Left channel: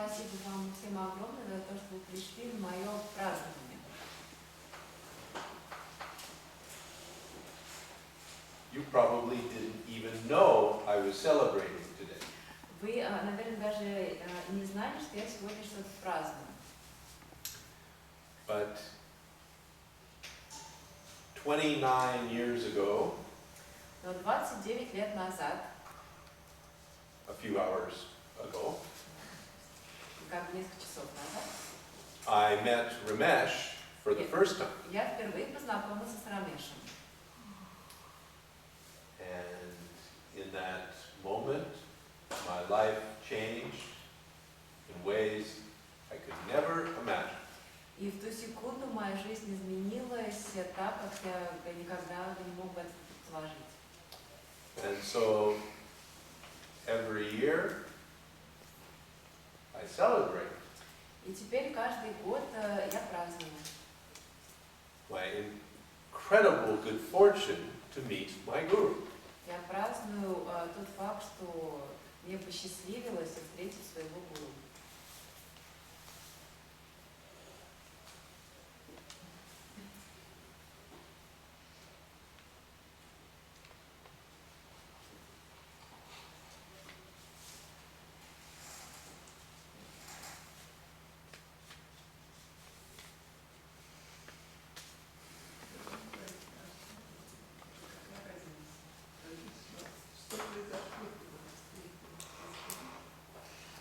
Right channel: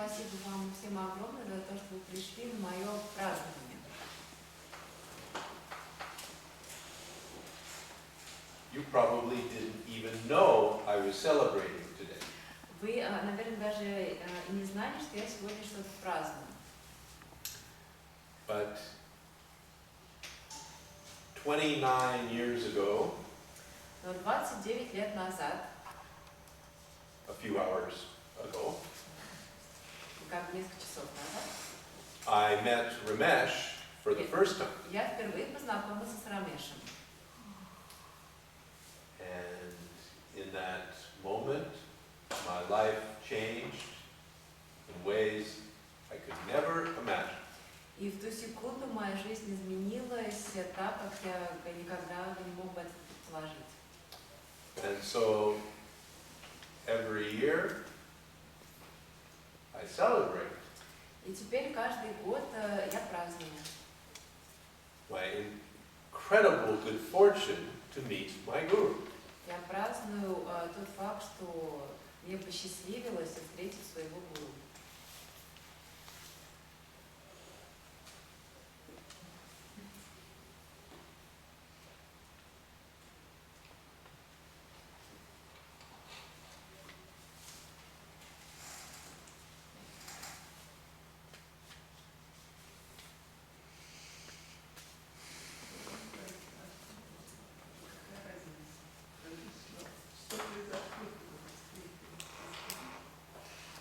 спасибо вам всем огромное за то, что вы пришли на мое празднование. You probably didn't even know I was celebrating today. Вы, наверное, даже не знали, что я сегодня что-то праздную. But 29 years ago, Но 29 лет назад, a few hours ago, как несколько часов назад, I met Ramesh for the first time. я впервые познакомился с Рамешем. And in that moment, my life changed in ways I could never imagine. И в ту секунду моя жизнь изменилась так, как я никогда не мог бы это предположить. And so every year I celebrate И теперь каждый год я праздную. my incredible good fortune to meet my guru. Я праздную тот факт, что мне посчастливилось встретить своего гуру.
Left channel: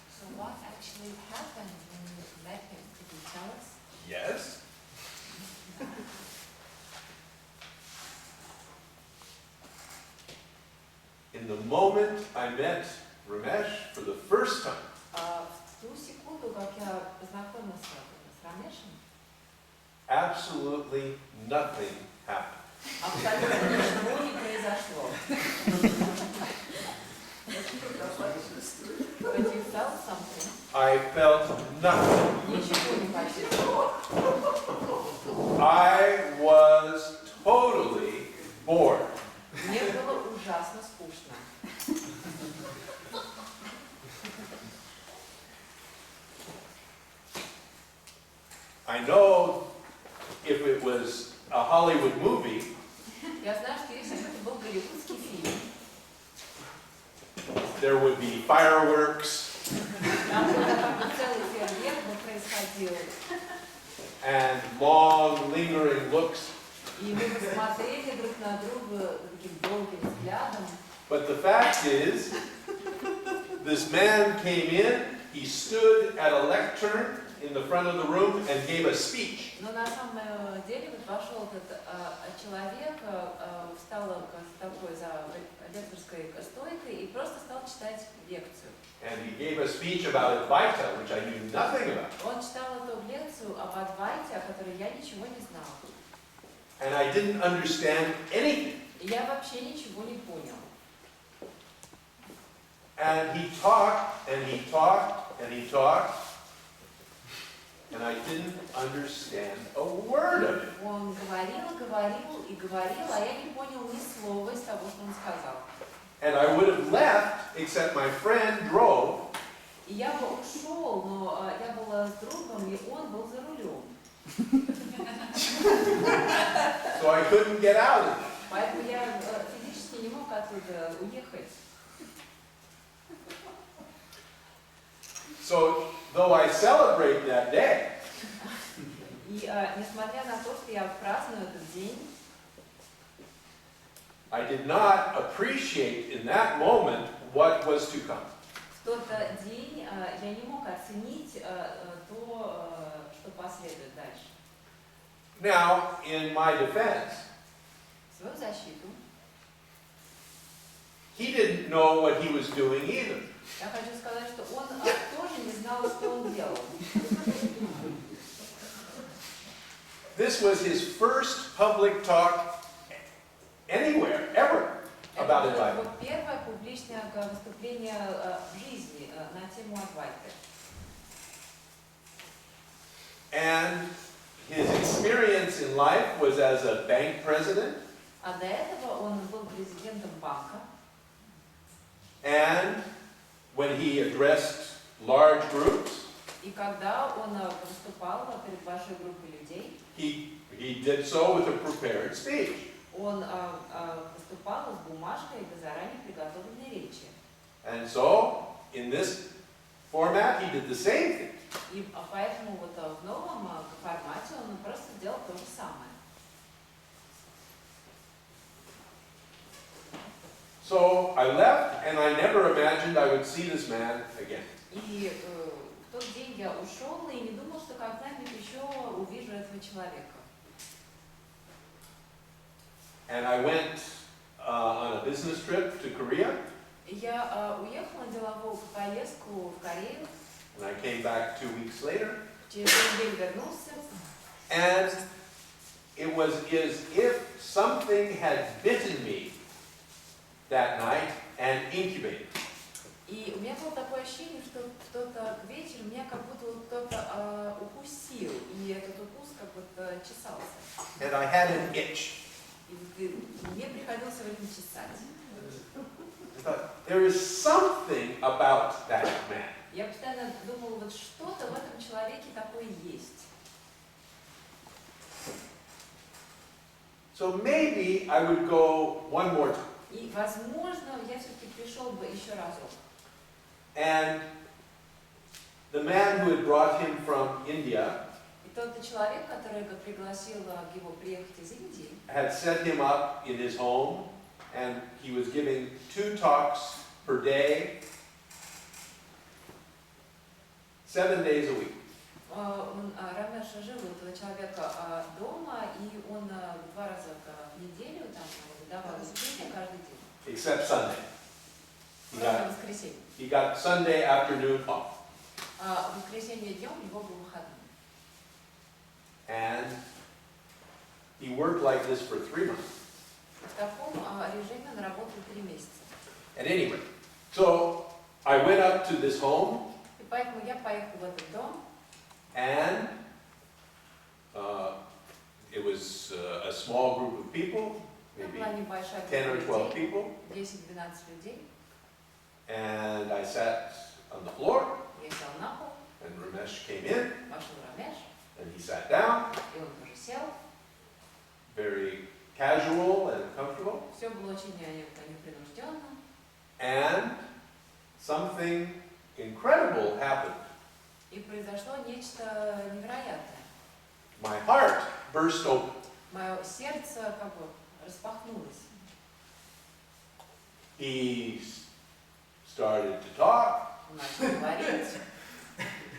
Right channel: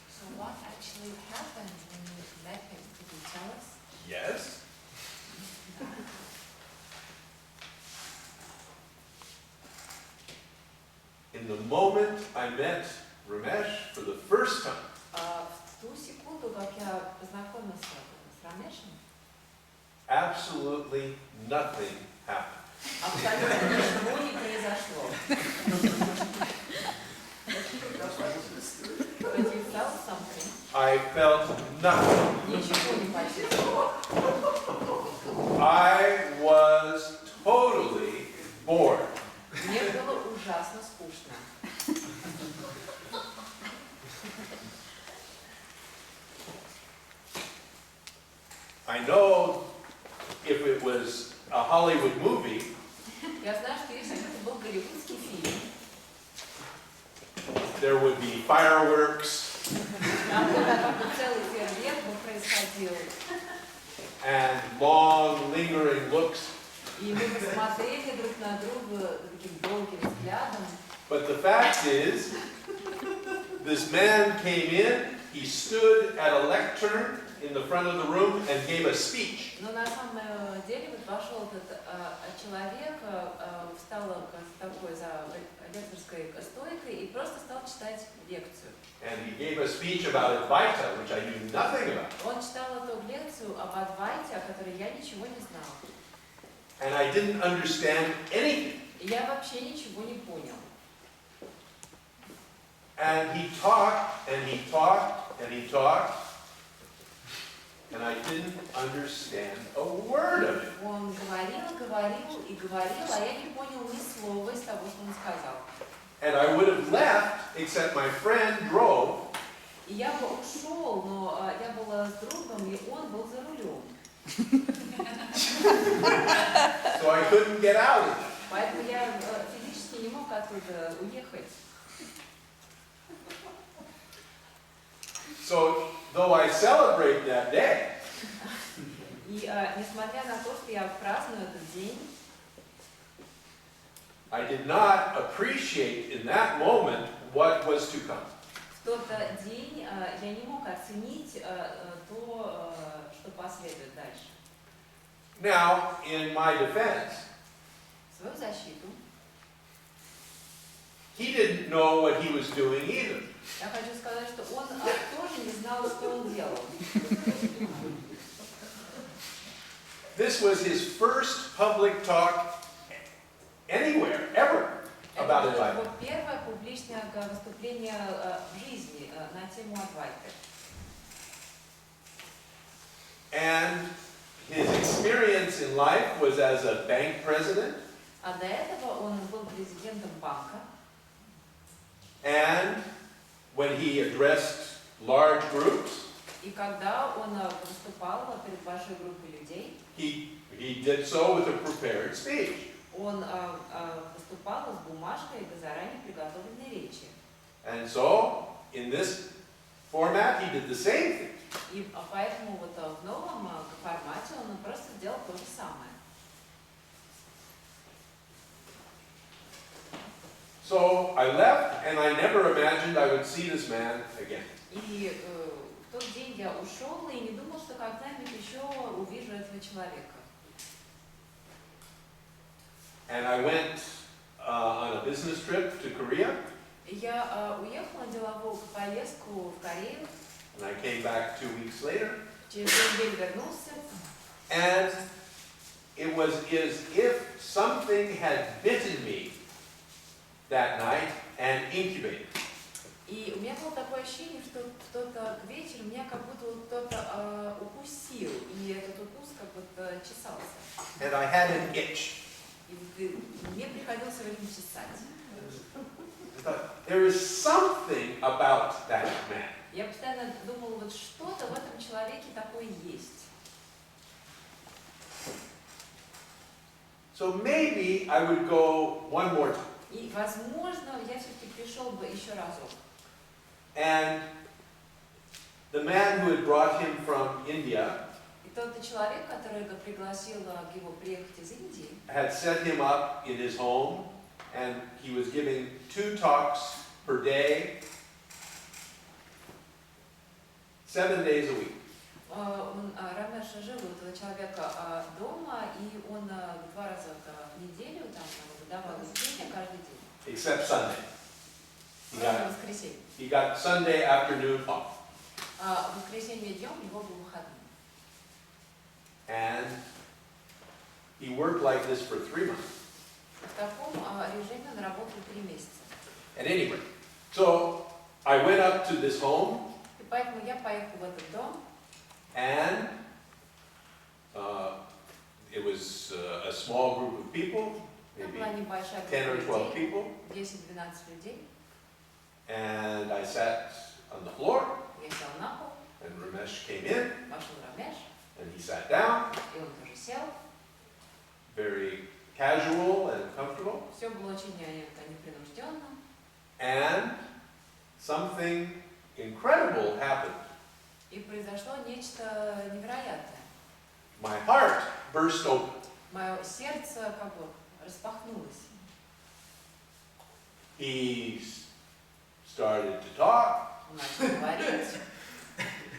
So what actually happened when you met him? Could you tell us? Yes? In the moment I met Ramesh for the first time, В ту секунду, как я познакомился с Рамешем, absolutely nothing happened. абсолютно ничего не произошло. But you felt something. I felt nothing. Ничего не почувствовал. I was totally bored. Мне было ужасно скучно. I know if it was a Hollywood movie, Я знаю, что если бы это был голливудский фильм, there would be fireworks там бы как бы целый фейерверк бы происходил, and long lingering looks. и мы бы смотрели друг на друга таким долгим взглядом. But the fact is, this man came in, he stood at a lectern in the front of the room and gave a speech. Но на самом деле вот вошел этот человек, встал такой за лекторской стойкой и просто стал читать лекцию. And he gave a speech about Advaita, which I knew nothing about. Он читал эту лекцию об Адвайте, о которой я ничего не знала. And I didn't understand anything. И я вообще ничего не понял. And he talked, and he talked, and he talked, and I didn't understand a word of it. Он говорил, говорил и говорил, а я не понял ни слова из того, что он сказал. And I would have left, except my friend drove. И я бы ушел, но я была с другом, и он был за рулем. So I couldn't get out of it. Поэтому я физически не мог оттуда уехать. So, though I celebrate that day, И несмотря на то, что я праздную этот день, I did not appreciate in that moment what was to come. в тот день я не мог оценить то, что последует дальше. Now, in my defense, В свою защиту he didn't know what he was doing either. я хочу сказать, что он тоже не знал, что он делал. This was his first public talk anywhere, ever, about Это было Advaita. его первое публичное выступление в жизни на тему Адвайты. And his experience in life was as a bank president, А до этого он был президентом банка. and when he addressed large groups, И когда он выступал перед большой группой людей, he did so with a prepared speech. он выступал с бумажкой до заранее приготовленной речи. And so, in this format, he did the same thing. И поэтому вот в новом формате он просто сделал то же самое. So I left, and I never imagined I would see this man again. И в тот день я ушел и не думал, что когда-нибудь еще увижу этого человека. And I went on a business trip to Korea, Я уехал на деловую поездку в Корею, and I came back 2 weeks later, через неделю вернулся, and it was as if something had bitten me that night and incubated. и у меня было такое ощущение, что кто-то к вечеру меня как будто вот кто-то укусил, и этот укус как будто чесался. And I had an itch. И мне приходилось время чесать. I thought, there is something about that man. Я постоянно думала, вот что-то в этом человеке такое есть. So maybe I would go one more time. И, возможно, я все-таки пришел бы еще разок. And the man who had brought him from India И тот человек, который пригласил его приехать из Индии, had set him up in his home, and he was giving 2 talks per day, 7 days a week. Рамеш жил у этого человека дома, и он 2 раза в неделю там выдавал выступления каждый день. Except Sunday. Кроме воскресенья. He got Sunday afternoon off. В воскресенье днем у него был выходной. And he worked like this for 3 months. В таком режиме он работал 3 месяца. At any rate, so I went up to this home, И поэтому я поехал в этот дом, and it was a small group of people, там maybe была небольшая 10 or группа 12 людей, people, 10-12 людей. and I sat on the floor, Я сел на пол, and Ramesh came in, вошел Рамеш, and he sat down, и он тоже сел. very casual and comfortable, Все было очень непринужденно. and something incredible happened. И произошло нечто невероятное. My heart burst open. Мое сердце как бы распахнулось. He started to talk, Он начал говорить.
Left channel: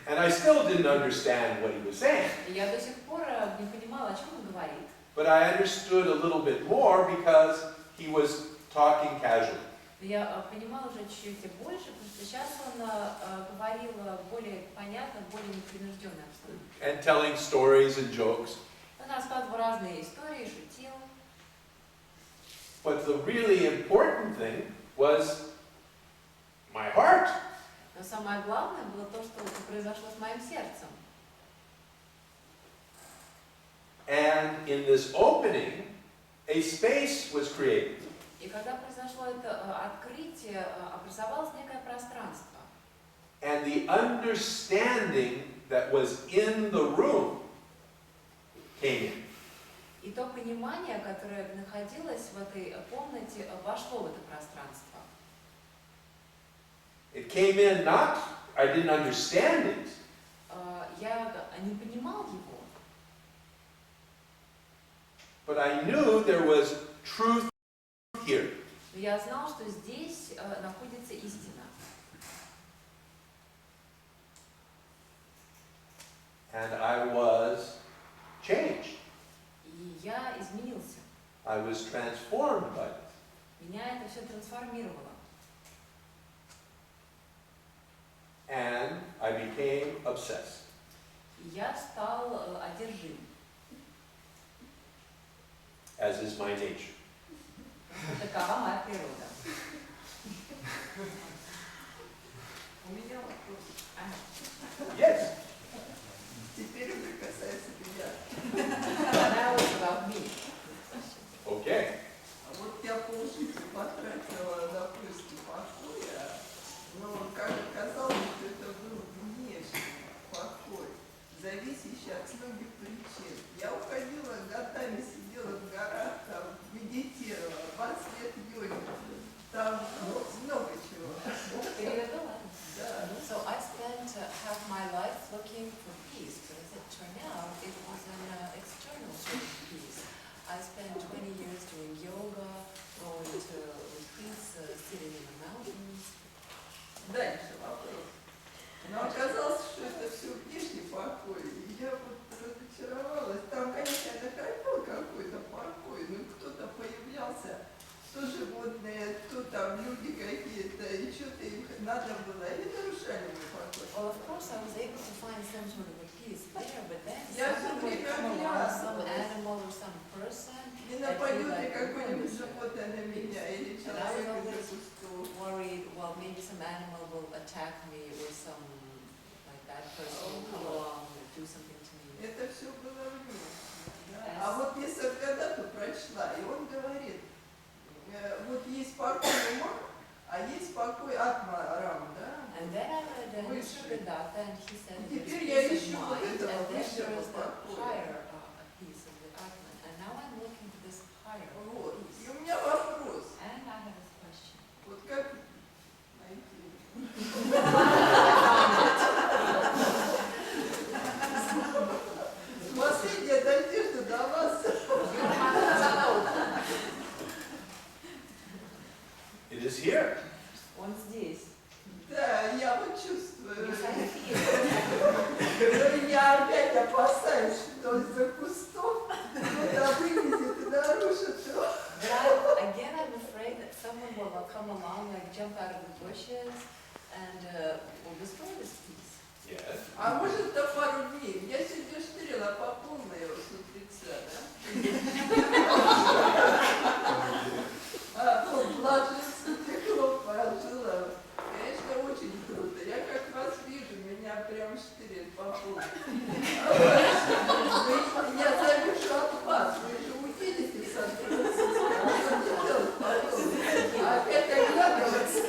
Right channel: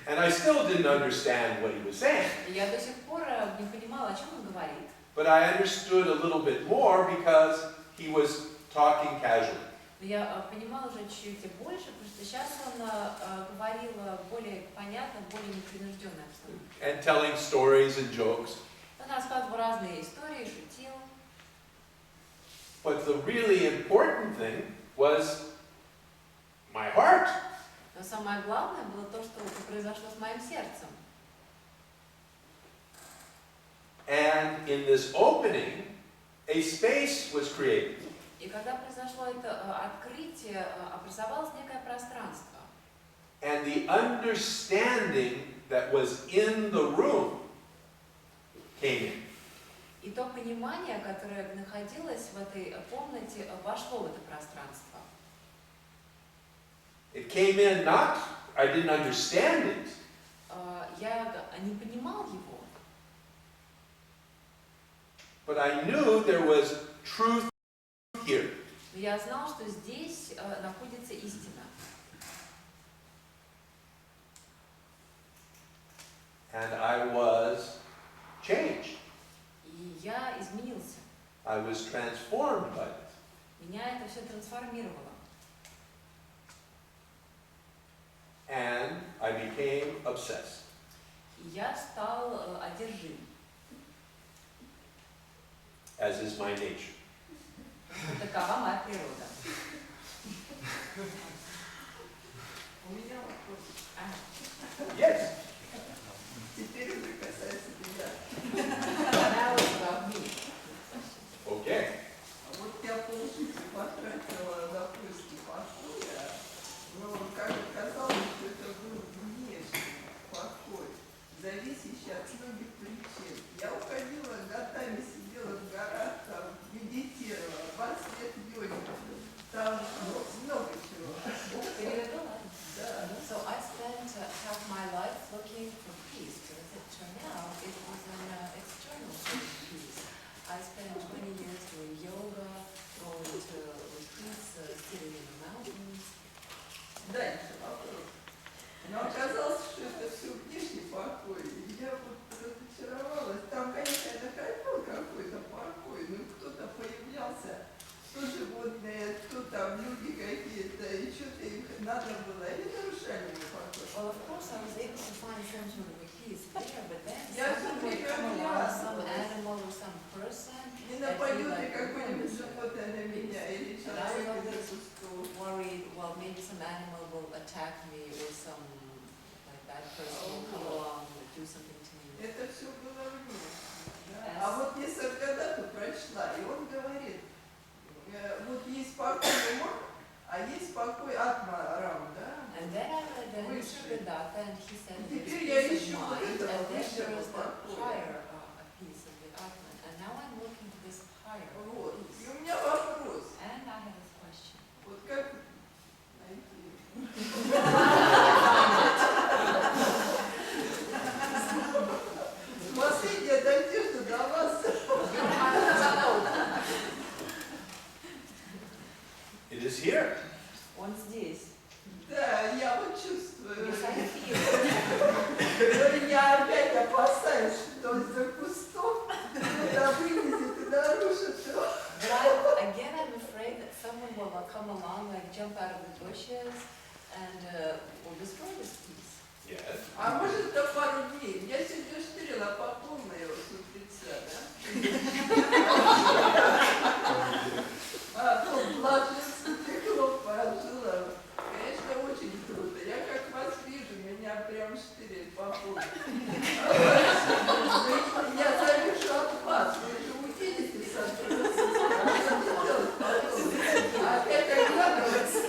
and I still didn't understand what he was saying. И я до сих пор не понимала, о чем он говорит. But I understood a little bit more because he was talking casually. Но я понимала уже чуть-чуть больше, потому что сейчас он говорил более понятно, более непринужденно обстановке. And telling stories and jokes. Он рассказывал разные истории, шутил. But the really important thing was my heart. Но самое главное было то, что произошло с моим сердцем. And in this opening, a space was created. И когда произошло это открытие, образовалось некое пространство. And the understanding that was in the room came in. И то понимание, которое находилось в этой комнате, вошло в это пространство. It came in not, I didn't understand it, Я не понимал его, but I knew there was truth here. но я знал, что здесь находится истина. And I was changed. И я изменился. I was transformed by it. Меня это все трансформировало. And I became obsessed. И я стал одержим. As is my nature. Такова моя природа. У меня вопрос. Yes. Теперь уже касается меня. Now it's about me. Okay. А вот я полжизни потратила на поиски покоя, но, как оказалось, что это был внешний покой. многих причин. Я уходила годами, сидела в горах, там, медитировала, 20 лет йоги. Там много чего. Переведу, ладно? Да. So I spent half my life looking for peace, but as it turned out, it was an external sort of peace. I spent 20 years doing yoga, going to retreats, sitting in the mountains. Дальше вопрос. Но оказалось, что это все внешний покой. И я вот разочаровалась. Там, конечно, это был какой-то покой, но кто-то появлялся, то животные, то там люди какие-то, и что-то им надо было. Они нарушали мой покой. Well, of course, I was able to find some sort of a peace there, but then Я someone всё would время come along, some оглядывалась. animal or some person, Не that нападет feel ли like какое-нибудь nervous. животное на меня, или And I was человек из-за always кустов. worried, well, maybe some animal will attack me or some like that person will come along and do something to me. Это все было вне. Да? Yes. А вот я Саргадату прочла, и он говорит, вот есть покой ума, а есть покой атма Рам, да? And then I read Высший. Nisargadatta, and he said И there's теперь я peace ищу of вот mind, and этого then высшего there is the покоя. higher peace of the Atman. And now I'm looking for this higher Вот. И peace. у меня вопрос, And I have this question. вот как найти? Последняя надежда до вас. It is here. Он здесь. Да, я вот чувствую. Yes, I feel. Но я опять опасаюсь, что из-за кустов кто-то вылезет и нарушит его. But I'm afraid that someone will come along, like jump out of the bushes, and will destroy this peace. Yes. А может, на пару дней. Я сегодня штрила по полной его с утреца, да? А то ложился, текло, пожила. Конечно, очень круто. Я как вас вижу, меня прям штырит по полной. Я завишу от вас. Вы же увидите со стороны. А что делать потом? А опять оглядываться.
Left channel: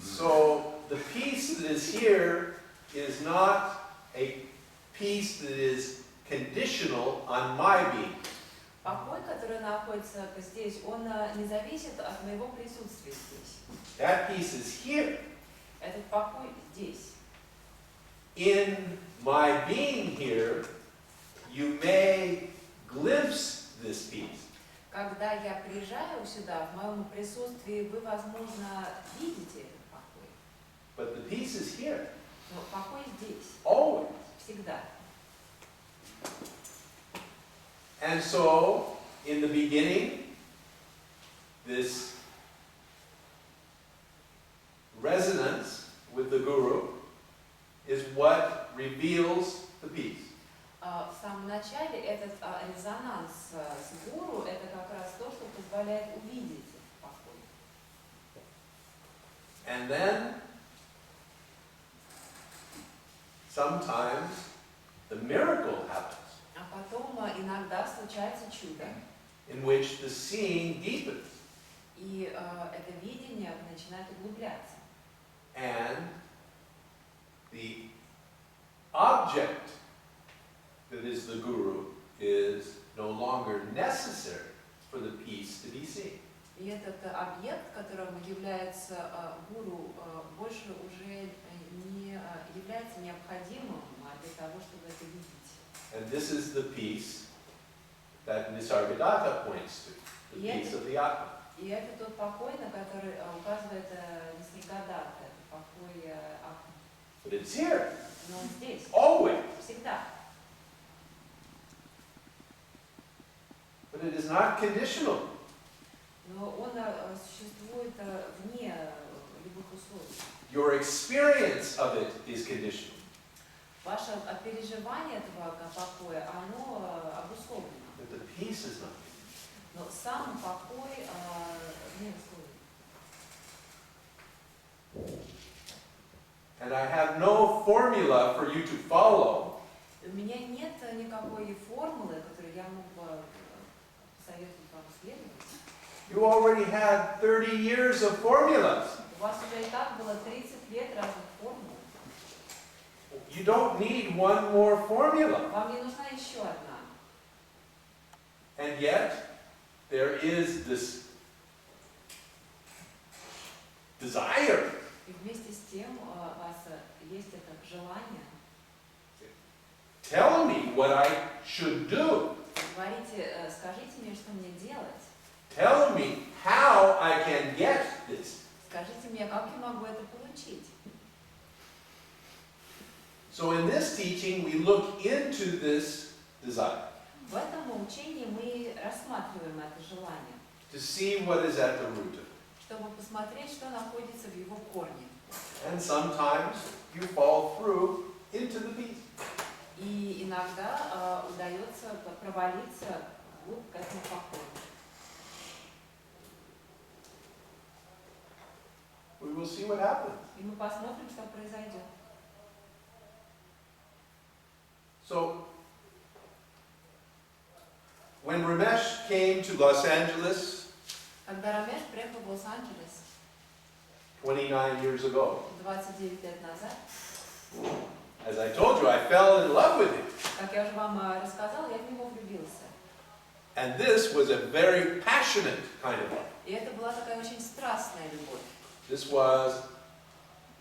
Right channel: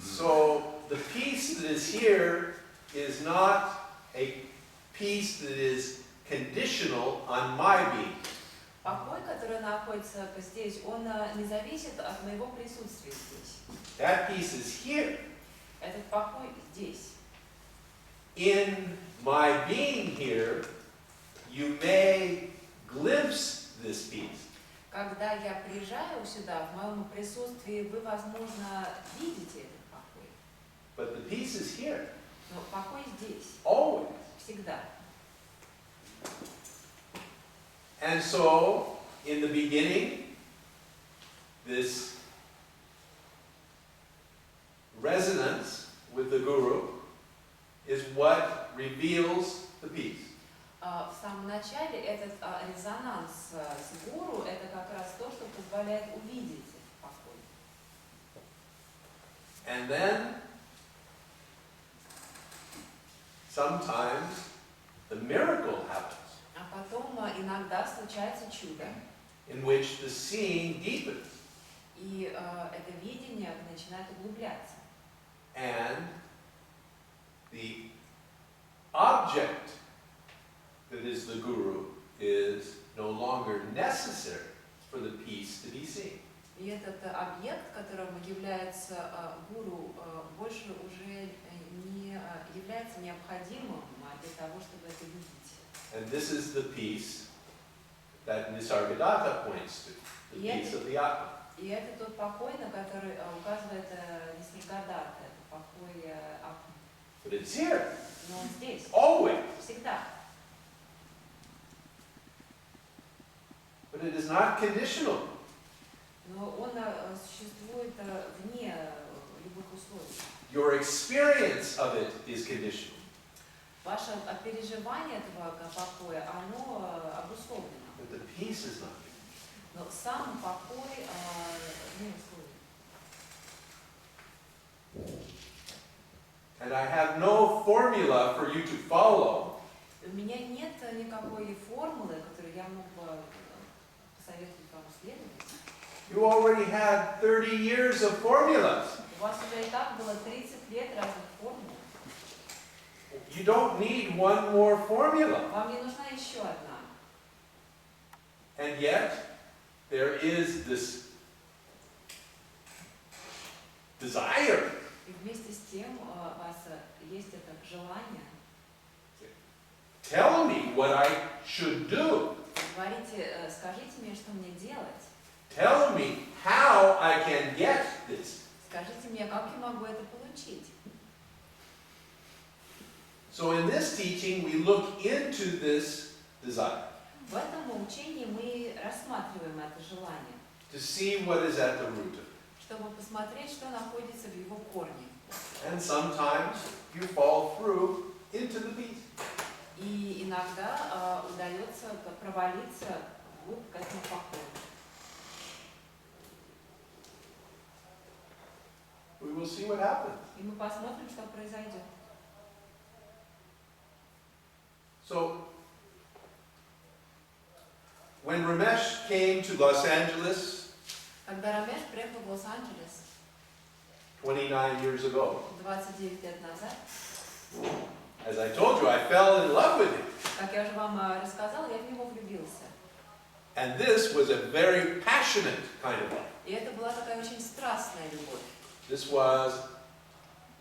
So the peace that is here is not a peace that is conditional on my being. Покой, который находится здесь, он не зависит от моего присутствия здесь. That peace is here. Этот покой здесь. In my being here, you may glimpse this peace. Когда я приезжаю сюда, в моем присутствии, вы, возможно, видите этот покой. But the peace is here. Но покой здесь, Always. всегда. And so, in the beginning, this resonance with the Guru is what reveals the peace. В самом начале этот резонанс с гуру, это как раз то, что позволяет увидеть этот покой. And then, sometimes, the miracle happens, А потом иногда случается чудо, in which the seeing deepens, и это видение начинает углубляться. and the object that is the Guru is no longer necessary for the peace to be seen. И этот объект, которым является гуру, больше уже не является необходимым для того, чтобы это видеть. And this is the peace that Nisargadatta points to, the peace of the Atma. И это тот покой, на который указывает Нисаргадатта, это покой Атмы. But it's here, Но он здесь, always. всегда. But it is not conditional. Но он существует вне любых условий. Your experience of it is conditional. Ваше переживание этого покоя, оно обусловлено. But the peace is not conditional. Но сам покой не условен. And I have no formula for you to follow. У меня нет никакой формулы, которую я мог бы посоветовать вам следовать. You already had 30 years of formulas. У вас уже и так было 30 лет разных формул. You don't need one more formula. Вам не нужна еще одна. And yet, there is this desire. И вместе с тем у вас есть это желание. Tell me what I should do. Говорите, скажите мне, что мне делать. Tell me how I can get this. Скажите мне, как я могу это получить. So in this teaching, we look into this desire В этом учении мы рассматриваем это желание, to see what is at the root of it. чтобы посмотреть, что находится в его корне. And sometimes you fall through into the beast. И иногда удается провалиться вглубь к этому покою. We will see what happens. И мы посмотрим, что произойдет. So, when Ramesh came to Los Angeles Когда Рамеш приехал в Лос-Анджелес 29 years ago, 29 лет назад, as I told you, I fell in love with him. как я уже вам рассказала, я в него влюбился. And this was a very passionate kind of love. И это была такая очень страстная любовь. This was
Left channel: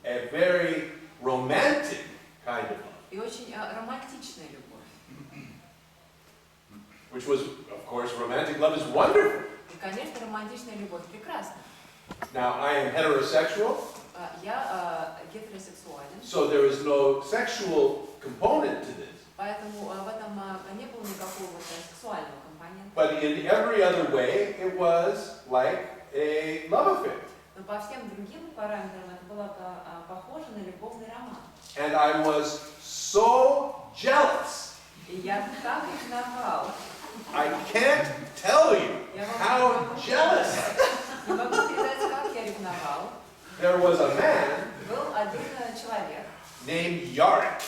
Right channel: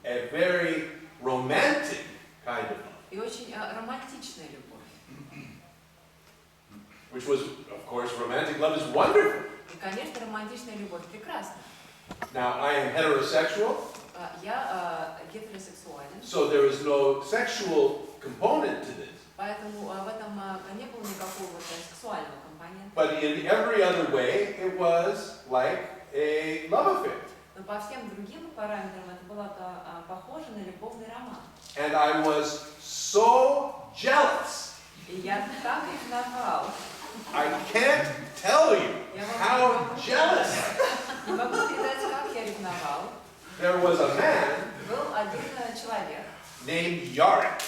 a very romantic kind of love, И очень романтичная любовь. which was, of course, romantic love is wonderful. И, конечно, романтичная любовь прекрасна. Now, I am heterosexual, Я гетеросексуален, so there is no sexual component to this. поэтому в этом не было никакого сексуального компонента. But in every other way, it was like a love affair. Но по всем другим параметрам это было похоже на любовный роман. And I was so jealous. И я так ревновал. I can't tell you how jealous. Не могу передать, как я ревновал. There was a man Был один человек, named Yarek.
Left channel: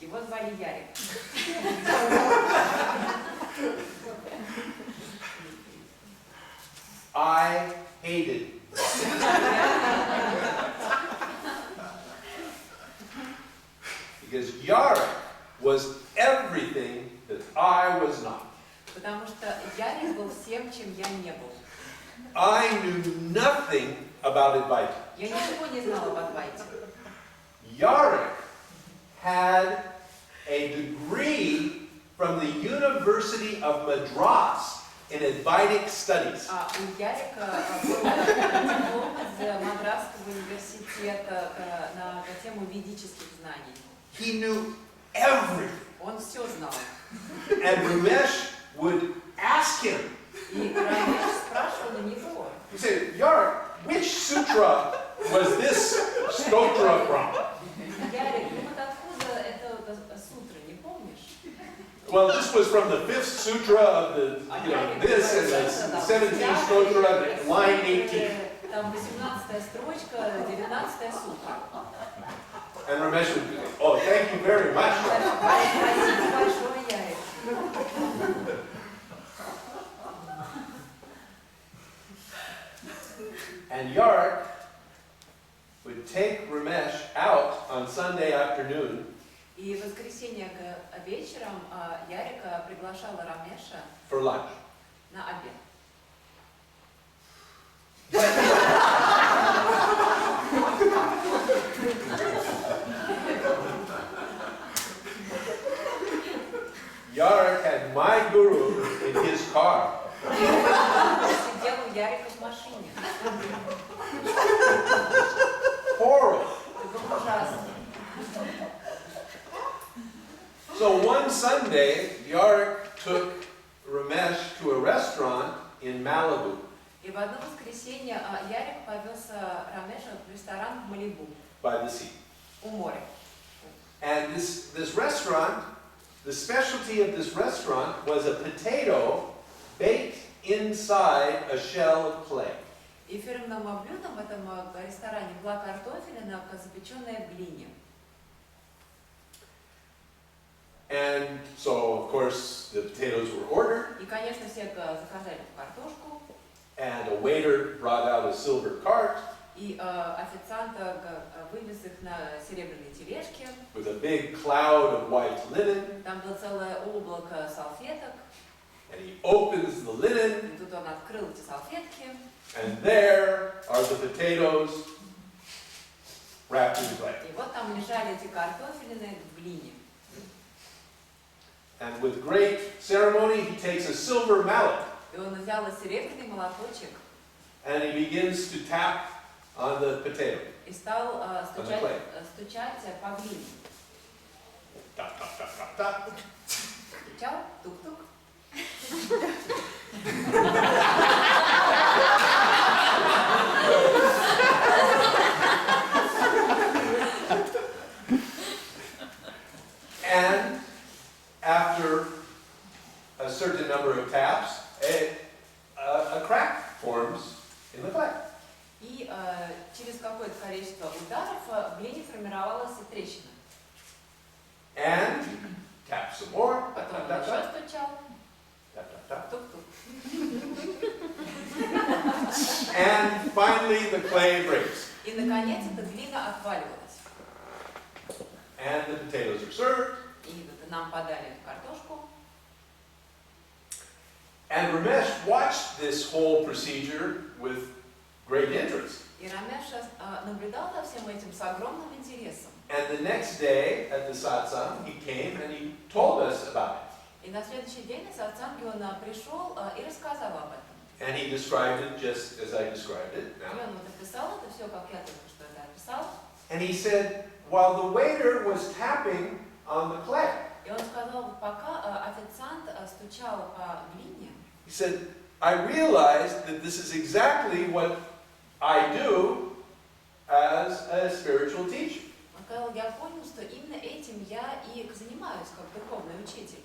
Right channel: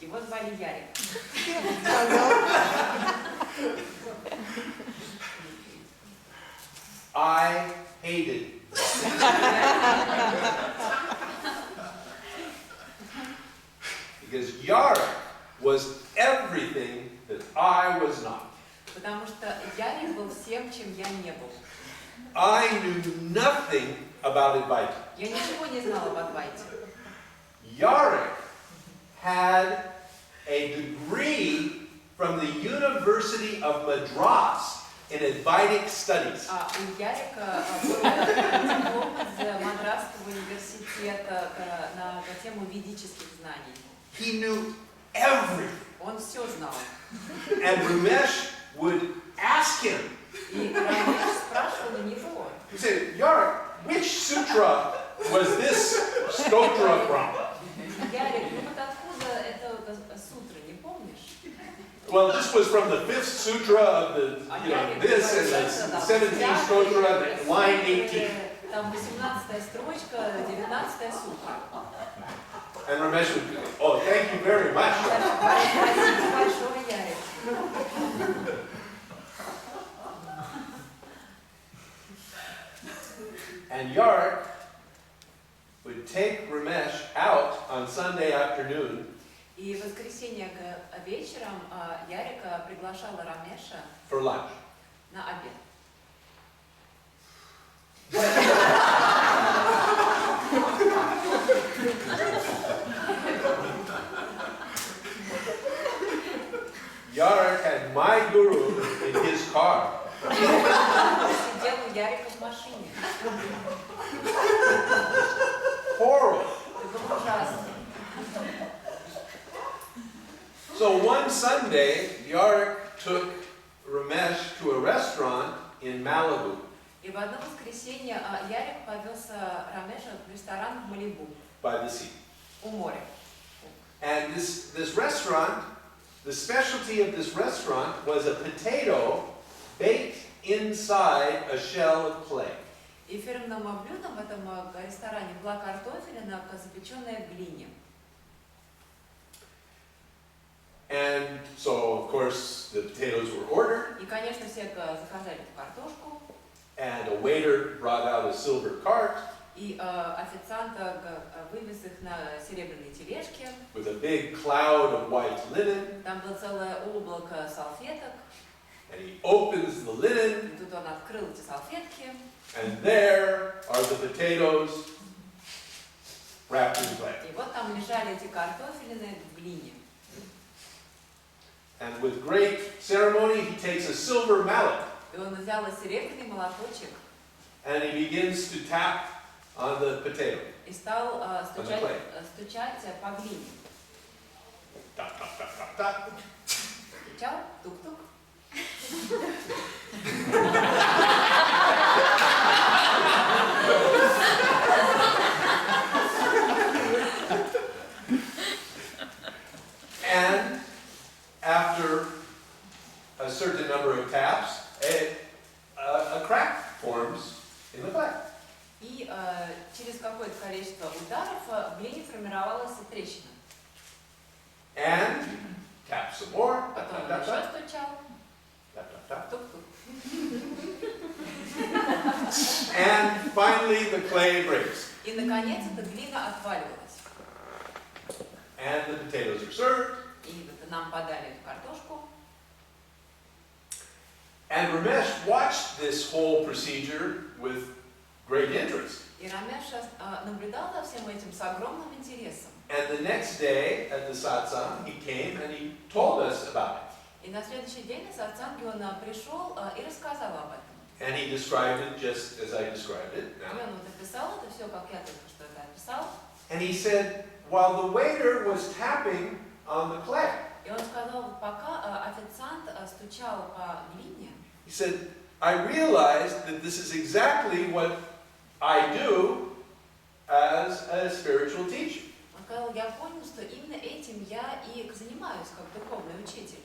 его звали Ярик. I hated him. Because Yarek was everything that I was not. Потому что Ярик был всем, чем я не был. I knew nothing about Advaita. Я ничего не знала об Адвайте. Yarek had a degree from the University of Madras in Advaitic studies. У Ярика был диплом из Мадрасского университета на тему ведических знаний. He knew everything. Он все знал. And Ramesh would ask him, И Рамеш спрашивал у него. he said, Yarek, which sutra was this stotra from? Ярик, ну вот откуда это сутра, не помнишь? Well, this was from the 5th sutra of the, this and the 17th sutra, line 18. Там 18-я строчка, 19-я сутра. And Ramesh would go, oh, thank you very much. Спасибо большое, Ярик. And Yarek would take Ramesh out on Sunday afternoon И в воскресенье вечером Ярика приглашала Рамеша for lunch. на обед. Yarek had my guru in his car. Сидел у Ярика в машине. Horrible. Это было ужасно. So one Sunday, Yarek took Ramesh to a restaurant in Malibu. И в одно воскресенье Ярик повез Рамеша в ресторан в Малибу, By the sea. у моря. And this restaurant, the specialty of this restaurant was a potato baked inside a shell of clay. И фирменным блюдом в этом ресторане была картофелина, запеченная в глине. And so, of course, the potatoes were ordered. И, конечно, все заказали эту картошку. and a waiter brought out a silver cart И официант вывез их на серебряной тележке. with a big cloud of white linen, Там было целое облако салфеток. and he opens the linen, И тут он открыл эти салфетки. and there are the potatoes wrapped in clay. И вот там лежали эти картофелины в глине. And with great ceremony, he takes a silver mallet, И он взял серебряный молоточек and he begins to tap on the potato. и стал стучать по глине. Tap, tap, tap, tap, tap. Стучал, тук-тук. And after a certain number of taps, a crack forms in the clay. И через какое-то количество ударов в глине формировалась трещина. And tap some more. Tap, Потом tap, он tap, еще tap. стучал. Tap, tap, tap. Тук-тук. And finally, the clay breaks. И наконец эта глина отваливалась. And the potatoes are served. И вот нам подали эту картошку. And Ramesh watched this whole procedure with great interest. И Рамеш наблюдал за всем этим с огромным интересом. And the next day at the satsang, he came and he told us about it. И на следующий день на сатсанге он пришел и рассказал об этом. And he described it just as I described it И now. он вот описал это все, как я только что это описал. And he said, while the waiter was tapping on the clay, И он сказал, вот пока официант стучал по глине, he said, I realized that this is exactly what I do as a spiritual teacher. он сказал, я понял, что именно этим я и занимаюсь, как духовный учитель.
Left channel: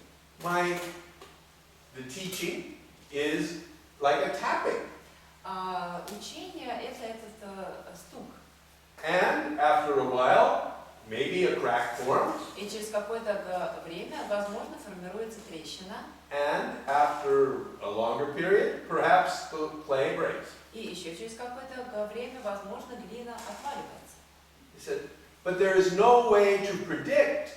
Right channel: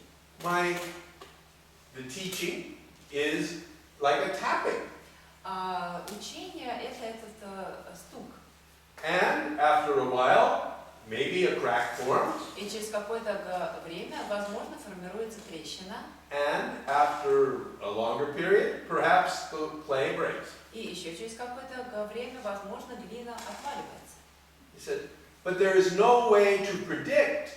The teaching is like a tapping. Учение – это этот стук. And after a while, maybe a crack forms. И через какое-то время, возможно, формируется трещина. And after a longer period, perhaps the clay breaks. И еще через какое-то время, возможно, глина отваливается. He said, but there is no way to predict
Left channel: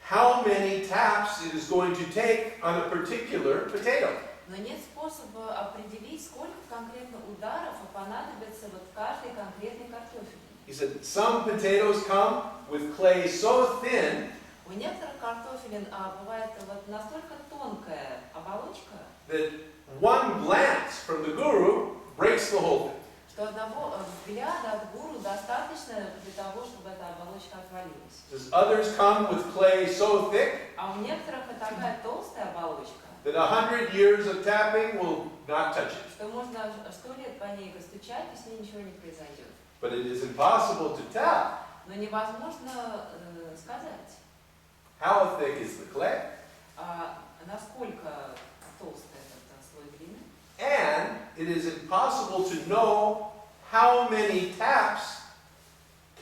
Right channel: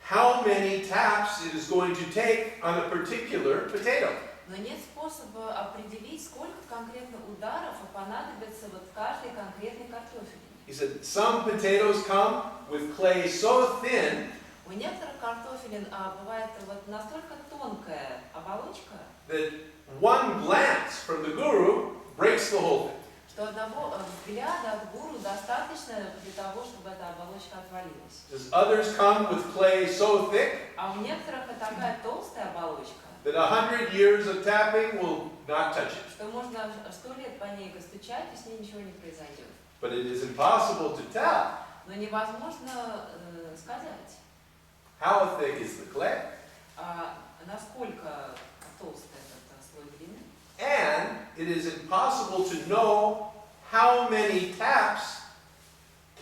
how many taps it is going to take on a particular potato. Но нет способа определить, сколько конкретно ударов понадобится вот каждой конкретной картофелине. He said, some potatoes come with clay so thin У некоторых картофелин бывает вот настолько тонкая оболочка, that one glance from the guru breaks the whole thing. что одного взгляда от гуру достаточно для того, чтобы эта оболочка отвалилась. Others come with clay so thick А у некоторых это такая толстая оболочка, that 100 years of tapping will not touch it. что можно 100 лет по ней стучать, и с ней ничего не произойдет. But it is impossible to tell Но невозможно сказать, how thick is the clay. насколько толстый этот слой глины. And it is impossible to know how many taps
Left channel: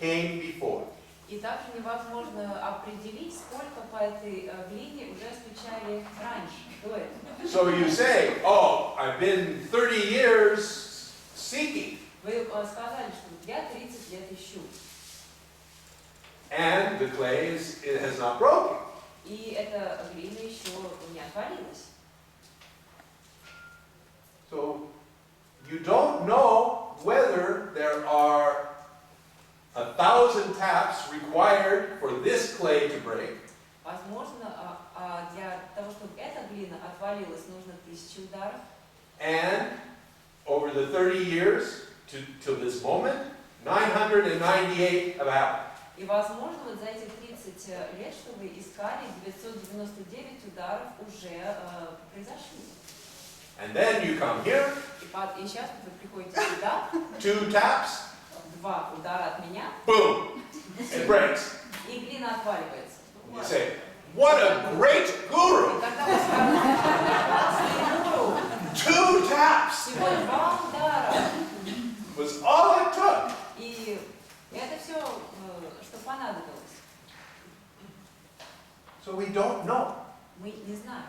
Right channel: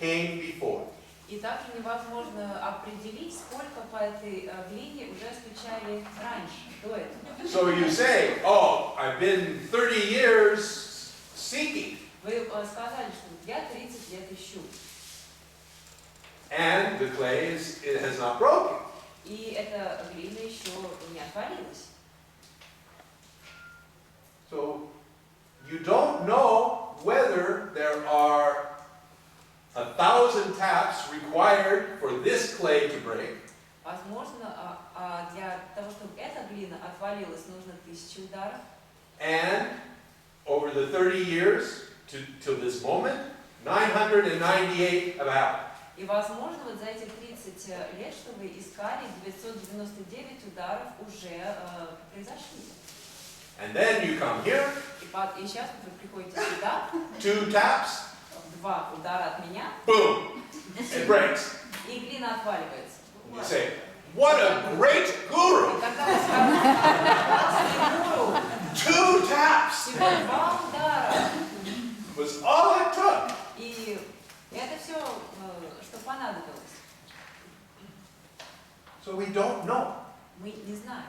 came before. И также невозможно определить, сколько по этой глине уже стучали раньше, до этого. So you say, oh, I've been 30 years seeking. Вы сказали, что я 30 лет ищу. And the clay it has not broken. И эта глина еще не отвалилась. So you don't know whether there are 1,000 taps required for this clay to break. Возможно, для того, чтобы эта глина отвалилась, нужно 1000 ударов. And over the 30 years to this moment, 998 have happened. И возможно, вот за эти 30 лет, что вы искали, 999 ударов уже произошли. And then you come here, И сейчас вы приходите сюда, 2 taps, 2 удара от меня, boom, it breaks. и глина отваливается. You say, what a great И guru! когда вы скажете, гуру, 2 taps всего 2 удара, was all it took. и это все, что понадобилось. So we don't know. Мы не знаем.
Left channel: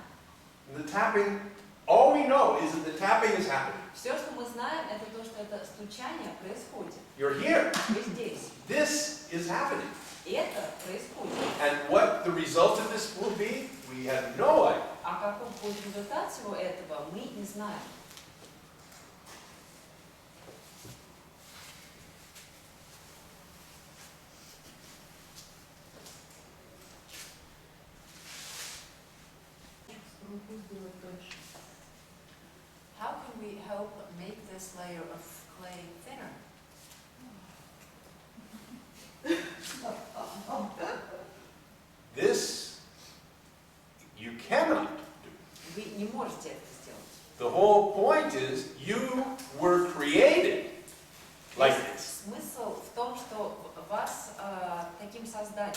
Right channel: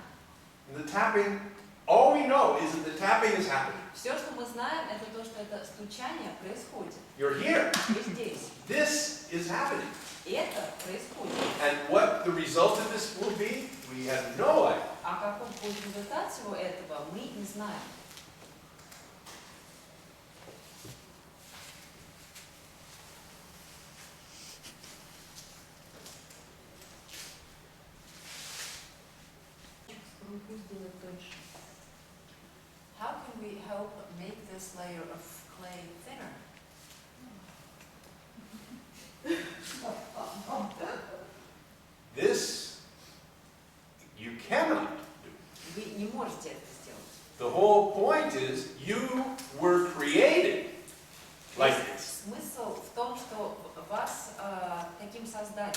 The tapping All we know is that the tapping is happening. Все, что мы знаем, это то, что это стучание происходит. You're here. Вы здесь. This is happening. И это происходит. And what the result of this will be, we have no idea. А каков будет результат всего этого, мы не знаем. How can we help make this layer of clay thinner? This you cannot do. Вы не можете это сделать. The whole point is you were created like this. Смысл в том, что вас таким создали.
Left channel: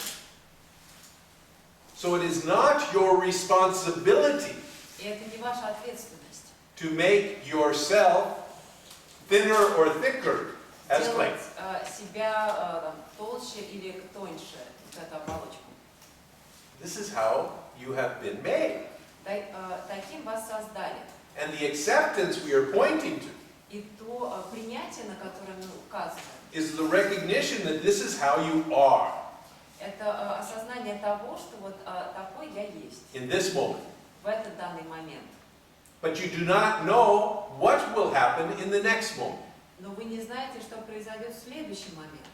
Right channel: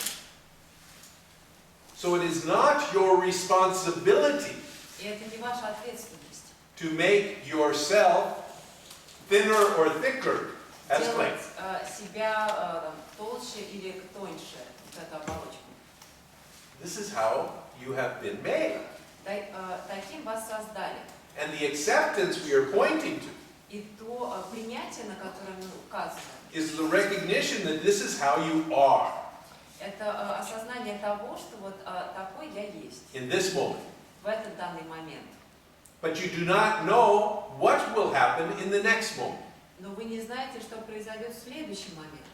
So it is not your responsibility И это не ваша ответственность. to make yourself thinner or thicker as clay. Делать себя там, толще или тоньше, вот эту оболочку. This is how you have been made. Таким вас создали. And the acceptance we are pointing to И то принятие, на которое мы указываем, is the recognition that this is how you are это осознание того, что вот такой я есть in this moment. в этот данный момент. But you do not know what will happen in the next moment. Но вы не знаете, что произойдет в следующий момент.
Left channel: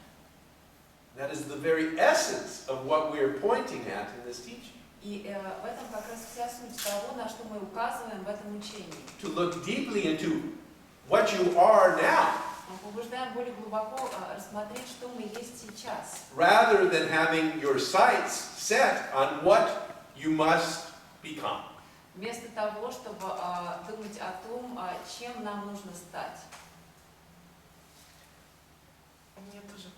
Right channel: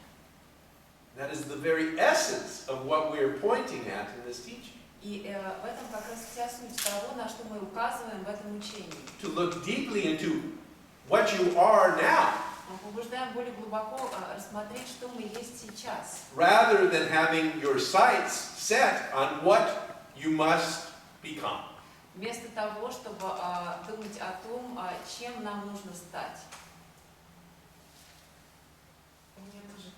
That is the very essence of what we are pointing at in this teaching. И в этом как раз вся суть того, на что мы указываем в этом учении. To look deeply into what you are now, Мы побуждаем более глубоко рассмотреть, что мы есть сейчас, rather than having your sights set on what you must become. вместо того, чтобы думать о том, чем нам нужно стать. У меня тоже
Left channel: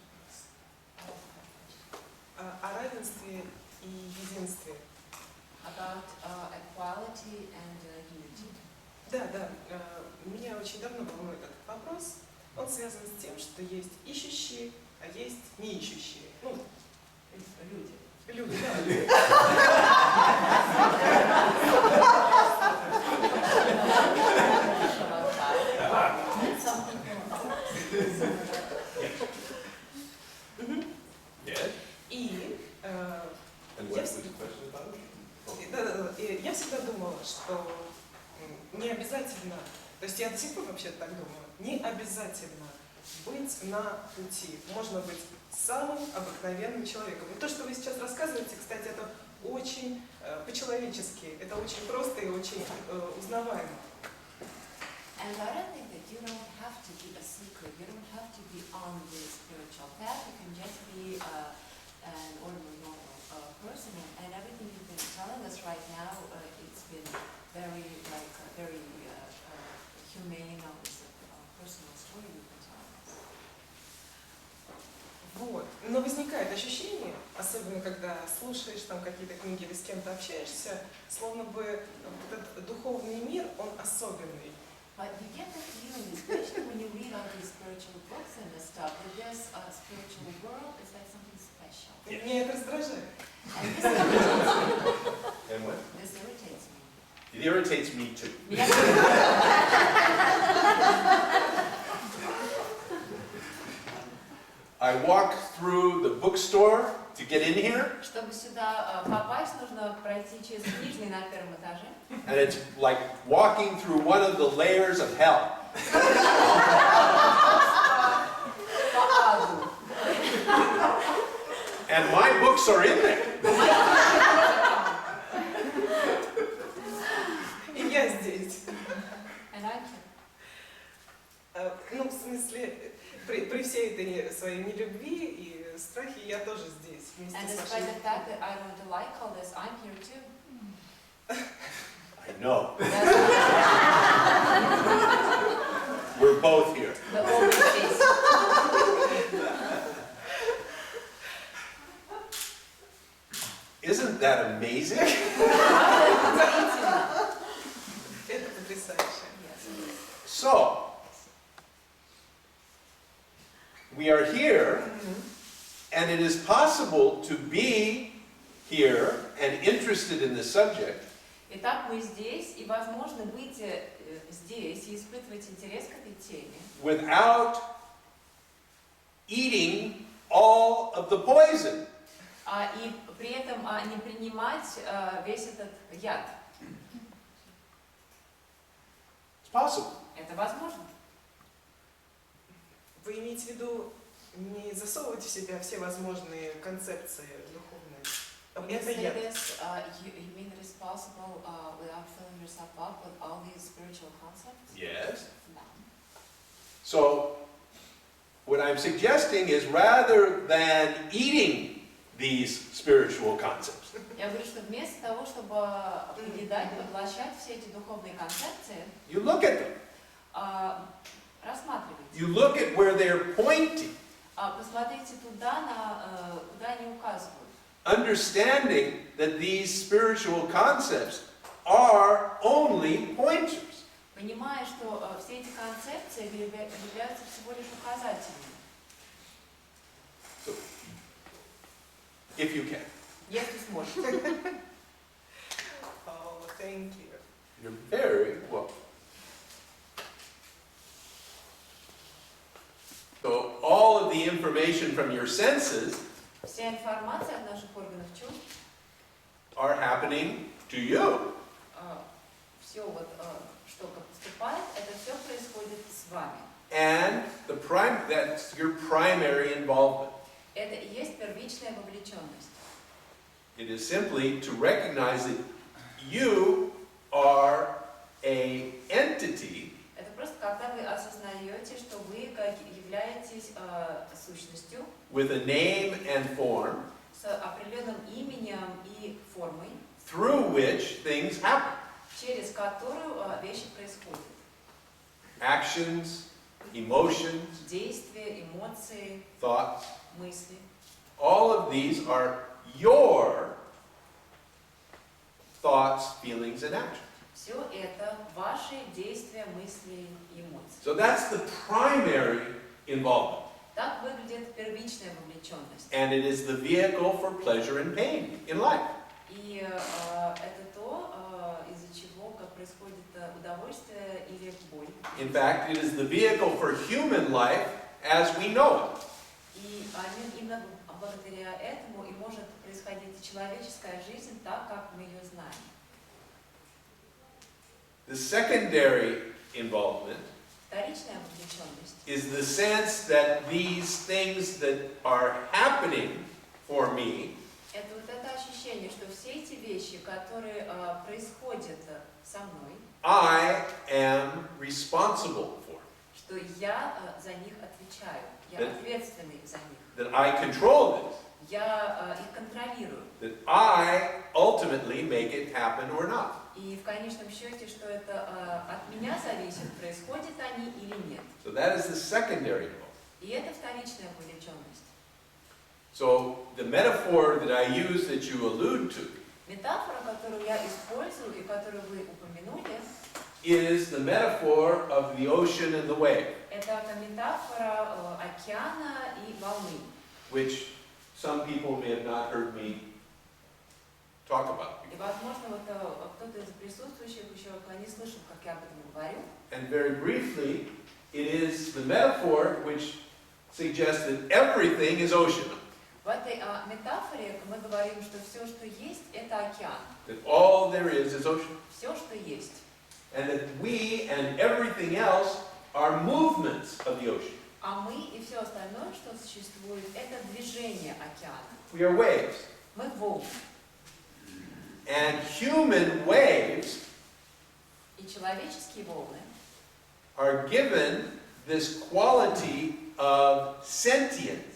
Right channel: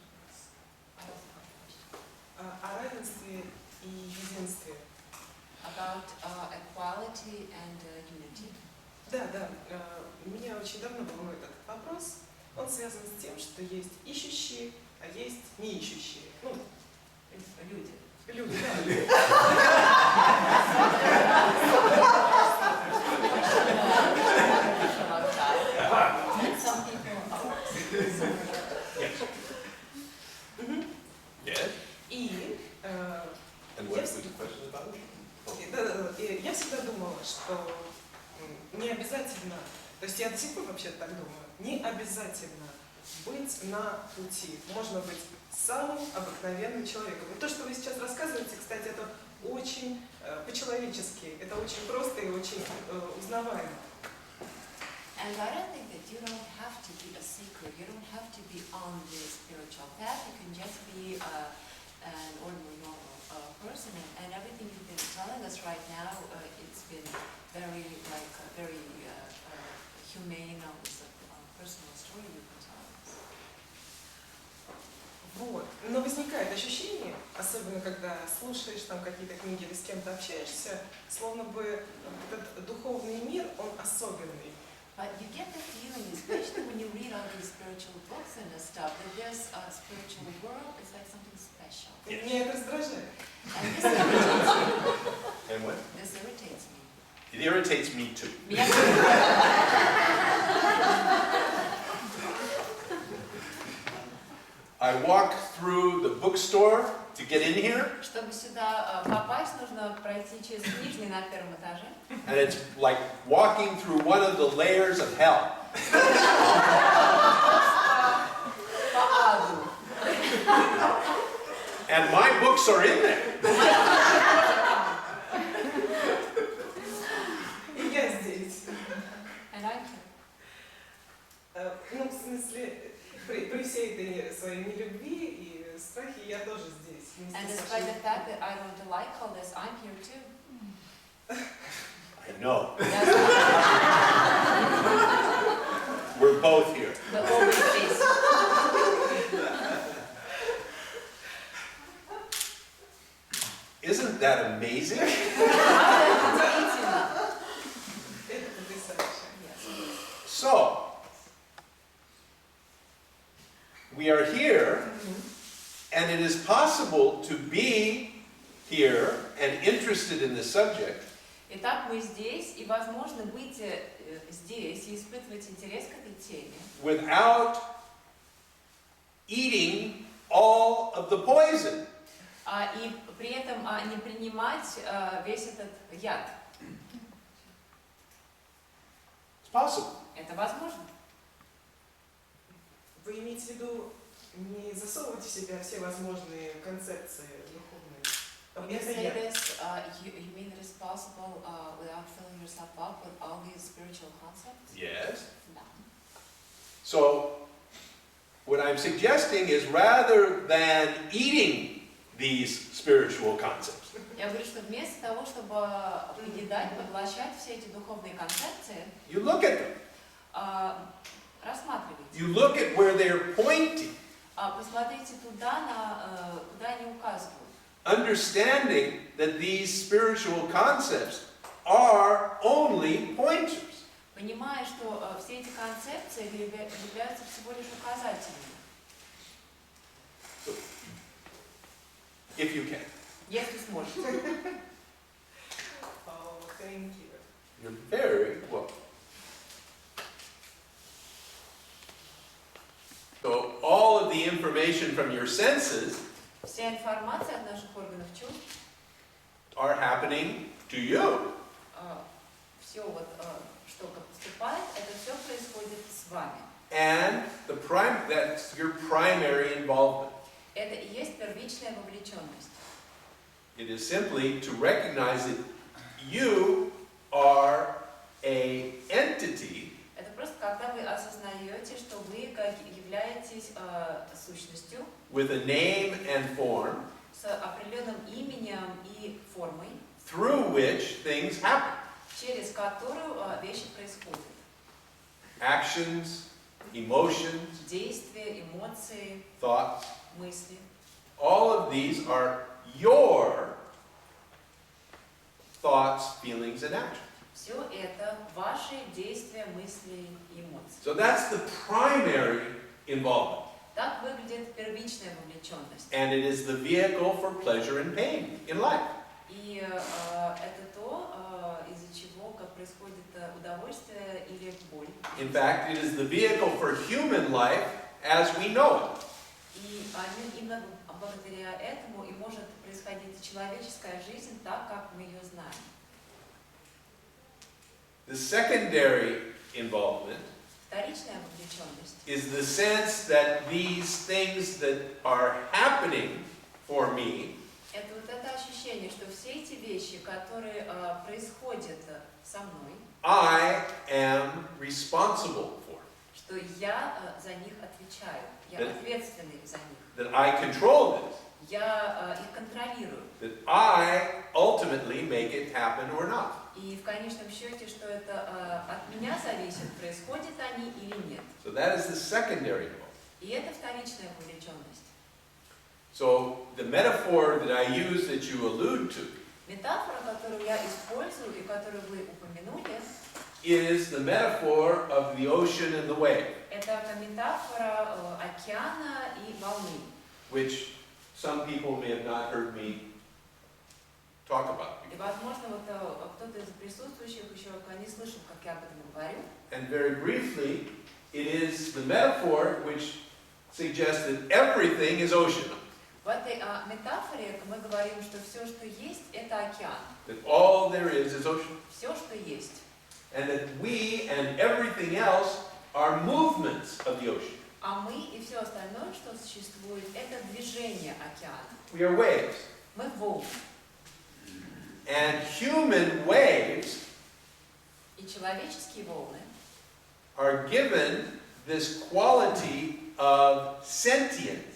вопрос. О равенстве и единстве. About equality and unity. Да, меня очень давно волнует этот вопрос. Он связан с тем, что есть ищущие, а есть неищущие. Ну, Люди. люди, да, люди. Some people Yes. И And what was the question about it? я всегда думала, что не обязательно, то есть я до сих пор вообще так думаю, не обязательно быть на пути. Можно быть самым обыкновенным человеком. И то, что вы сейчас рассказываете, кстати, это очень по-человечески, это очень просто и очень узнаваемо. And I don't think that you don't have to be a seeker. You don't have to be on the spiritual path. You can just be an ordinary, normal person. And everything you've been telling us right now, it's been very, very humane. It's a personal story you've been telling us. Вот. Но возникает ощущение, особенно когда слушаешь там какие-то книги или с кем-то общаешься, словно бы этот духовный мир, он особенный. But you get the feeling, especially when you read all these spiritual books and stuff, that this spiritual world is like something special. И меня это раздражает. And this irritates me. And what? This irritates me. It irritates me too. Меня I walk through the bookstore to get in here, Чтобы сюда попасть, нужно пройти через книжный на первом этаже. and it's like walking through one of the layers of hell. По аду. And my books are in there. И я здесь. And I can. Ну, в смысле, при всей этой своей нелюбви и страхе я тоже здесь. Вместе And с despite вашими the fact that I don't like all this, I'm here too. I know. That's We're both here. the open face. Isn't that amazing? Удивительно. Это потрясающе. Yes. So, we are here, and it is possible to be here and interested in the subject, И Итак, мы здесь, и возможно быть здесь и испытывать интерес к этой теме, without eating all of the poison. и при этом не принимать весь этот яд. It's possible. Это возможно. Вы имеете в виду не засовывать в себя все возможные концепции духовные? When you Это say яд. this, you mean it is possible without filling yourself up with all these spiritual concepts? Yes. Да. So, what I'm suggesting is rather than eating these spiritual concepts, Я говорю, что вместо того, чтобы поедать, поглощать все эти духовные концепции, you look at them. рассматривайте. You look at where they're pointing, Посмотрите туда, куда они указывают. understanding that these spiritual concepts are only pointers. Понимая, что все эти концепции являются всего лишь указателями. If you can. Если сможете. Oh, thank you. You're very welcome. So all of the information from your senses Вся информация от наших органов чувств, are happening to you. все вот, что поступает, это все происходит с вами. And that's your primary involvement. Это и есть первичная вовлеченность. It is simply to recognize that you are an entity Это просто когда вы осознаете, что вы являетесь сущностью with a name and form с определенным именем и формой, through which things happen. через которую вещи происходят. Actions, emotions, Действия, эмоции, thoughts, мысли. all of these are your thoughts, feelings, and actions. Все это ваши действия, мысли и эмоции. So that's the primary involvement. Так выглядит первичная вовлеченность. And it is the vehicle for pleasure and pain in life. И это то, из-за чего как происходит удовольствие или боль. In fact, it is the vehicle for human life as we know it. И именно благодаря этому и может происходить человеческая жизнь так, как мы ее знаем. The secondary involvement Вторичная вовлеченность is the sense that these things that are happening for me это вот это ощущение, что все эти вещи, которые происходят со мной, I am responsible for, что я за них отвечаю, я ответственный за них, that I control this, я их контролирую. that I ultimately make it happen or not. И в конечном счете, что это от меня зависит, происходят они или нет. So that is the secondary involvement. И это вторичная вовлеченность. So the metaphor that I use that you allude to Метафора, которую я использую и которую вы упомянули, is the metaphor of the ocean and the wave, это метафора океана и волны, which some people may have not heard me talk about. и, возможно, вот кто-то из присутствующих еще не слышал, как я об этом говорю. And very briefly, it is the metaphor which suggests that everything is ocean, В этой метафоре мы говорим, что все, что есть, это океан. that all there is ocean, Все, что есть. and that we and everything else are movements of the ocean. А мы и все остальное, что существует, это движение океана. We are waves. Мы волны. And human waves И человеческие волны are given this quality of sentience.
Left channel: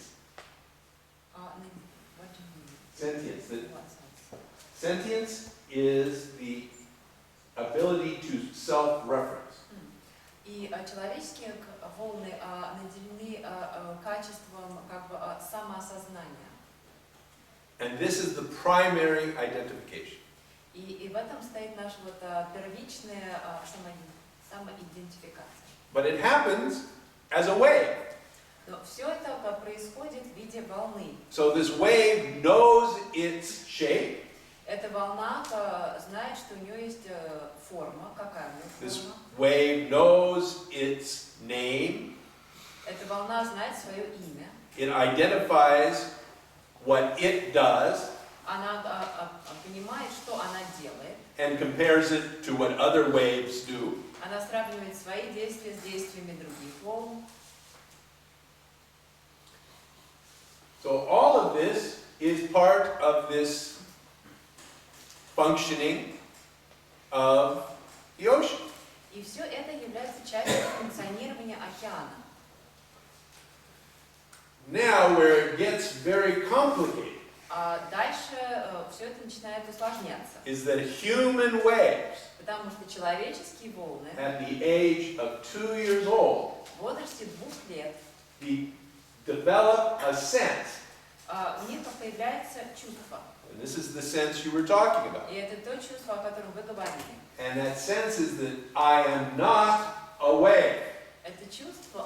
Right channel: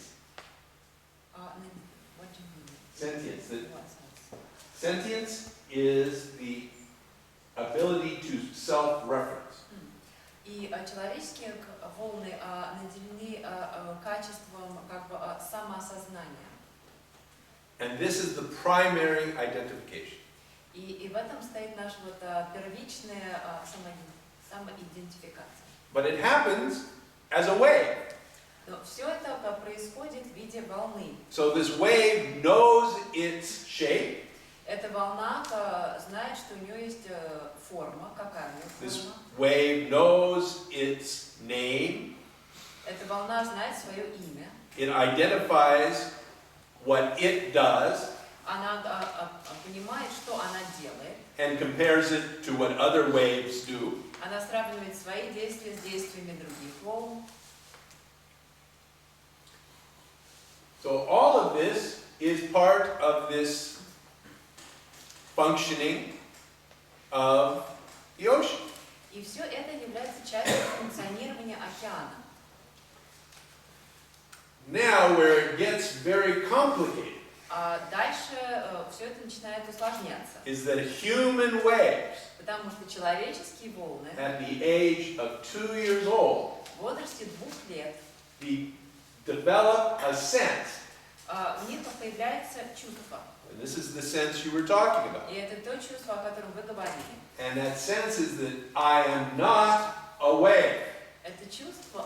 What do you mean? Sentience. That What sense? sentience is the ability to self-reference. И человеческие волны наделены качеством как бы самоосознания. And this is the primary identification. И в этом стоит наша вот первичная самоидентификация. But it happens as a wave. Но все это происходит в виде волны. So this wave knows its shape, Эта волна знает, что у нее есть форма. Какая у нее This форма? wave knows its name. Эта волна знает свое имя. It identifies what it does Она понимает, что она делает. and compares it to what other waves do. Она сравнивает свои действия с действиями других волн. So all of this is part of this functioning of the ocean. И все это является частью функционирования океана. Now, where it gets very complicated А дальше все это начинает усложняться. is that human waves Потому что человеческие волны at the age of 2 years old в возрасте 2 лет develop a sense. у них появляется чувство. And this is the sense you were talking about. И это то чувство, о котором вы говорили. And that sense is that I am not a wave. Это чувство,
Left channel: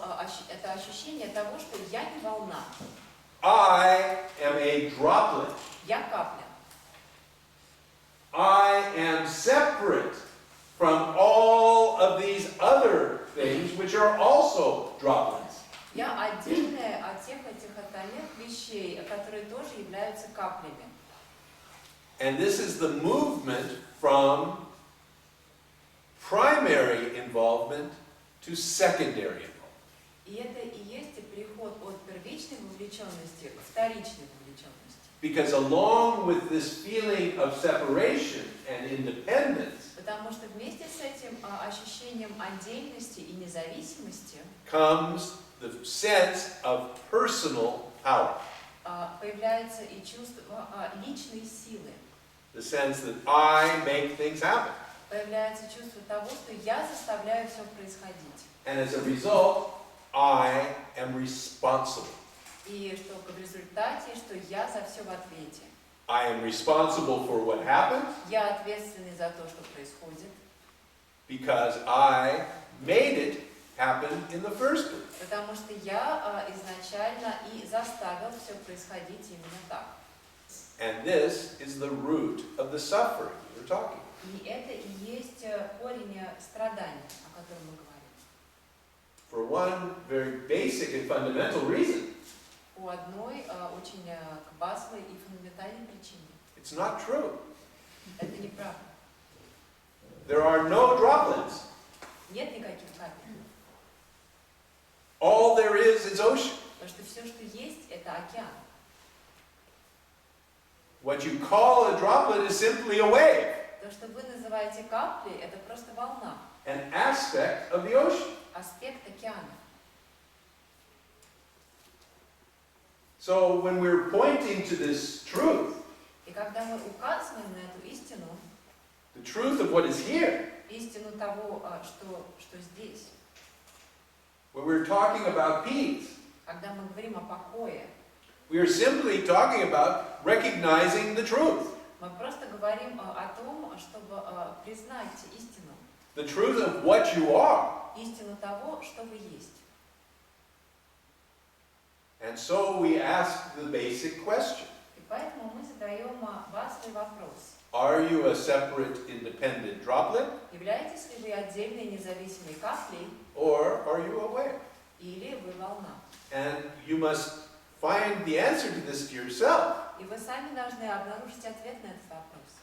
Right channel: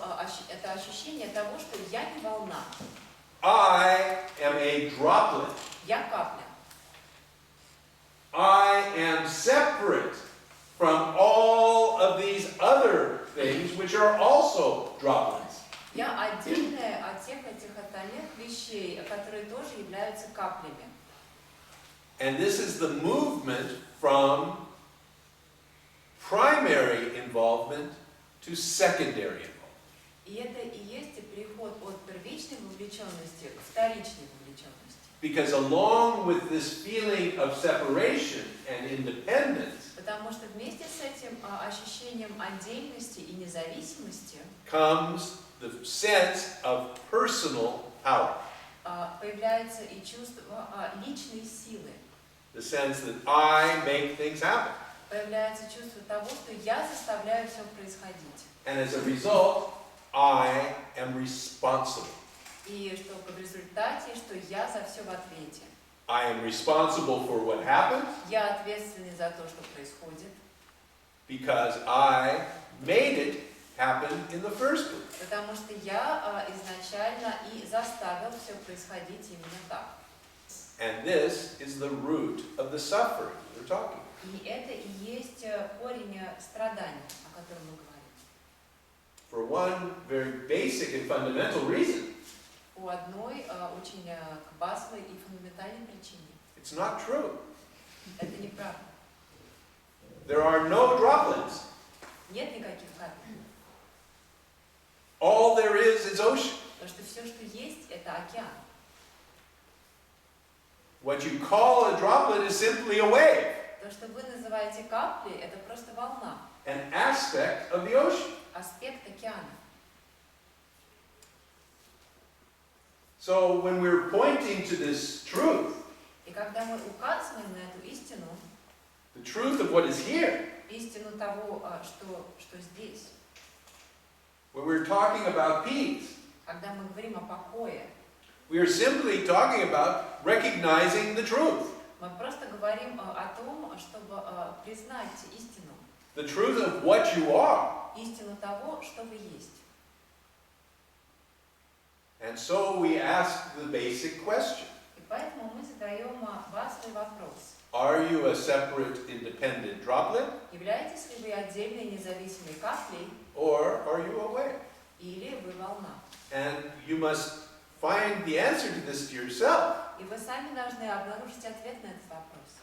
это ощущение того, что я не волна, I am a droplet. я капля. I am separate from all of these other things which are also droplets. Я отдельная от всех этих остальных вещей, которые тоже являются каплями. And this is the movement from primary involvement to secondary involvement. И это и есть переход от первичной вовлеченности к вторичной вовлеченности. Because along with this feeling of separation and independence Потому что вместе с этим ощущением отдельности и независимости comes the sense of personal power. Появляется и чувство личной силы. The sense that I make things happen. Появляется чувство того, что я заставляю все происходить. And as a result, I am responsible. И что в результате, что я за все в ответе. I am responsible for what happened Я ответственный за то, что происходит. because I made it happen in the first place. Потому что я изначально и заставил все происходить именно так. And this is the root of the suffering we're talking about. И это и есть корень страданий, о котором мы говорим. For one very basic and fundamental reason. По одной очень базовой и фундаментальной причине. It's not true. Это неправда. There are no droplets. Нет никаких капель. All there is ocean. Потому что все, что есть, это океан. What you call a droplet is simply a wave, То, что вы называете каплей, это просто волна, an aspect of the ocean. аспект океана. So when we're pointing to this truth, И когда мы указываем на эту истину, the truth of what is here, истину того, что здесь, when we're talking about peace, когда мы говорим о покое, we are simply talking about recognizing the truth. мы просто говорим о том, чтобы признать истину, The truth of what you are. истину того, что вы есть. And so we ask the basic question. И поэтому мы задаем базовый вопрос. Are you a separate, independent droplet? Являетесь ли вы отдельной независимой каплей, Or are you a wave? или вы волна? And you must find the answer to this to yourself. И вы сами должны обнаружить ответ на этот вопрос.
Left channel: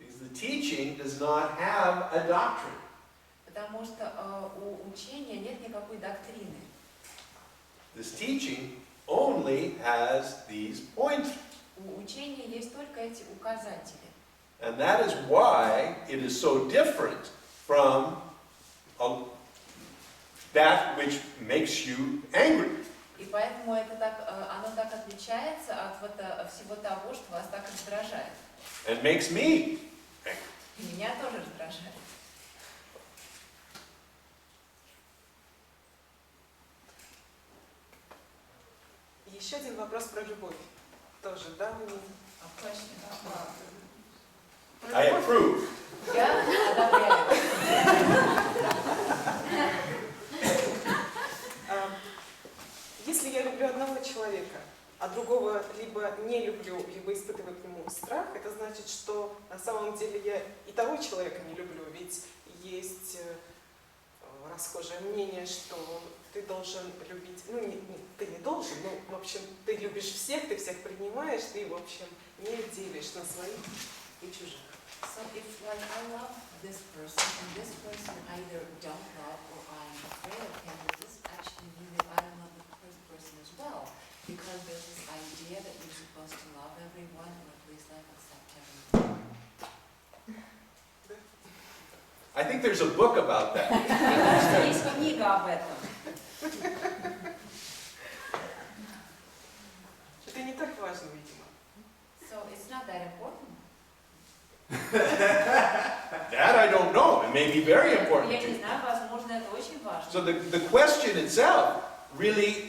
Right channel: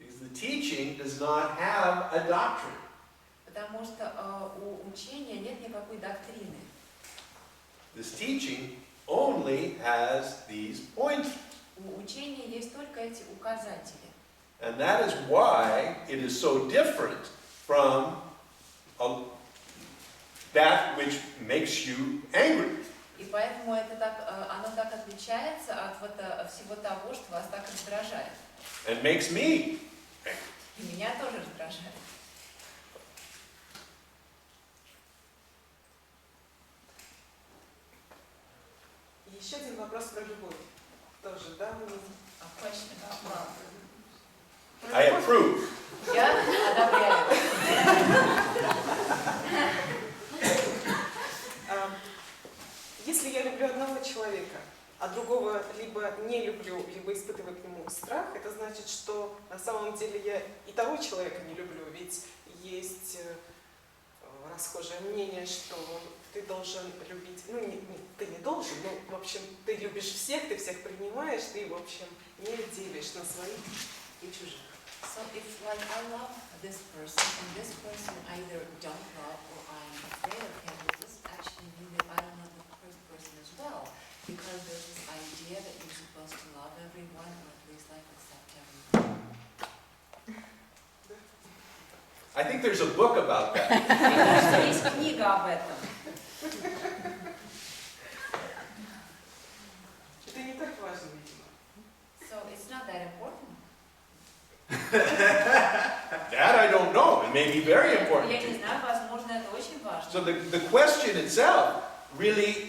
Because the teaching does not have a doctrine. Потому что у учения нет никакой доктрины. This teaching only has these pointers. У учения есть только эти указатели. And that is why it is so different from that which makes you angry. И поэтому оно так отличается от всего того, что вас так раздражает. And makes me angry. И меня тоже раздражает. Еще один вопрос про любовь. Тоже, да? A question about love. I approve. Я одобряю. Если я люблю одного человека, а другого либо не люблю, либо испытываю к нему страх, это значит, что на самом деле я и того человека не люблю, ведь есть расхожее мнение, что ты должен любить, ты не должен, в общем, ты любишь всех, ты всех принимаешь, ты, в общем, не делишь на своих и чужих. So if like I love this person and this person either don't love or I'm afraid of him, does this actually mean that I don't love the first person as well? Because there's this idea that you're supposed to love everyone or at least like accept everyone. I think there's a book about that. Мне кажется, есть книга об этом. Это не так важно, видимо. So it's not that important. That I don't know. It may be very important Я to не you. знаю, возможно, это очень важно. So the question itself really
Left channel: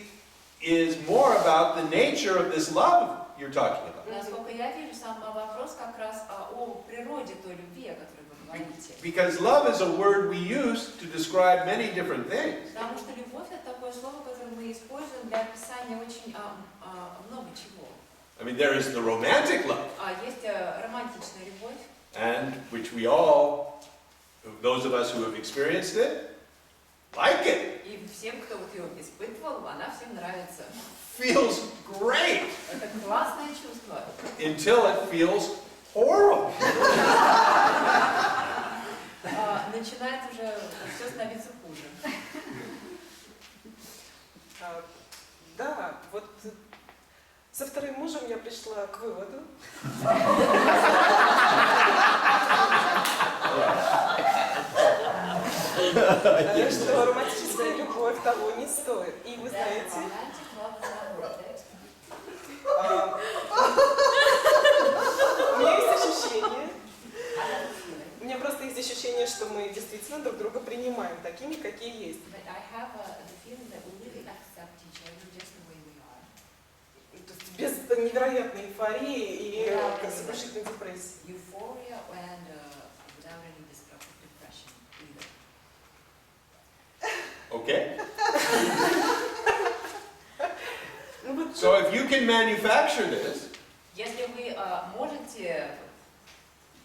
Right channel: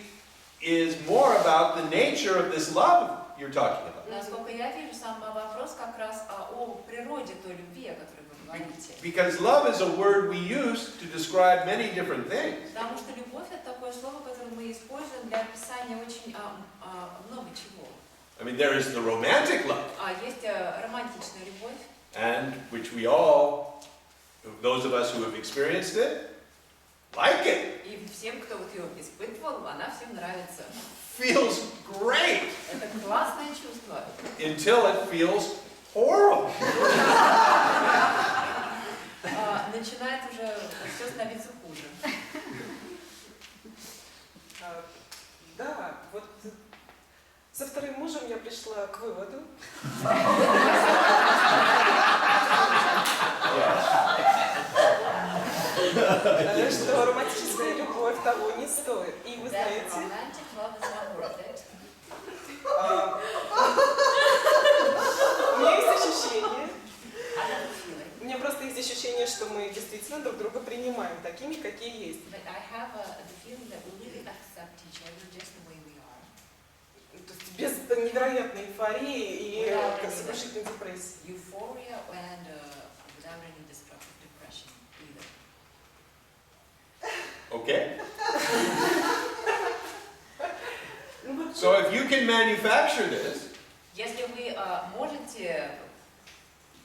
is more about the nature of this love you're talking about. Насколько я вижу, сам вопрос как раз о природе той любви, о которой вы говорите. Because love is a word we use to describe many different things. Потому что любовь — это такое слово, которое мы используем для описания очень много чего. I mean, there is the romantic love, Есть романтичная любовь, and which we all, those of us who have experienced it, like it. и всем, кто вот ее испытывал, она всем нравится. Feels great Это классное чувство. until it feels horrible. Начинает уже все становиться хуже. Да, вот со вторым мужем я пришла к выводу, что романтическая любовь того не стоит. И вы знаете, у меня есть ощущение, у меня просто есть ощущение, что мы действительно друг друга принимаем такими, какие есть. То есть без невероятной эйфории и сокрушительной депрессии. Okay? So if you can manufacture this, Если вы можете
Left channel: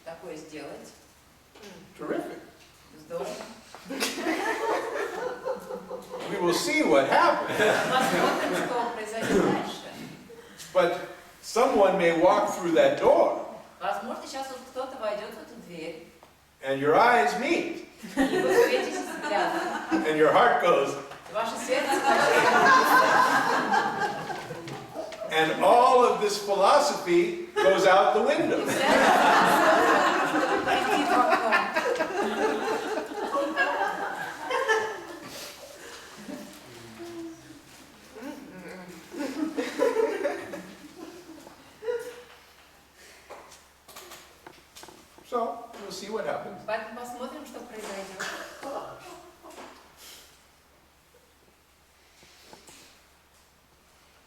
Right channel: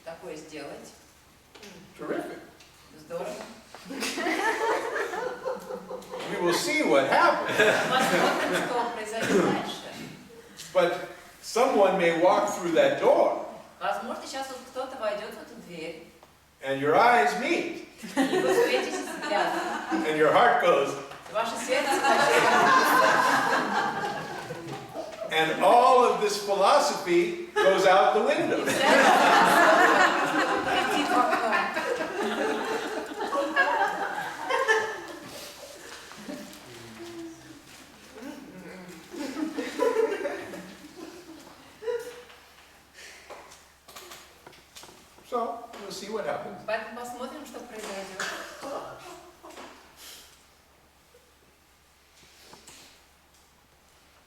такое сделать, terrific. здорово. We will see what happens. Посмотрим, что произойдет дальше. But someone may walk through that door, Возможно, сейчас вот кто-то войдет в эту дверь, and your eyes meet, и вы встретитесь взглядом, and your heart goes, и ваше сердце начнет. and all of this philosophy goes out the window. И вся эта полетит в окно. So we'll see what happens. Поэтому посмотрим, что произойдет.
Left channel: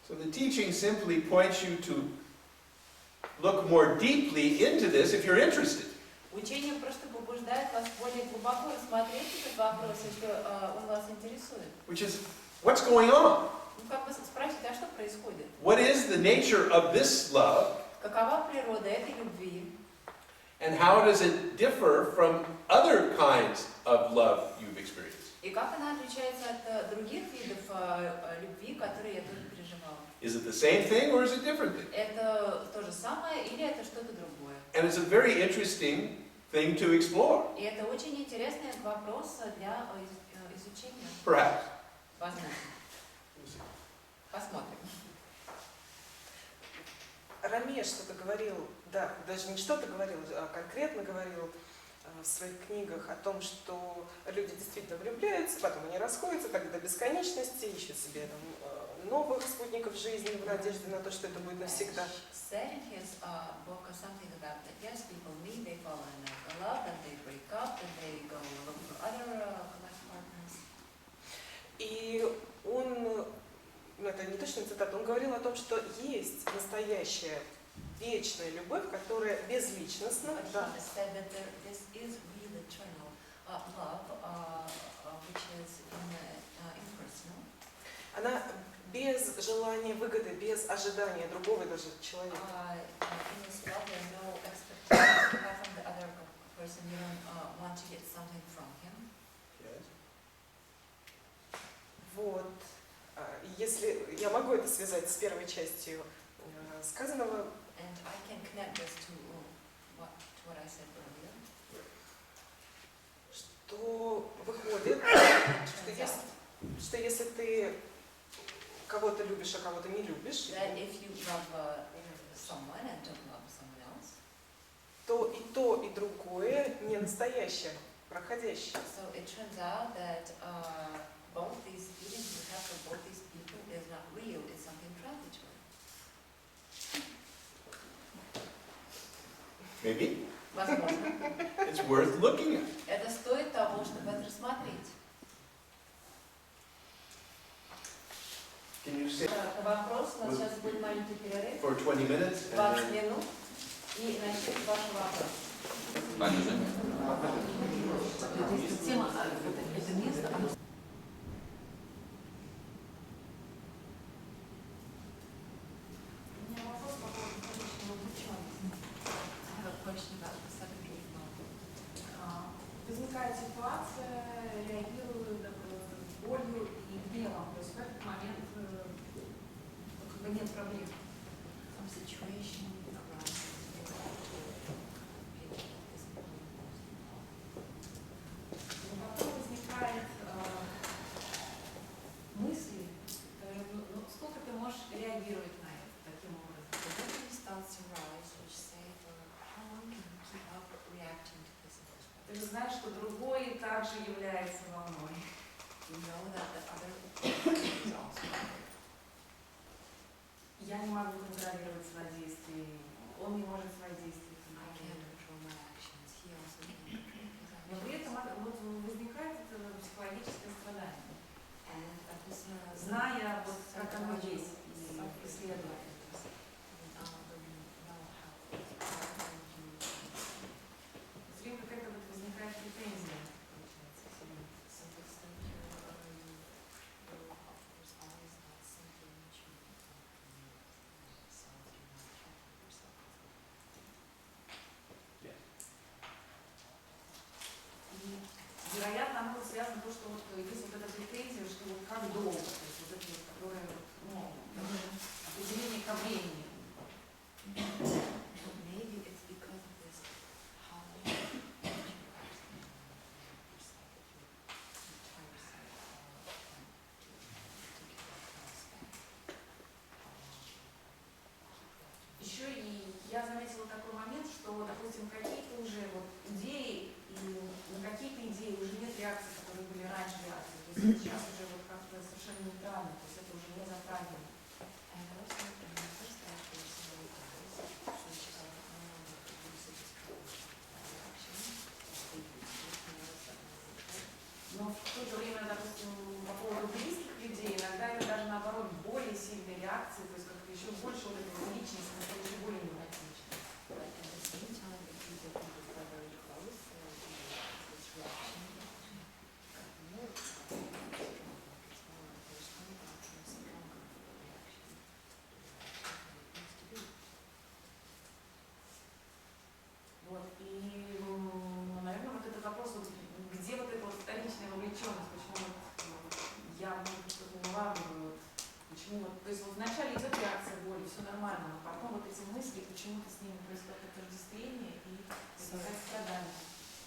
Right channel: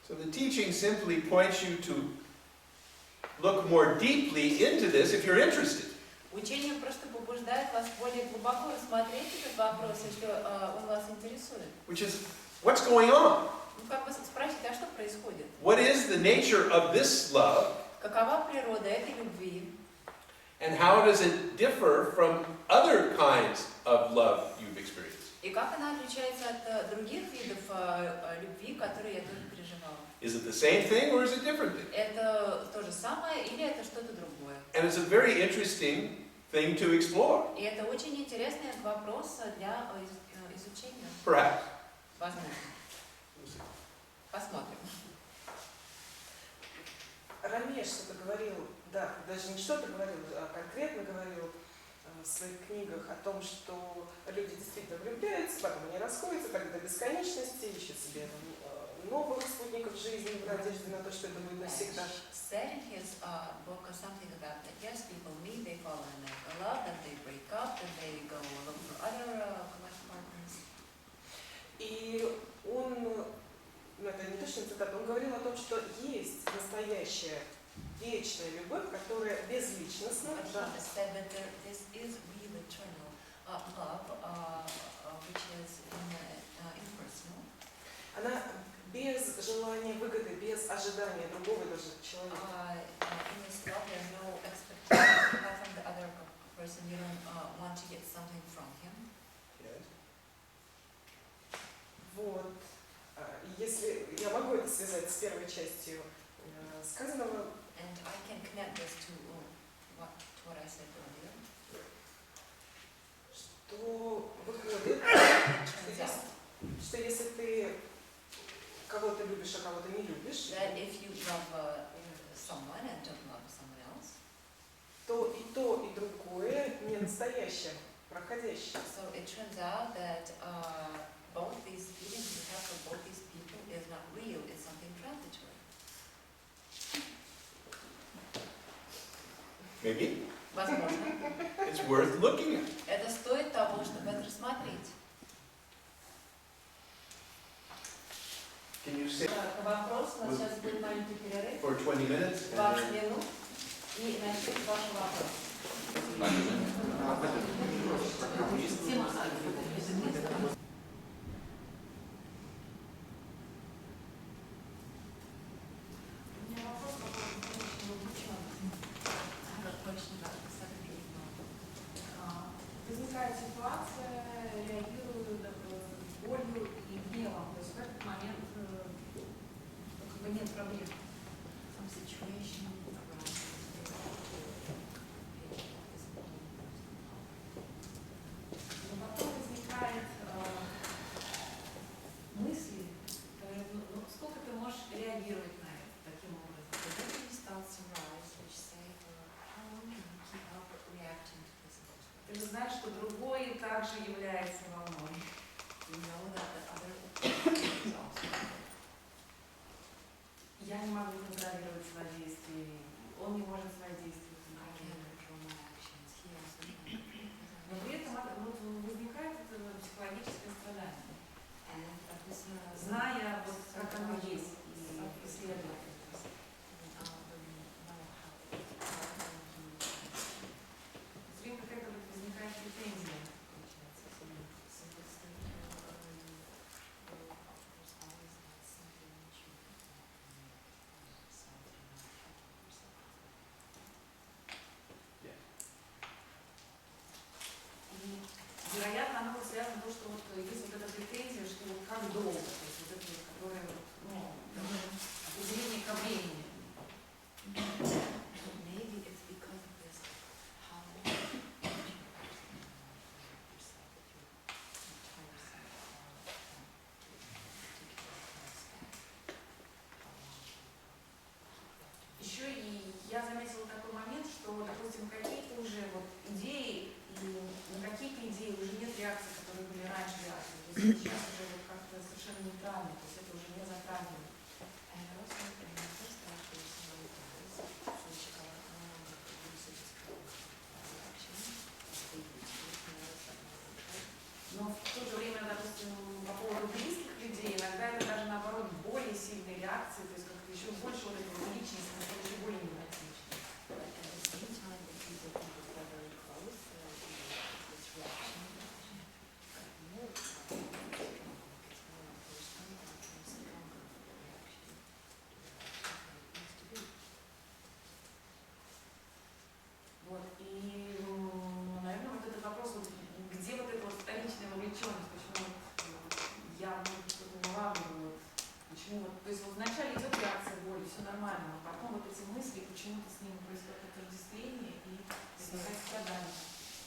So the teaching simply points you to look more deeply into this if you're interested. Учение просто побуждает вас более глубоко рассмотреть этот вопрос, если он вас интересует. Which is, what's going on? Ну, как бы спросить, а что происходит? What is the nature of this love? Какова природа этой любви? And how does it differ from other kinds of love you've experienced? И как она отличается от других видов любви, которые я тоже переживала? Is it the same thing or is it different thing? Это то же самое или это что-то другое? And it's a very interesting thing to explore, И это очень интересный вопрос для изучения. perhaps. Возможно. We'll see. Посмотрим. Раме что-то говорил, да, даже не что-то говорил, а конкретно говорил в своих книгах о том, что люди действительно влюбляются, потом они расходятся так до бесконечности, ищут себе там, новых спутников жизни в надежде на то, что это будет навсегда. Said in his book something about that. Yes, people meet, they fall in love, then they break up, then they go look for other life partners. И он, это не точно цитата, он говорил о том, что есть настоящая вечная любовь, которая безличностна. But he said that this is real eternal love, which is impersonal. Она без желания выгоды, без ожидания другого даже человека. In this love, there are no expectations you have from the other person. You don't want to get something from him. Yes. Вот. Если я могу это связать с первой частью сказанного, And I can connect this to what I said earlier. что выходит, что если ты кого-то любишь, а кого-то не любишь, That if you love someone and don't love someone else, то, и другое не настоящее, проходящее. so it turns out that both these feelings you have for both these people is not real, it's something transitory. Maybe. Возможно. It's worth looking at. Это стоит того, чтобы это рассмотреть. Can you say Вопрос, у нас сейчас будет маленький перерыв, for 20 minutes? 20 минут, и начнем ваши вопросы. Тема место. У меня вопрос по поводу конечного увлеченности. Возникает ситуация, реагирую болью и гневом. То есть в этот момент как бы нет проблем. Some situation arises. Но потом возникает мысли, сколько ты можешь реагировать на это таким образом. The memories starts to rise, which say, how long can you keep up reacting to this emotion? Ты же знаешь, что другой также является волной. You know that the other is also. Я не могу контролировать свои действия, он не может свои действия I can't control my actions. He also can't control his Но actions. при этом вот возникает это психологическое страдание, And this зная вот как оно есть и исследуя это. Все время какая-то вот возникает претензия, получается, к себе. И, вероятно, оно вот связано с тем, что вот есть вот эта претензия, что вот как долго, то есть вот это вот, которое вот, определение ко времени. Maybe it's because of this, how long you actually yourself, that you tell yourself Еще и я заметила такой момент, что, допустим, какие-то уже вот идеи, и на какие-то идеи уже нет реакций, которые были раньше реакции. То есть сейчас уже вот как-то совершенно нейтрально, то есть это уже не затрагивает. And also, in the first action, some guys, which no longer produce a strong reaction, they notice that no longer. Но в то же время, допустим, по поводу близких людей, иногда это даже наоборот более сильные реакции, то есть как-то еще больше вот этого личности, это еще более невротично. But at the same time, the people who are very close, this reaction got more strong, it's more personal, it's more stronger reaction to the reaction than it used to be. Вот, и, наверное, вот этот вопрос, вот, где вот эта вот вторичная вовлеченность, почему вот, я что-то не улавливаю, вот, почему вот, то есть вот вначале идет реакция боли, все нормально, но потом вот эти мысли, почему-то с ними происходит отождествление и возникает страдание.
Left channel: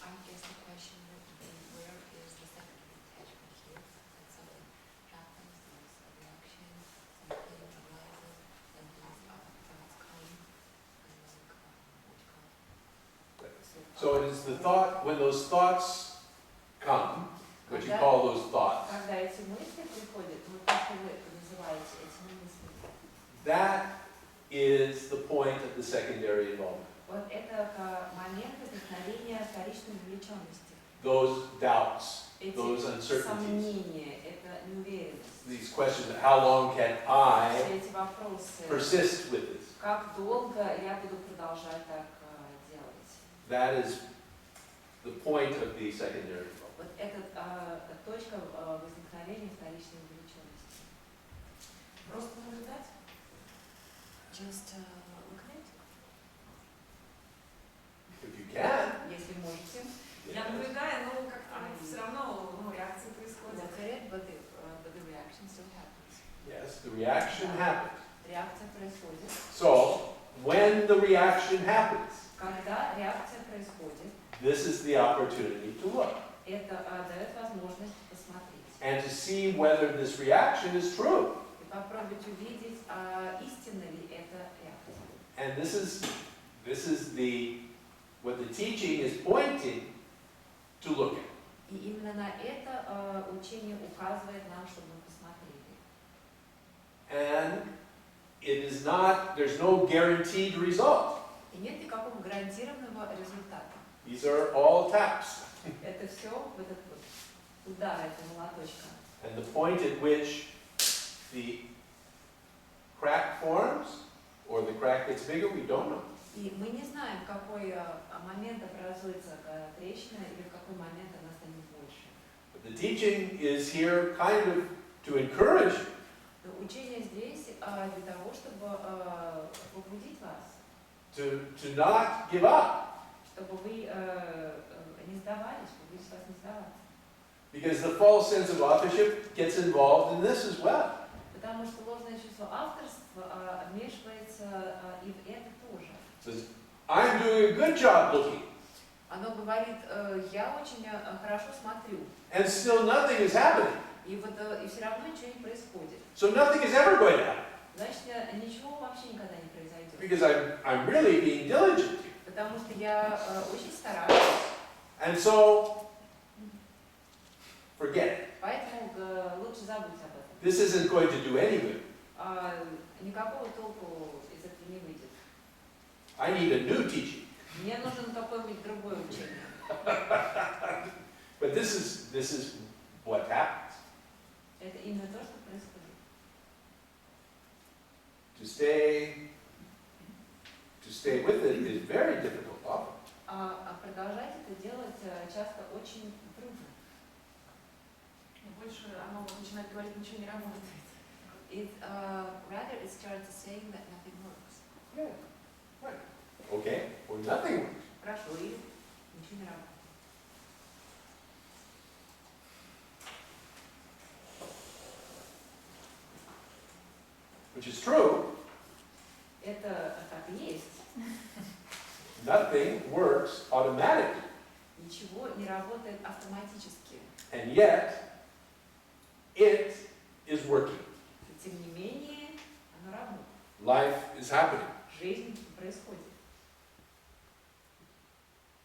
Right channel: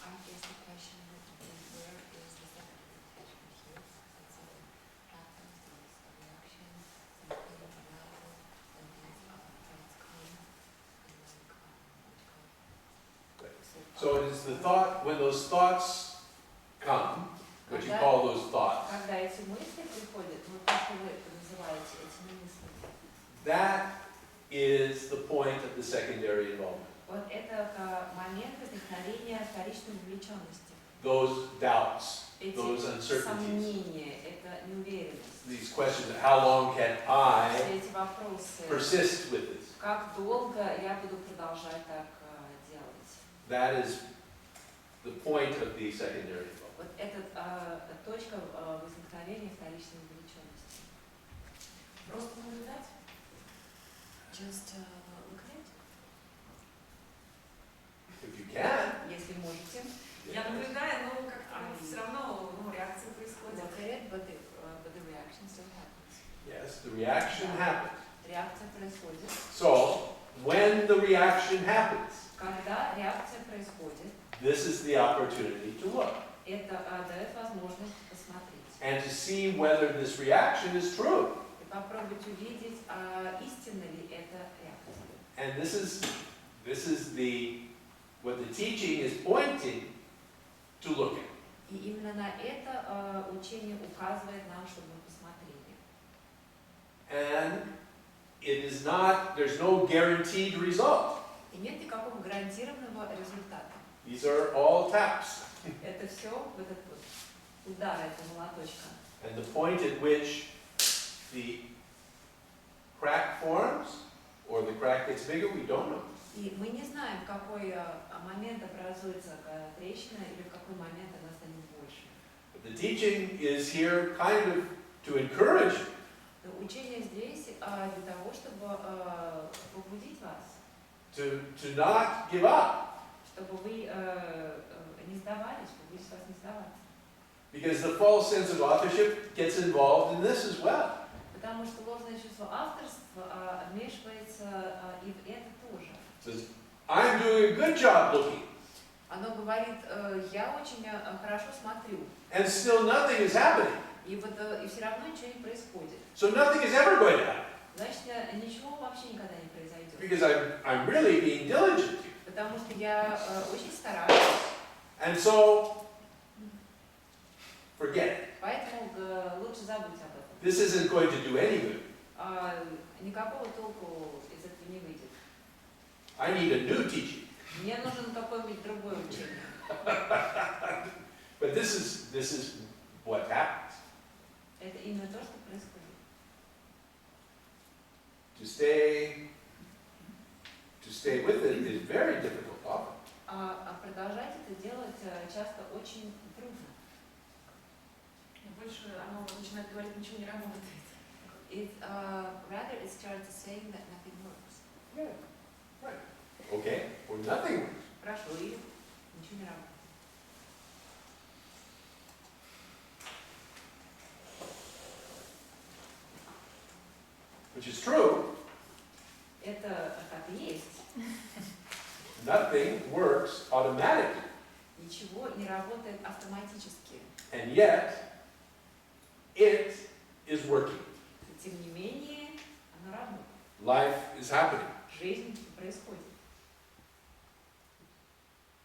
I guess the question would be, where is the second attachment here? That something happens, there is a reaction, some pain arises, then these thoughts come, and then what you call it? So it is the thought, when those thoughts come, what you call those thoughts, Когда эти мысли приходят, вот то, что вы называете этими мыслями, that is the point of the secondary involvement. вот это момент возникновения вторичной вовлеченности. Those doubts, Эти those uncertainties, сомнения, это неуверенность. these questions of how long can I Все эти вопросы, persist with this? как долго я буду продолжать так делать. That is the point of the secondary involvement. Вот это точка возникновения вторичной вовлеченности. Just look at it. If you can. Если можете. Я наблюдаю, но как-то все равно реакция происходит. Look at it, but the reaction still happens. Yes, the reaction happens. Реакция происходит. So, when the reaction happens, Когда реакция происходит, this is the opportunity to look это дает возможность посмотреть. and to see whether this reaction is true. И попробовать увидеть, истинна ли эта реакция. And this is what the teaching is pointing to look at. И именно на это учение указывает нам, чтобы мы посмотрели. And there's no guaranteed result. И нет никакого гарантированного результата. These are all taps. Это все вот этот вот удар этого молоточка. And the point at which the crack forms or the crack gets bigger, we don't know. И мы не знаем, в какой момент образуется трещина или в какой момент она станет больше. But the teaching is here kind of to encourage you. Но учение здесь для того, чтобы побудить вас, To not give up. чтобы вы не сдавались, побудить вас не сдаваться. Because the false sense of authorship gets involved in this as well. Потому что ложное чувство авторства вмешивается и в это тоже. It says, I'm doing a good job looking. Оно говорит, я очень хорошо смотрю, And still nothing is happening. и все равно ничего не происходит. So nothing is ever going to happen. Значит, ничего вообще никогда не произойдет. Because I'm really being diligent here. Потому что я очень стараюсь. And so, forget it. Поэтому лучше забудь об этом. This isn't going to do any good. Никакого толку из этого не выйдет. I need a new teaching. Мне нужен какое-нибудь другое учение. But this is what happens. Это именно то, что происходит. To stay with it is very difficult often. Продолжать это делать часто очень трудно. Больше оно начинает говорить, ничего не работает. Rather it starts saying that nothing works. Yeah, right. Okay, or nothing works. Хорошо, или ничего не работает. Which is true. Это так и есть. Nothing works automatically. Ничего не работает автоматически. And yet, it is working. Тем не менее, оно работает. Life is happening. Жизнь происходит.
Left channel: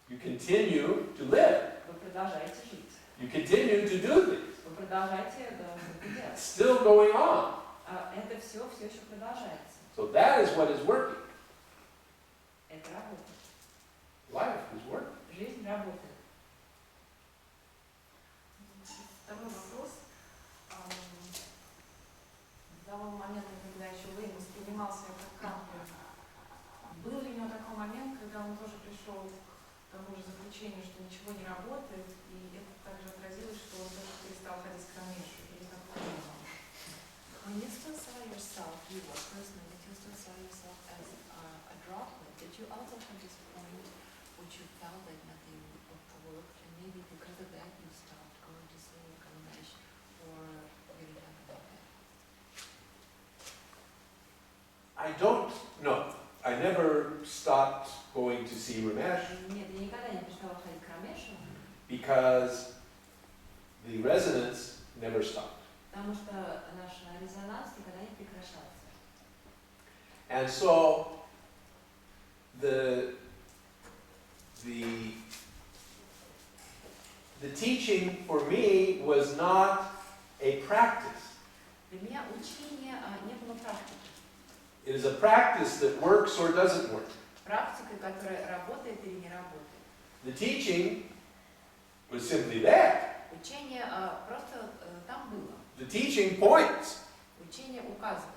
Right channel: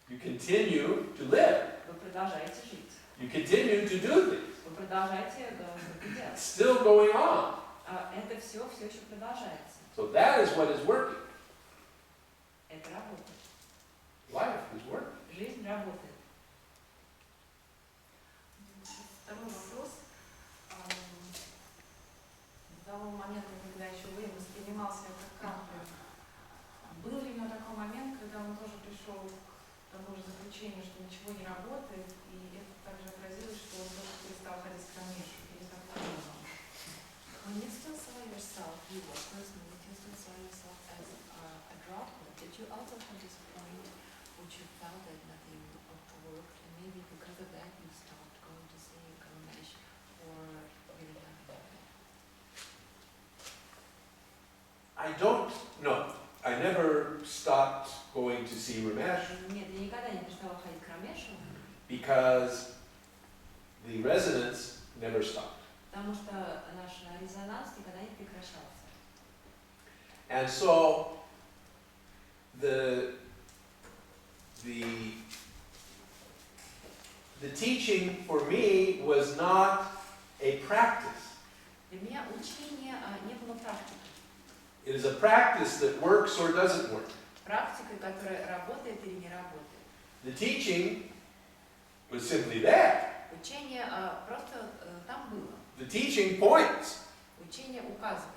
You continue to live. Вы продолжаете жить. You continue to do things. Вы продолжаете это делать. Still going on. Это все еще продолжается. So that is what is working. Это работает. Life is working. Жизнь работает. Второй вопрос. До того момента, когда еще Уэйн воспринимался как Кант, был ли у него такой момент, когда он тоже пришел к тому же заключению, что ничего не работает, и это также отразилось, что он тоже перестал ходить к Рамешу, или как это было? When you still saw yourself, you were personally, you still saw yourself as a droplet, did you also have this point which you felt that nothing worked, and maybe because of that you stopped going to see Ramesh, or you didn't have it happen? I don't know. I never stopped going to see Ramesh Нет, я никогда не перестала ходить к Рамешу, because the resonance never stopped. потому что наш резонанс никогда не прекращался. And so the teaching for me was not a practice. Для меня учение не было практикой. It is a practice that works or doesn't work. Практикой, которая работает или не работает. The teaching was simply there. Учение просто там было. The teaching points. Учение указывает.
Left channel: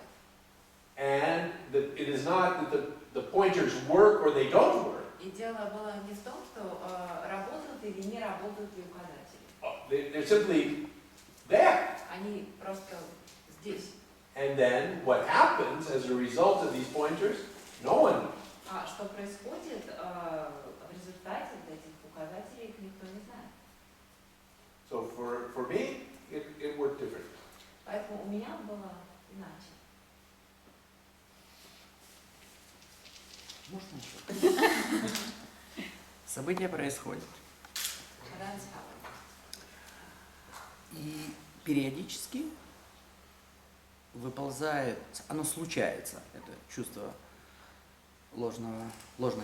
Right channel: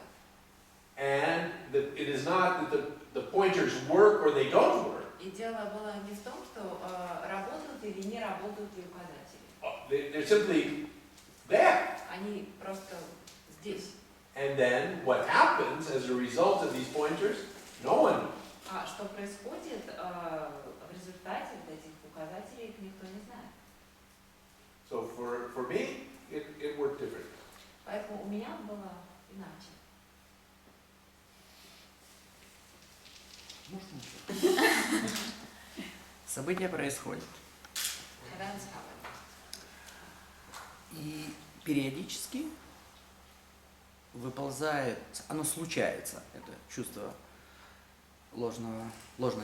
And it is not that the pointers work or they don't work. И дело было не в том, что работают или не работают ли указатели. They're simply there. Они просто здесь. And then what happens as a result of these pointers, no one knows. А что происходит в результате этих указателей, их никто не знает. So for me, it worked differently. Поэтому у меня было иначе. События происходят. Events happen. И периодически выползает, оно случается, это чувство ложное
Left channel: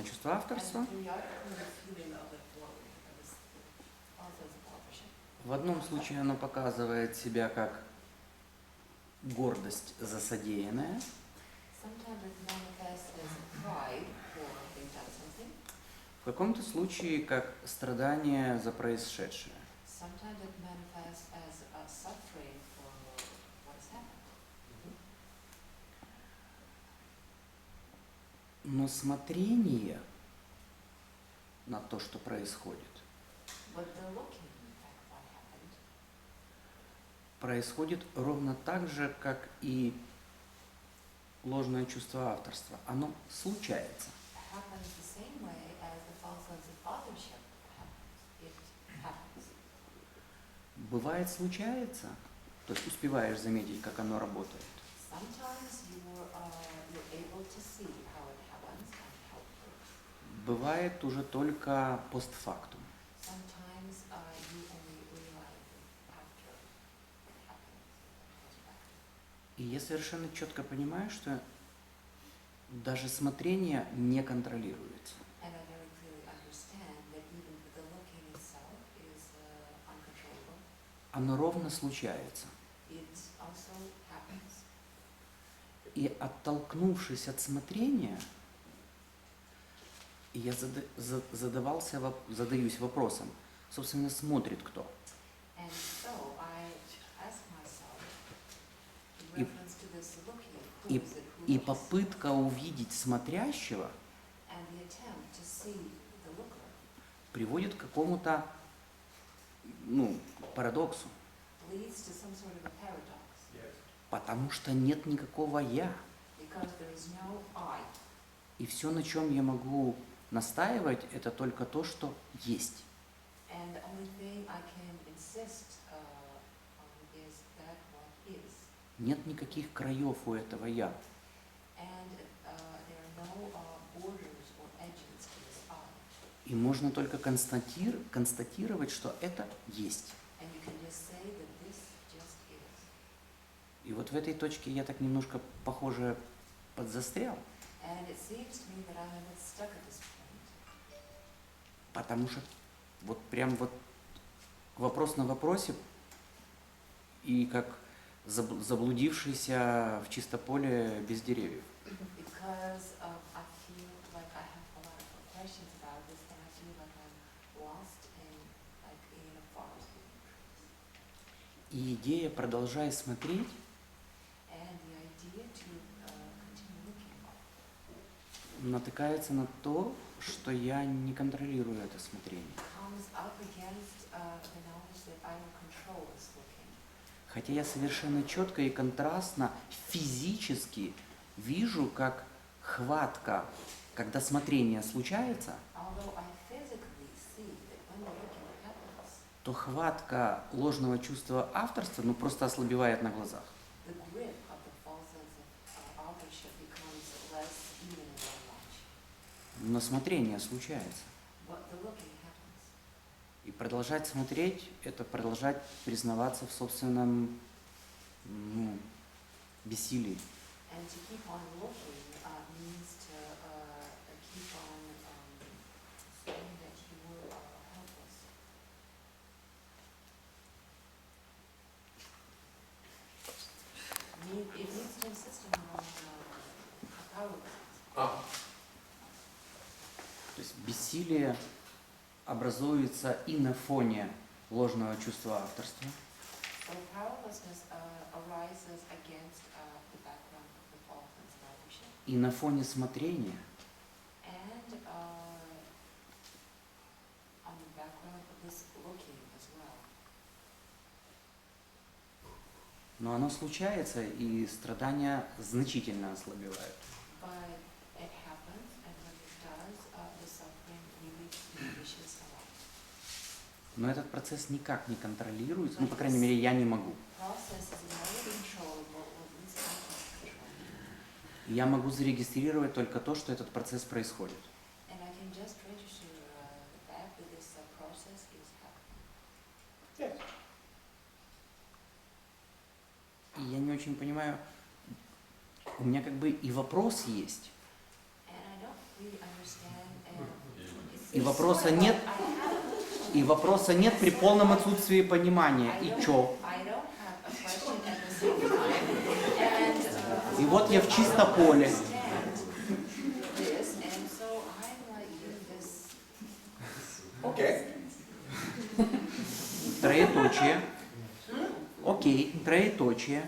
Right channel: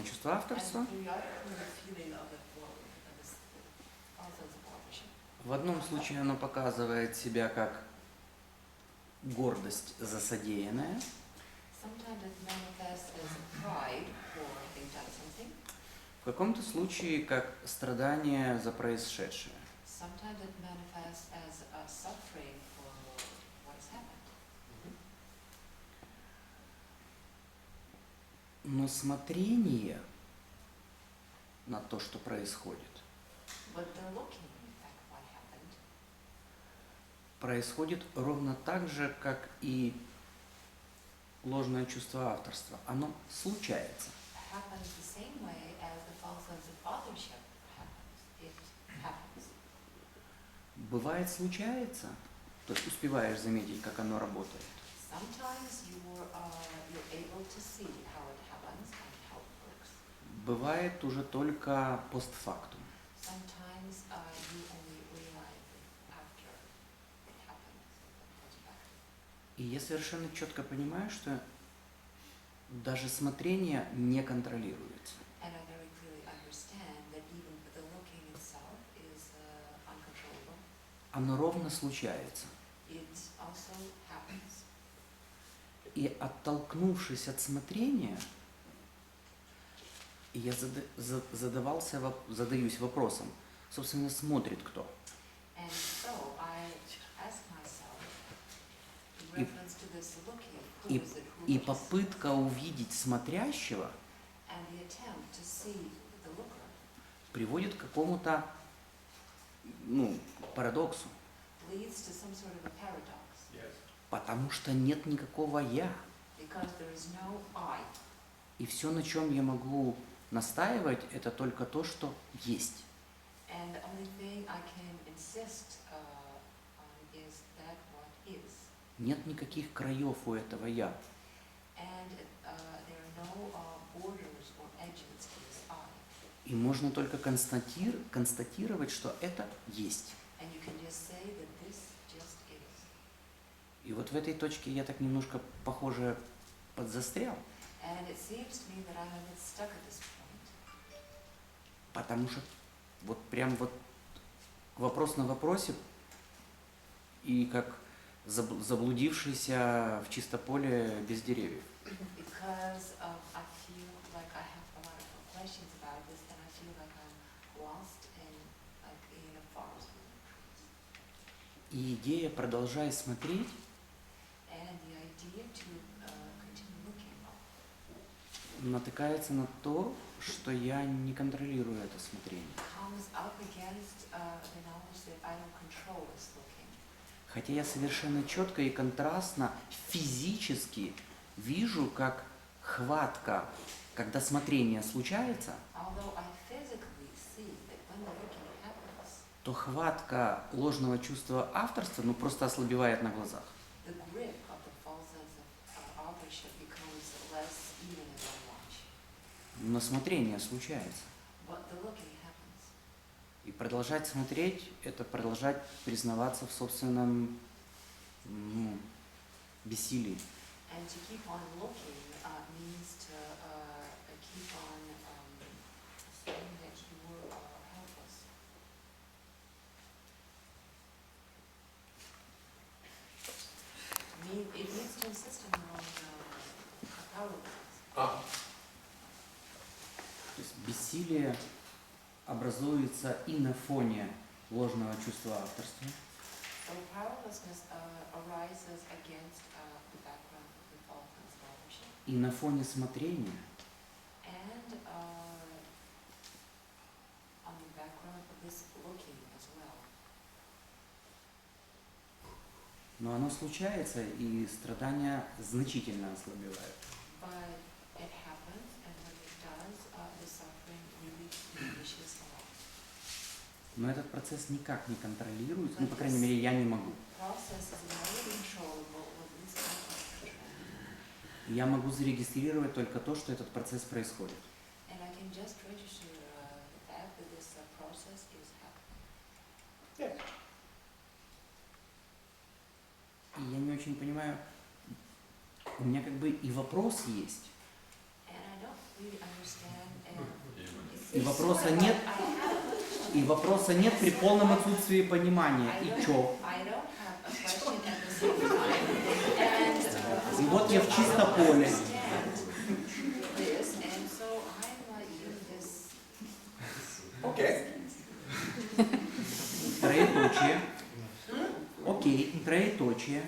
чувство авторства. And periodically the feeling of the glory, of this also as a authorship. В одном случае оно показывает себя как гордость за содеянное, Sometimes it manifests as pride for having done something. в каком-то случае как страдание за происшедшее. Sometimes it manifests as a suffering for what has happened. Но смотрение на то, что происходит, But the looking at what happened происходит ровно так же, как и ложное чувство авторства. Оно случается. happens the same way as the false sense of authorship happens. It happens. Бывает случается, то есть успеваешь заметить, как оно работает. Sometimes you're able to see how it happens and how it works. Бывает уже только постфактум. Sometimes you only realize it after it happens. It goes back. И я совершенно четко понимаю, что даже смотрение не контролируется. And I very clearly understand that even the looking itself is uncontrollable. Оно ровно случается. It also happens. И оттолкнувшись от смотрения, я задаюсь вопросом, собственно, смотрит кто? And so I ask myself, in И- reference to this looking, who И, is it, who и looks? попытка увидеть смотрящего And the attempt to see the looker приводит к какому-то, парадоксу. leads to some sort of a paradox, Yes. Потому что нет никакого «я». because there is no I. И все, на чем я могу настаивать, это только то, что есть. And the only thing I can insist on is that what is. Нет никаких краев у этого «я». And there are no borders or edges to this I. И можно только констатировать, что это есть. And you can just say that this just is. И вот в этой точке я так немножко, похоже, подзастрял. And it seems to me that I'm a bit stuck at this point. Потому что вопрос на вопросе, и как заблудившийся в чисто поле без деревьев. Because I feel like I have a lot of questions about this, and I feel like I'm lost in a forest with no trees. И идея «продолжай смотреть» And the idea to continue looking натыкается на то, что я не контролирую это смотрение. comes up against the knowledge that I don't control this looking. Хотя я совершенно четко и контрастно физически вижу, как хватка, когда смотрение случается, Although I physically see that when the looking happens, то хватка ложного чувства авторства просто ослабевает на глазах. the grip of the false sense of authorship becomes less even as I watch. Но смотрение случается. But the looking happens. И продолжать смотреть – это продолжать признаваться в собственном бессилии. And to keep on looking means to keep on saying that you were helpless. It means to insist on your own powerlessness. Ah, То есть бессилие образуется и на фоне ложного чувства авторства, So powerlessness arises against the background of the false sense of authorship. и на фоне смотрения, And on the background of this looking as well. Но оно случается, и страдания значительно ослабевают. But it happens, and when it does, the suffering really diminishes a lot. Но этот процесс никак не контролируется, ну, по крайней мере, я не могу. Process is not controllable, or at least I can't control. Я могу зарегистрировать только то, что этот процесс происходит. And I can just register the fact that this process is happening. Yes. И я не очень понимаю, у меня как бы и вопрос есть, And I don't really understand. и вопроса нет при полном отсутствии понимания. И чё? I don't have a question at the same time. And И вот я в чисто поле. understand this, and so I'm like in this. Okay. Троеточие. Окей, троеточие.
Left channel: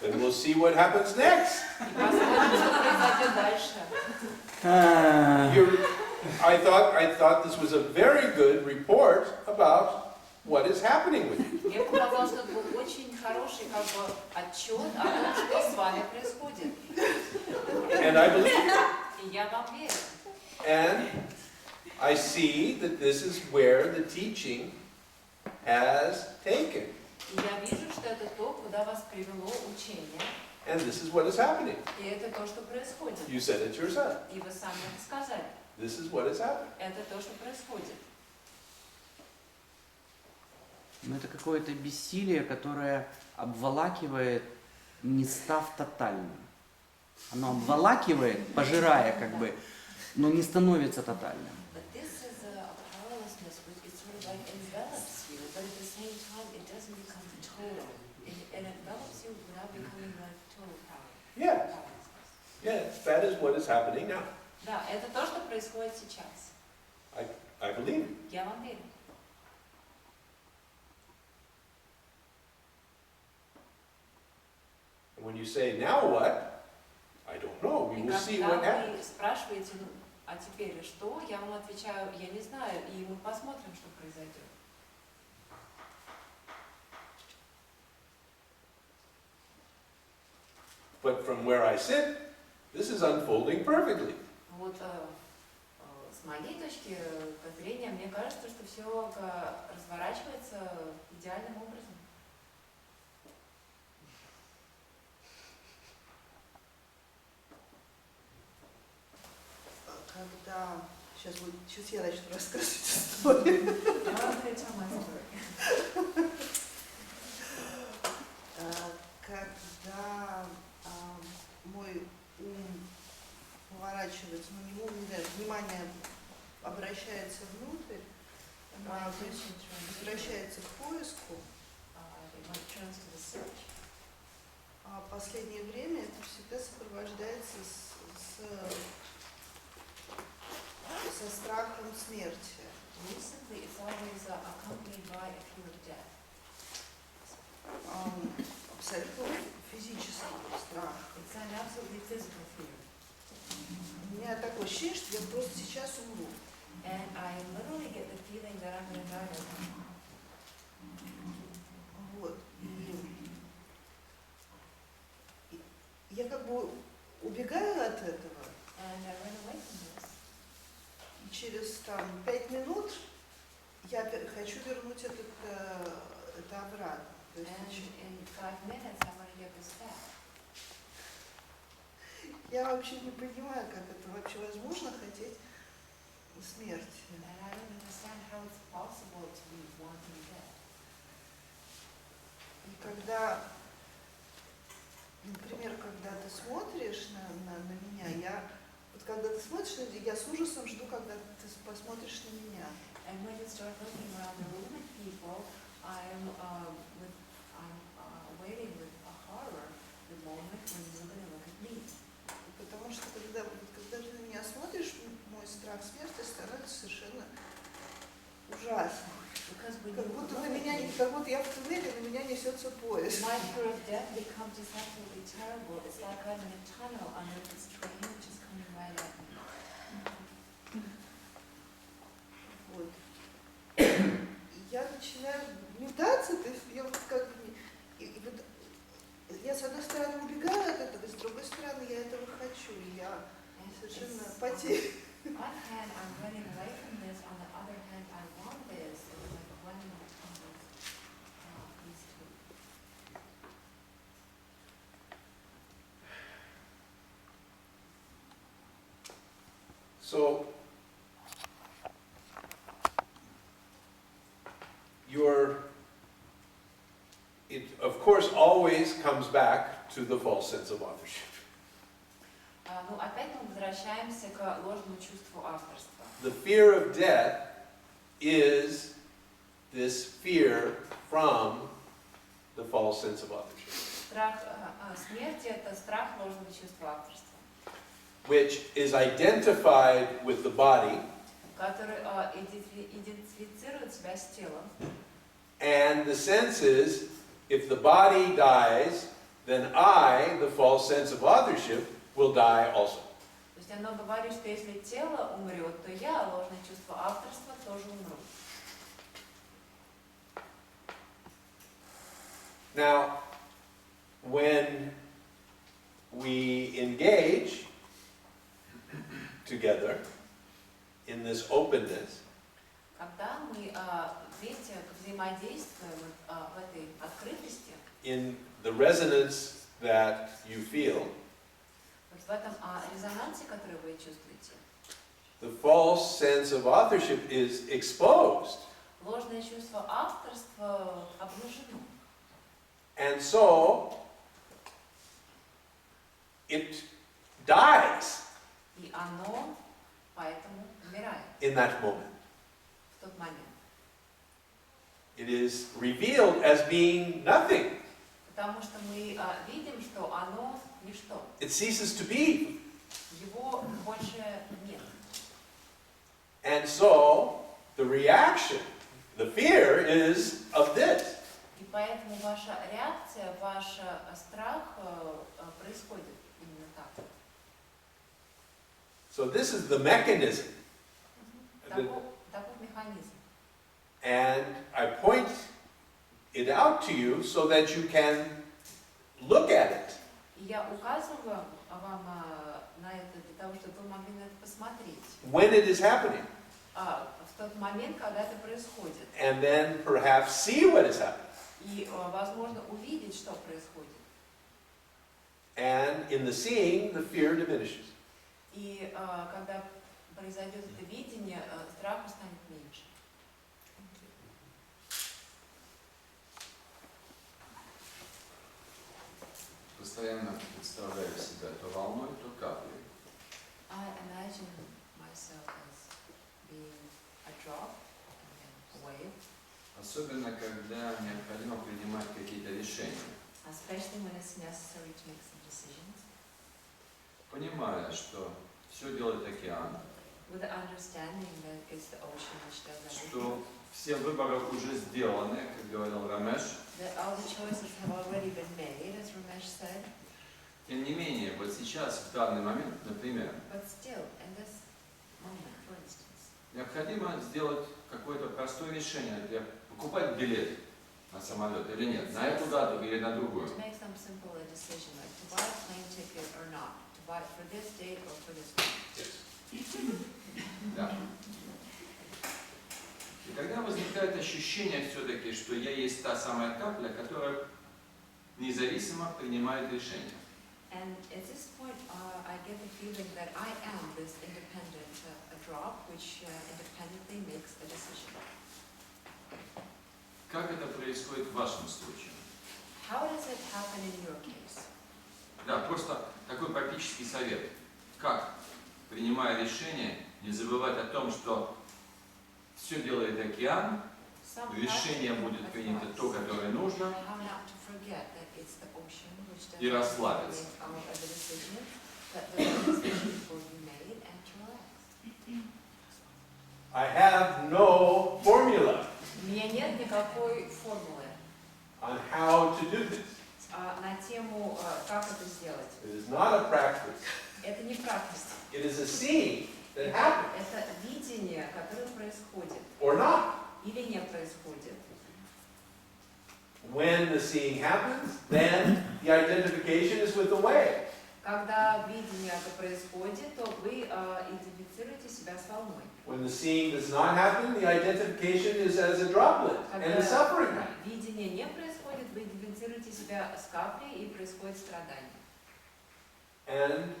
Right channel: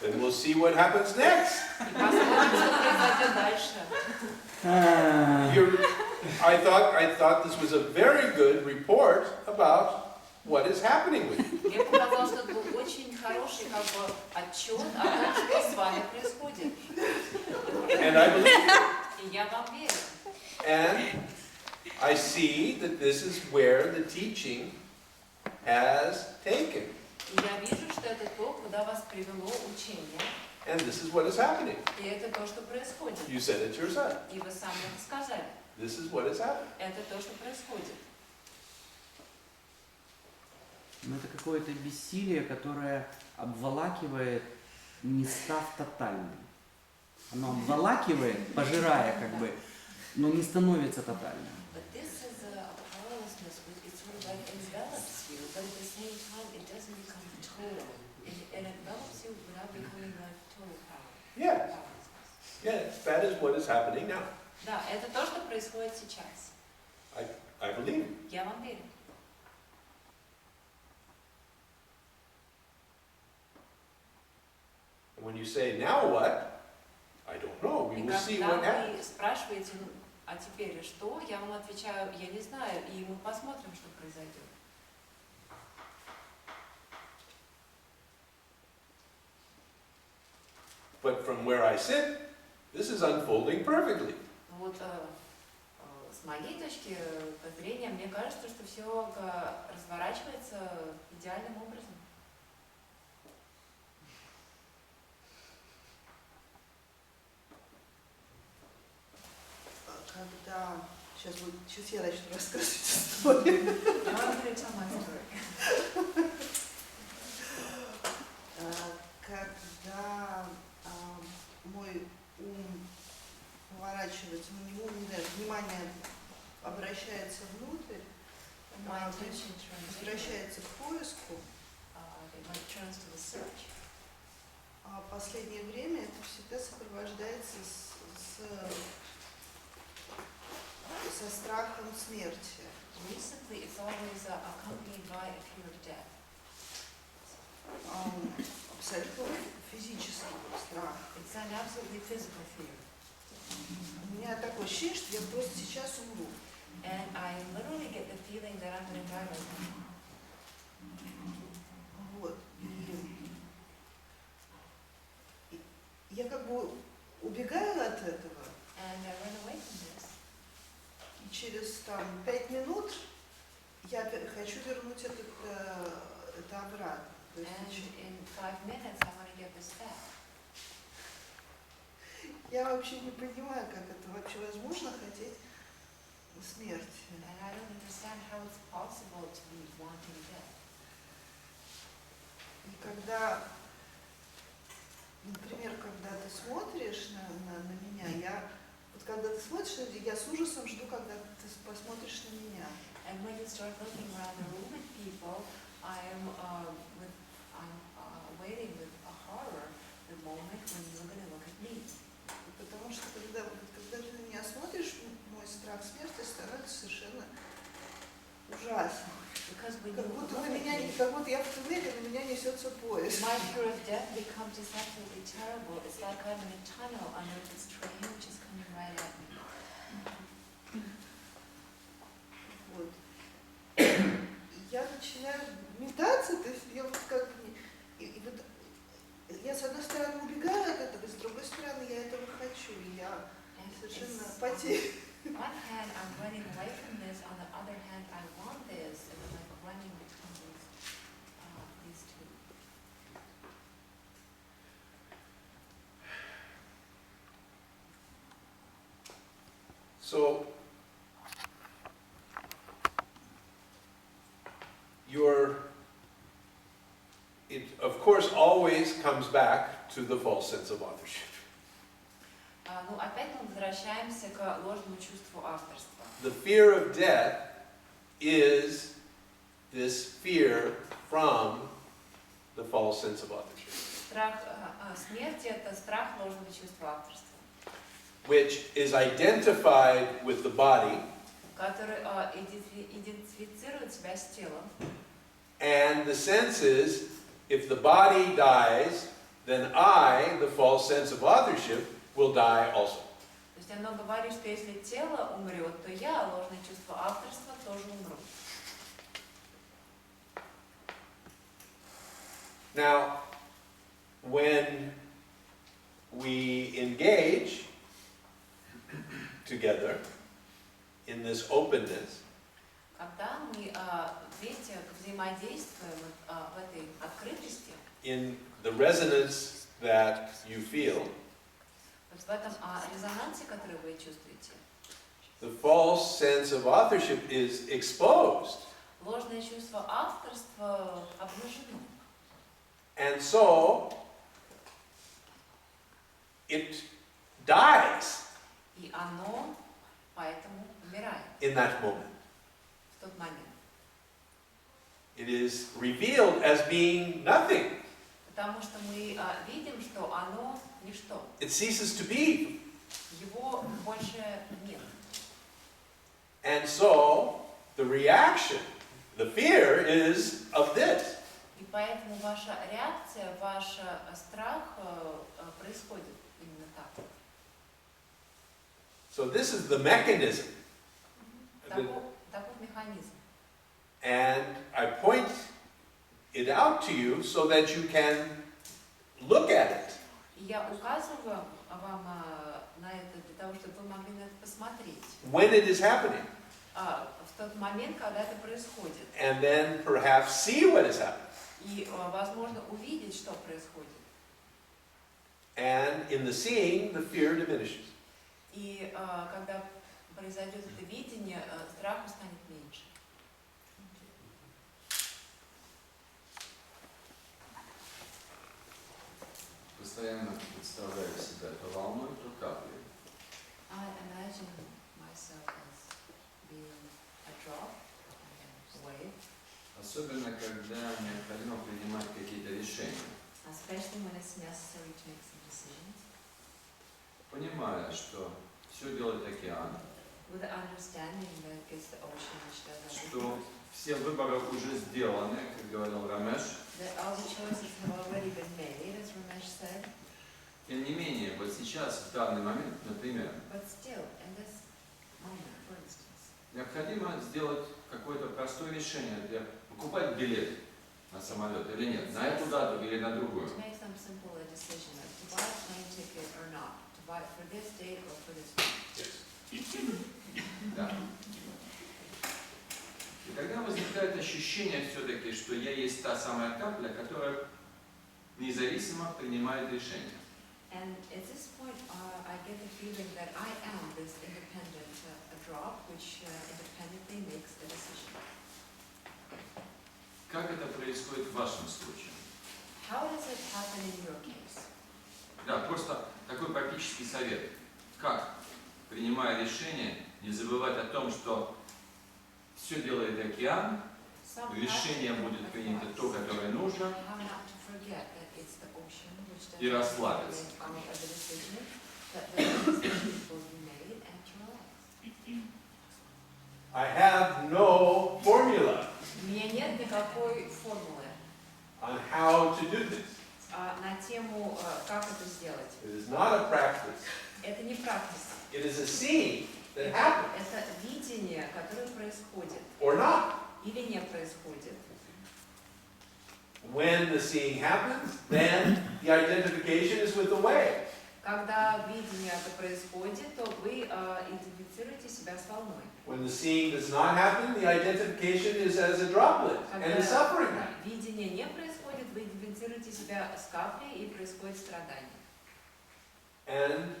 Then we'll see what happens next. И посмотрим, что произойдет дальше. I thought this was a very good report about what is happening with you. Мне показалось, что это был очень хороший как бы отчет о том, что с вами происходит. And I believe it. И я вам верю. And I see that this is where the teaching has taken. И я вижу, что это то, куда вас привело учение. And this is what is happening. И это то, что происходит. You said it yourself. И вы сами это сказали. This is what is happening. Это то, что происходит. Ну, это какое-то бессилие, которое обволакивает, не став тотальным. Оно обволакивает, пожирая как бы, но не становится тотальным. But this is a powerlessness which it sort of like envelops you, but at the same time it doesn't become total. It envelops you without becoming like total power. Yes. Powerlessness. Yes, that is what is happening now. Да, это то, что происходит сейчас. I believe you. Я вам верю. And when you say, now what? I don't know. We И will see what когда happens. вы спрашиваете, ну, а теперь что, я вам отвечаю, я не знаю, и мы посмотрим, что произойдет. But from where I sit, this is unfolding perfectly. Вот с моей точки зрения, мне кажется, что все разворачивается идеальным образом. Когда... Сейчас я начну рассказывать историю. Когда мой ум поворачивается, на него внимание обращается внутрь, то есть возвращается к поиску, а в последнее время это всегда сопровождается со страхом смерти. Recently, it's always accompanied by a fear of death. Абсолютно физический страх. It's an absolutely physical fear. У меня такое ощущение, что я просто сейчас умру. And I literally get the feeling that I'm going to die right now. Вот. И я как бы убегаю от этого. And I run away from this. И через 5 минут я хочу вернуть это обратно. То есть And in 5 minutes, I want to get this back. я вообще не понимаю, как это вообще возможно хотеть смерти. And I don't understand how it's possible to be wanting death. И когда, например, когда ты смотришь на меня, когда ты смотришь на меня, я с ужасом жду, когда ты посмотришь на меня. And when you start looking around the room at people, I'm waiting with a horror the moment when you're going to look at me. Потому что когда ты на меня смотришь, мой страх смерти становится совершенно ужасным. Как будто я в туннеле, на меня несется поезд. My fear of death becomes just absolutely terrible. It's like I'm in a tunnel under this train which is coming right at me. Вот. начинаю метаться, то есть я вот как бы и вот я с одной стороны убегаю от этого, с другой стороны я этого хочу, и я совершенно потеряна. On one hand, I'm running away from this. On the other hand, I want this. It's like running from these two. So, it of course always comes back to the false sense of authorship. Ну, опять мы возвращаемся к ложному чувству авторства. The fear of death is this fear from the false sense of authorship. Страх смерти – это страх ложного чувства авторства, Which is identified with the body который идентифицирует себя с телом. and the sense is, if the body dies, then I, the false sense of authorship, will die also. То есть оно говорит, что если тело умрет, то я, ложное чувство авторства, тоже умру. Now, when we engage together in this openness, Когда мы вместе взаимодействуем в этой открытости, in the resonance that you feel, вот в этом резонансе, который вы чувствуете, the false sense of authorship is exposed. ложное чувство авторства обнажено. And so, it dies И оно поэтому умирает in that moment. в тот момент. It is revealed as being nothing. Потому что мы видим, что оно ничто. It ceases to be. Его больше нет. And so, the reaction, the fear is of this. И поэтому ваша реакция, ваш страх происходит именно так. So this is the mechanism. Таков механизм. And I point it out to you so that you can look at it. И я указываю вам на это для того, чтобы вы могли на это посмотреть. When it is happening. В тот момент, когда это происходит. And then perhaps see what is happening. И, возможно, увидеть, что происходит. And in the seeing, the fear diminishes. И когда произойдет это видение, страху станет меньше. Постоянно представляю себя то волной, то каплей. I imagine myself as being a drop, a wave, Особенно, когда необходимо принимать какие-то решения. especially when it's necessary to make some decisions, Понимая, что все делает океан, with the understanding that it's the ocean which does что everything, все выборы уже сделаны, как говорил Рамеш. that all the choices have already been made, as Ramesh said, Тем не менее, вот сейчас, в данный момент, например, but still, in this moment, for instance, необходимо сделать какое-то простое решение, для покупать билет на самолет или нет, на эту дату или на другую. to make some simple decision, like to buy a plane ticket or not, to buy it for this date or for this date. Да. И тогда возникает ощущение все-таки, что я есть та самая капля, которая независимо принимает решение. And at this point, I get the feeling that I am this independent drop, which independently makes a decision. Как это происходит в вашем случае? How does it happen in your case? Да, просто такой практический совет. Как, принимая решение, не забывать о том, что все делает океан, Some решение practical будет принято то, advice. которое нужно, How not to forget that it's the ocean which does и расслабиться. make all of the decisions, that the decisions will be made, and to relax. I have no formula У меня нет никакой формулы on how to do this. на тему, как это сделать. It is not a practice. Это не практика. It is a seeing that happens, Это видение, которое происходит. or not. или не происходит. When the seeing happens, then the identification is with the way. Когда видение это происходит, то вы идентифицируете себя с волной. When the seeing does not happen, the identification is as a droplet and the suffering. Когда видение не происходит, вы идентифицируете себя с каплей и происходит страдание. And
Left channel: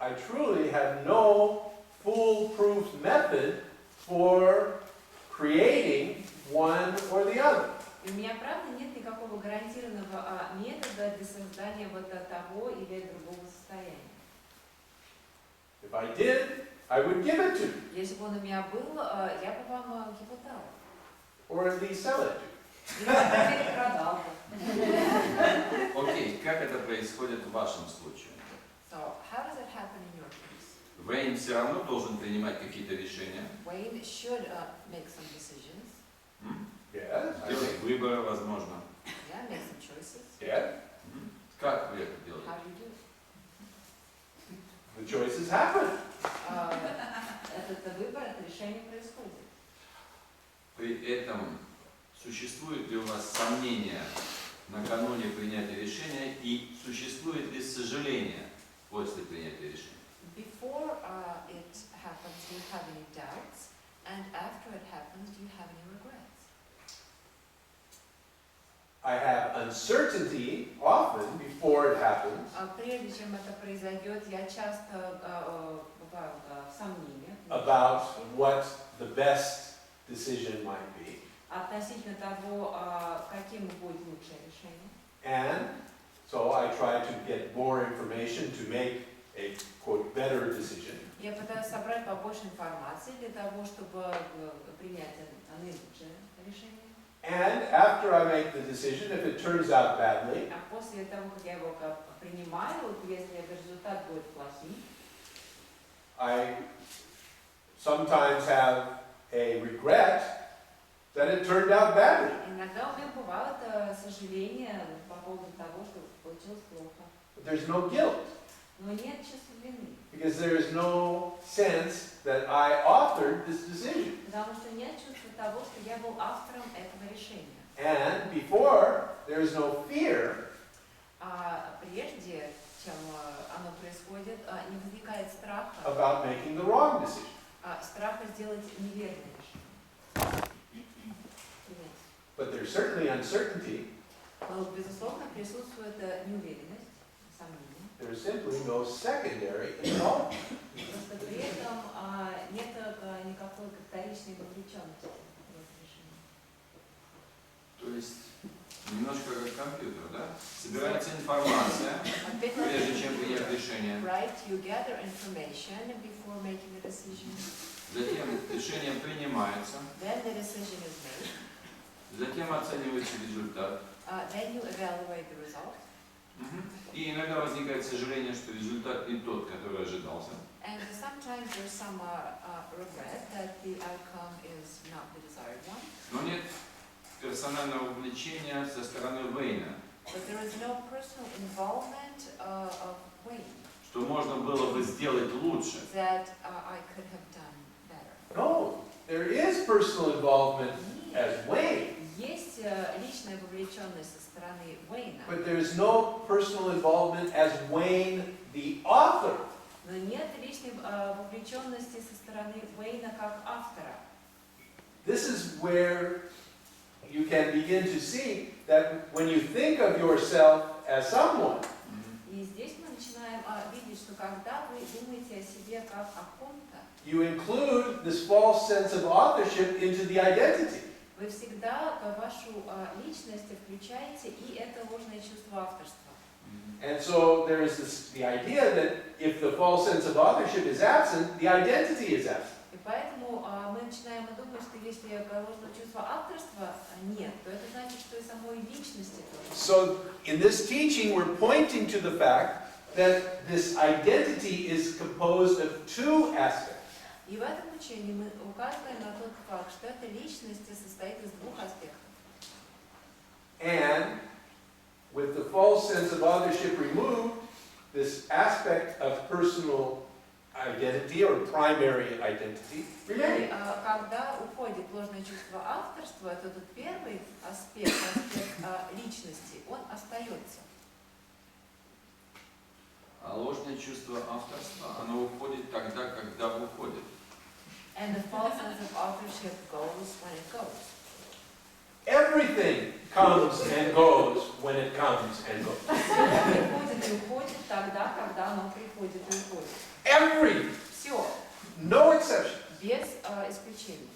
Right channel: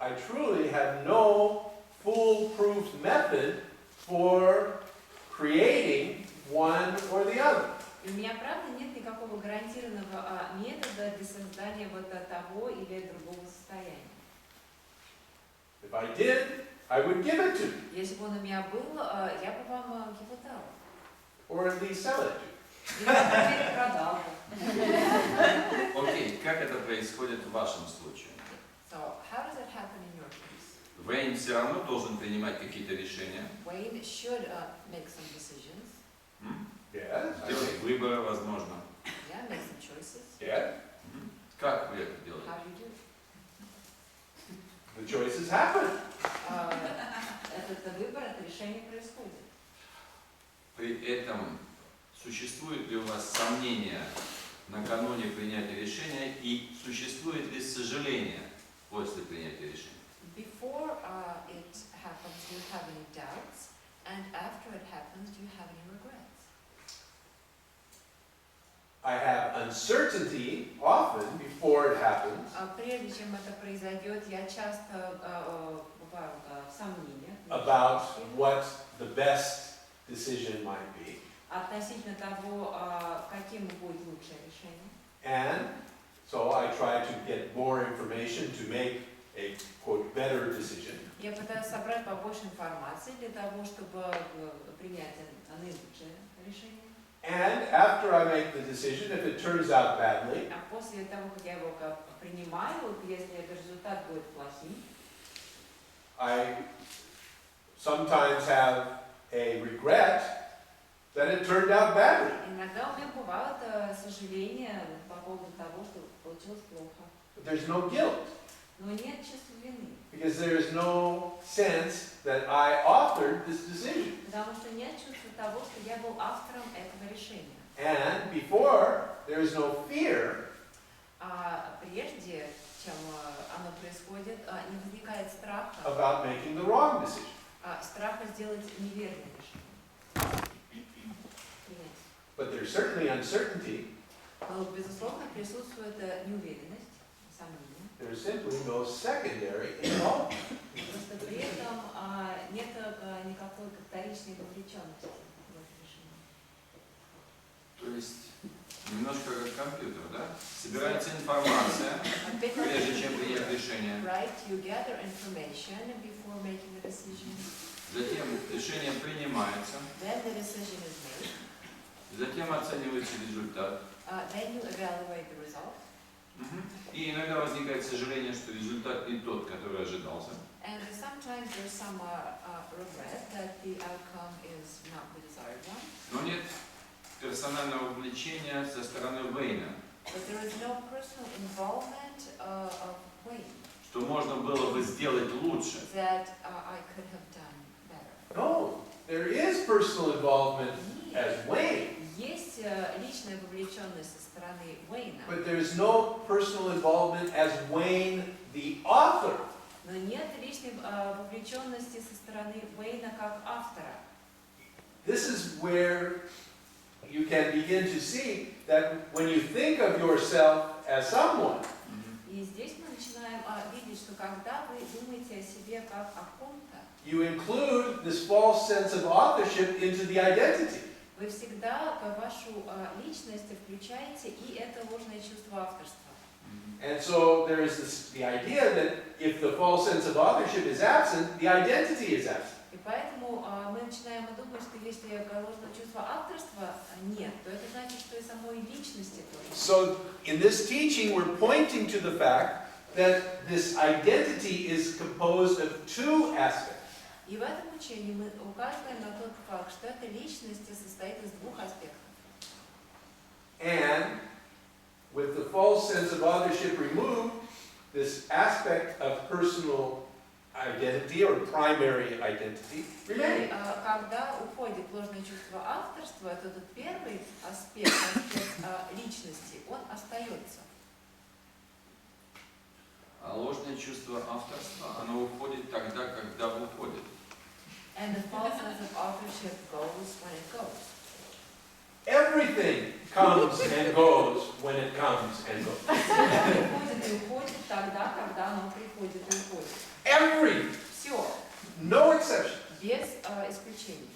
I truly have no foolproof method for creating one or the other. И у меня, правда, нет никакого гарантированного метода для создания вот того или другого состояния. If I did, I would give it to you, Если бы он у меня был, я бы вам его дал. or at least sell it to you. Или, по крайней мере, продал бы. Окей, как это происходит в вашем случае? So, how does it happen in your case? Уэйн все равно должен принимать какие-то решения, Wayne should make some decisions. Yes, I делать think. выборы, возможно. Yeah, make some choices. Yes, Как вы это делаете? How do you do it? the choices happen. Этот выбор, это решение происходит. При этом существует ли у вас сомнения накануне принятия решения и существует ли сожаление после принятия решения? Before it happens, do you have any doubts? And after it happens, do you have any regrets? I have uncertainty often before it happens Прежде чем это произойдет, я часто бываю в сомнениях about what the best decision might be. относительно того, каким будет лучшее решение. And so I try to get more information to make a, quote, better decision. Я пытаюсь собрать побольше информации для того, чтобы принять наилучшее решение. And after I make the decision, if it turns out badly, А после того, как я его принимаю, если результат будет плохим, I sometimes have a regret that it turned out badly. иногда у меня бывают сожаления по поводу того, что получилось плохо. But there's no guilt, Но нет чувства вины, because there is no sense that I authored this decision. потому что нет чувства того, что я был автором этого решения. And before, there is no fear А прежде, чем оно происходит, не возникает страха, about making the wrong decision. Страха сделать неверное решение. Принять. But there's certainly uncertainty. Но, безусловно, присутствует неуверенность, сомнение. There's simply no secondary involvement. Просто при этом нет никакой вторичной вовлеченности в это решение. То есть немножко как компьютер, да? Собирается информация, прежде чем принять решение. Right, you gather information before making a decision. Затем решение принимается, Then the decision is made. затем оценивается результат. Then you evaluate the result. И иногда возникает сожаление, что результат не тот, который ожидался. And sometimes there's some regret that the outcome is not the desired one. Но нет персонального вовлечения со стороны Уэйна, But there is no personal involvement of Wayne что можно было бы сделать лучше. that I could have done better. No, there is personal involvement as Wayne, Есть личная вовлеченность со стороны Уэйна, but there is no personal involvement as Wayne, the author. но нет личной вовлеченности со стороны Уэйна как автора. This is where you can begin to see that when you think of yourself as someone, И здесь мы начинаем видеть, что когда вы думаете о себе как о ком-то, you include this false sense of authorship into the identity. вы всегда в вашу личность включаете и это ложное чувство авторства. And so there is the idea that if the false sense of authorship is absent, the identity is absent. И поэтому мы начинаем думать, что если ложного чувства авторства нет, то это значит, что и самой личности тоже. So in this teaching, we're pointing to the fact that this identity is composed of two aspects. И в этом учении мы указываем на тот факт, что эта личность состоит из двух аспектов. And with the false sense of authorship removed, this aspect of personal identity or primary identity И remain. когда уходит ложное чувство авторства, это тот первый аспект личности, он остается. А ложное чувство авторства, оно уходит тогда, когда уходит. And the false sense of authorship goes when it goes. Everything comes and goes when it comes and goes. Все приходит и уходит тогда, когда оно приходит и уходит. Every, Все, no exception. без исключений.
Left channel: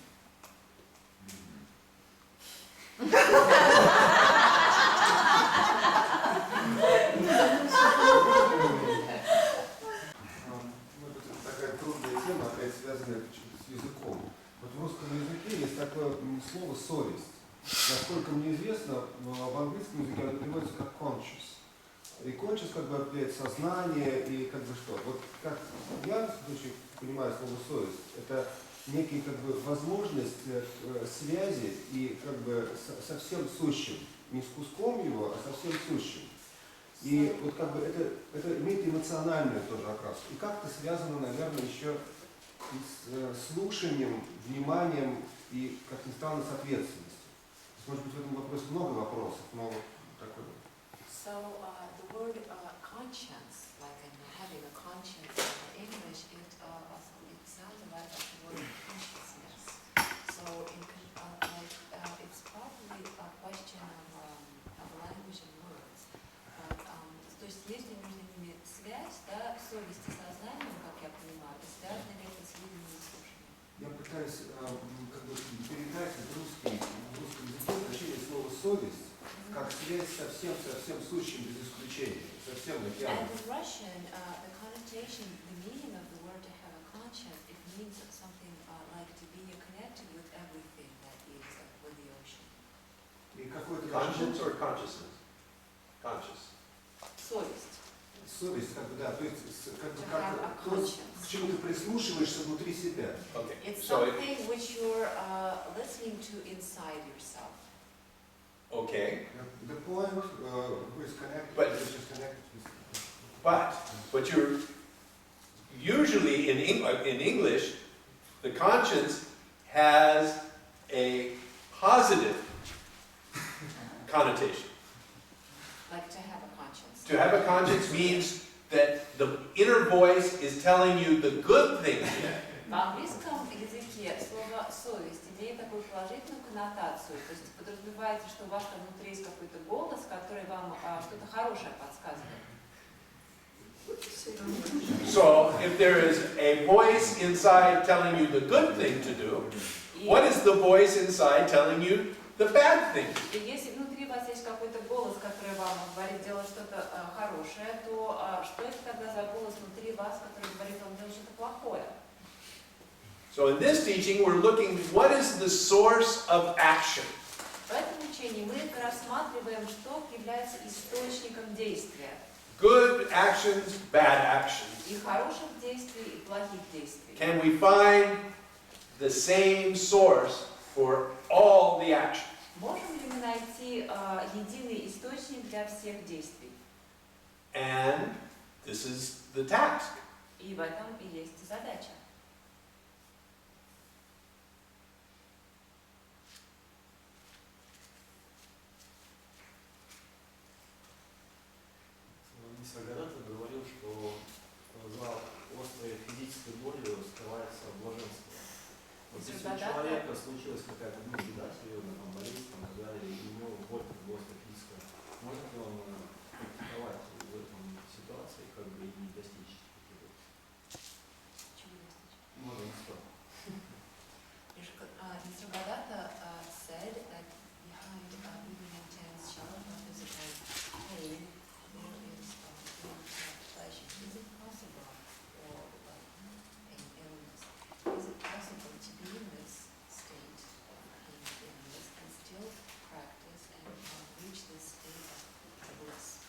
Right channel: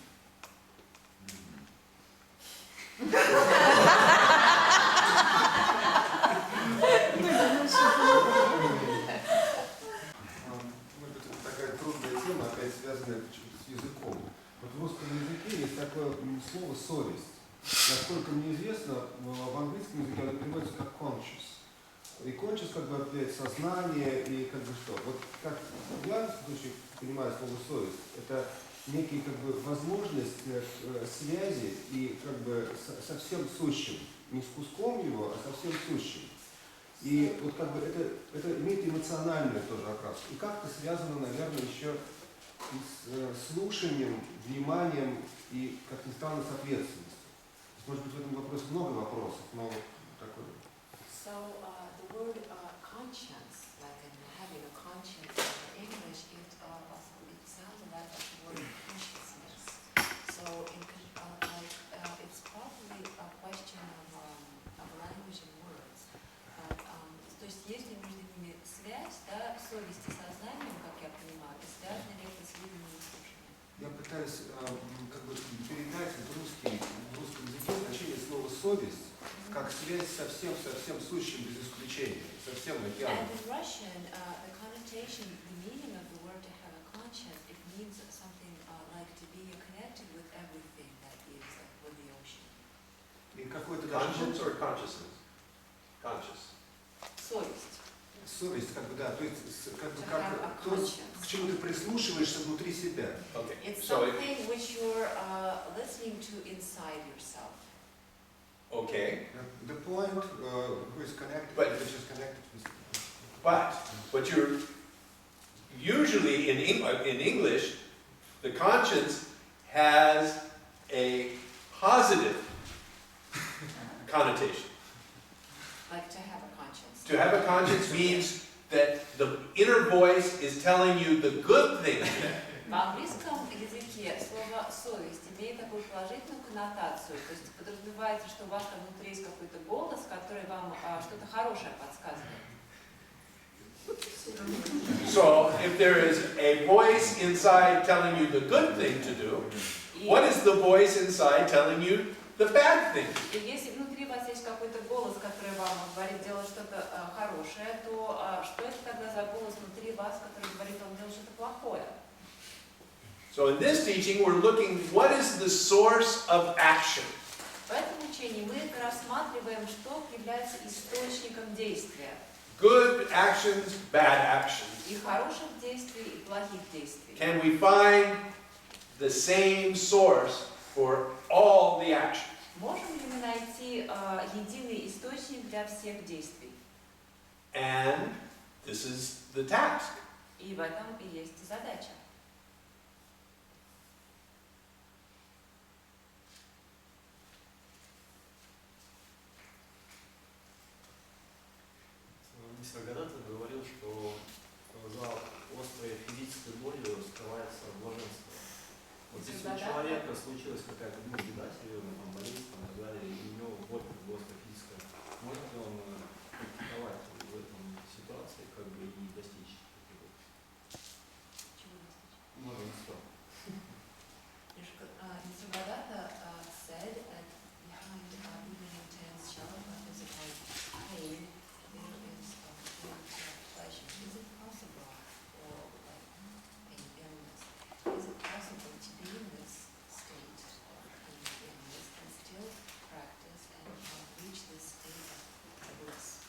Может быть, это такая трудная тема, опять связанная почему-то с языком. Вот в русском языке есть такое слово «совесть». Насколько мне известно, в английском языке оно переводится как conscious. И conscious как бы определяет сознание и как бы что. Вот как я в случае понимаю слово «совесть», это некий как бы возможность связи и как бы со всем сущим. Не с куском его, а со всем сущим. И вот как бы это имеет эмоциональную тоже окраску. И как-то связано, наверное, еще и с слушанием, вниманием и, как ни странно, с ответственностью. Может быть, в этом вопросе много вопросов, но такой. So the word conscience, like in having a conscience in English, it sounds like the word consciousness. So it's probably a question of language and words. But, то есть есть ли между ними связь, да, совесть и сознанием, как я понимаю, и связано ли это с видением и слушанием? Я пытаюсь как бы передать в русском языке значение слова «совесть» как связь со всем сущим без исключения, со всем океаном. And in Russian, the connotation, the meaning of the word to have a conscience, it means something like to be connected with everything that is with the ocean. И какой-то Conscience or consciousness? Conscious. Совесть. совесть, как бы, да, то есть как бы To have a как то, к чему ты прислушиваешься внутри себя. Okay. It's So something which you're listening to inside yourself. okay. The point who is connected, But- which is connected with. But you're usually in English, the conscience has a positive connotation. Like to have a conscience. To have a conscience means that the inner voice is telling you the good things. В английском языке слово «совесть» имеет такую положительную коннотацию, то есть подразумевается, что у вас там внутри есть какой-то голос, который вам что-то хорошее подсказывает. So if there is a voice inside telling you the good thing to do, what is the voice inside telling you the bad thing? И если внутри вас есть какой-то голос, который вам говорит делать что-то хорошее, то что это тогда за голос внутри вас, который говорит вам делать что-то плохое? So in this teaching, we're looking what is the source of action. В этом учении мы рассматриваем, что является источником действия. Good actions, bad actions. И хороших действий, и плохих действий. Can we find the same source for all the actions? Можем ли мы найти единый источник для всех действий? And this is the task. И в этом и есть задача. Когда-то говорил, что за острой физической болью скрывается блаженство. Вот если у человека случилась какая-то беда серьезная, там, болезнь и так далее, и у него боль как бы острая физическая, может ли он практиковать в этом ситуации, как бы и достичь таких вот? Чего достичь? Блаженства. Nisargadatta said that behind even intense sharp physical pain, there is pleasure. Is it possible, or like pain illness, is it possible to be in this state of pain illness and still practice and reach this state of bliss?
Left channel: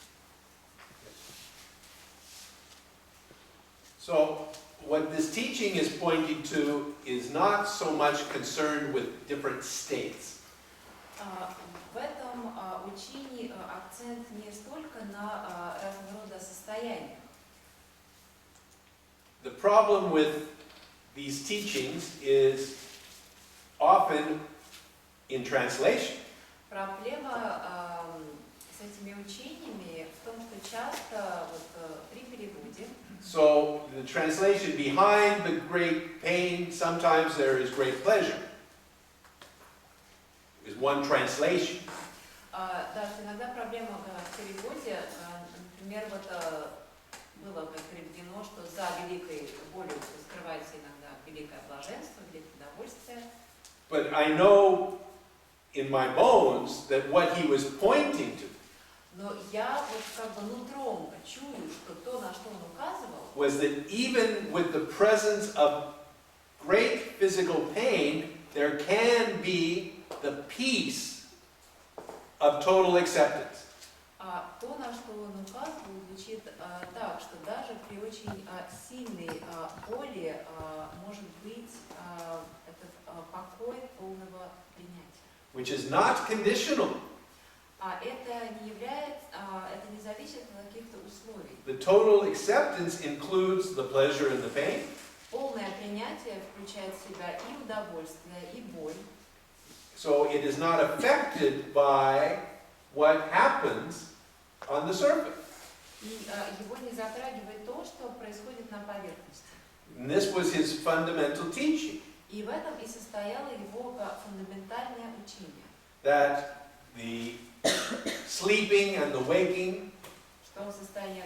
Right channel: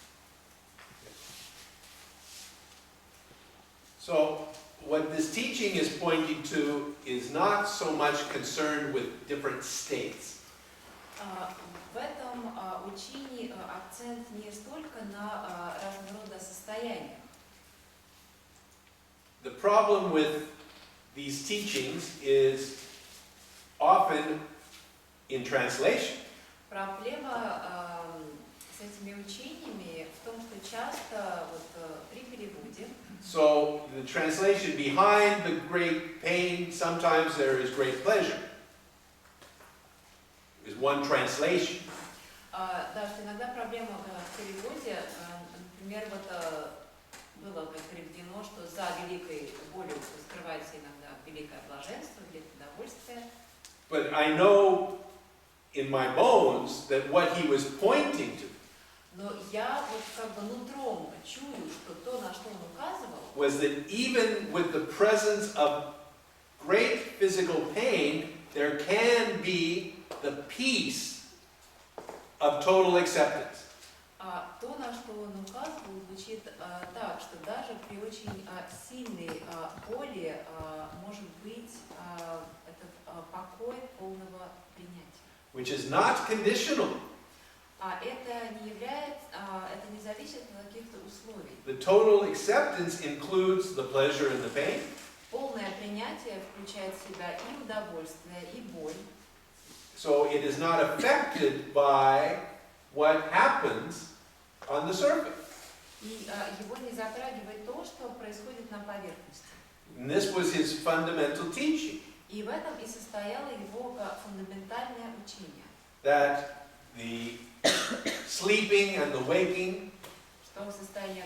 So what this teaching is pointing to is not so much concerned with different states. В этом учении акцент не столько на разного рода состояниях. the problem with these teachings is often in translation. Проблема с этими учениями в том, что часто при переводе So the translation, behind the great pain, sometimes there is great pleasure, is one translation. Да, что иногда проблема в переводе, например, было переведено, что за великой болью скрывается иногда великое блаженство, великое удовольствие. But I know in my bones that what he was pointing to Но я нутром чую, что то, на что он указывал, was that even with the presence of great physical pain, there can be the peace of total acceptance. То, на что он указывал, звучит так, что даже при очень сильной боли может быть этот покой полного принятия. Which is not conditional. Это не является, это не зависит от каких-то условий. The total acceptance includes the pleasure and the pain. Полное принятие включает в себя и удовольствие, и боль. So it is not affected by what happens on the surface. И его не затрагивает то, что происходит на поверхности. And this was his fundamental teaching. И в этом и состояло его фундаментальное учение. That the sleeping and the waking, Что состояние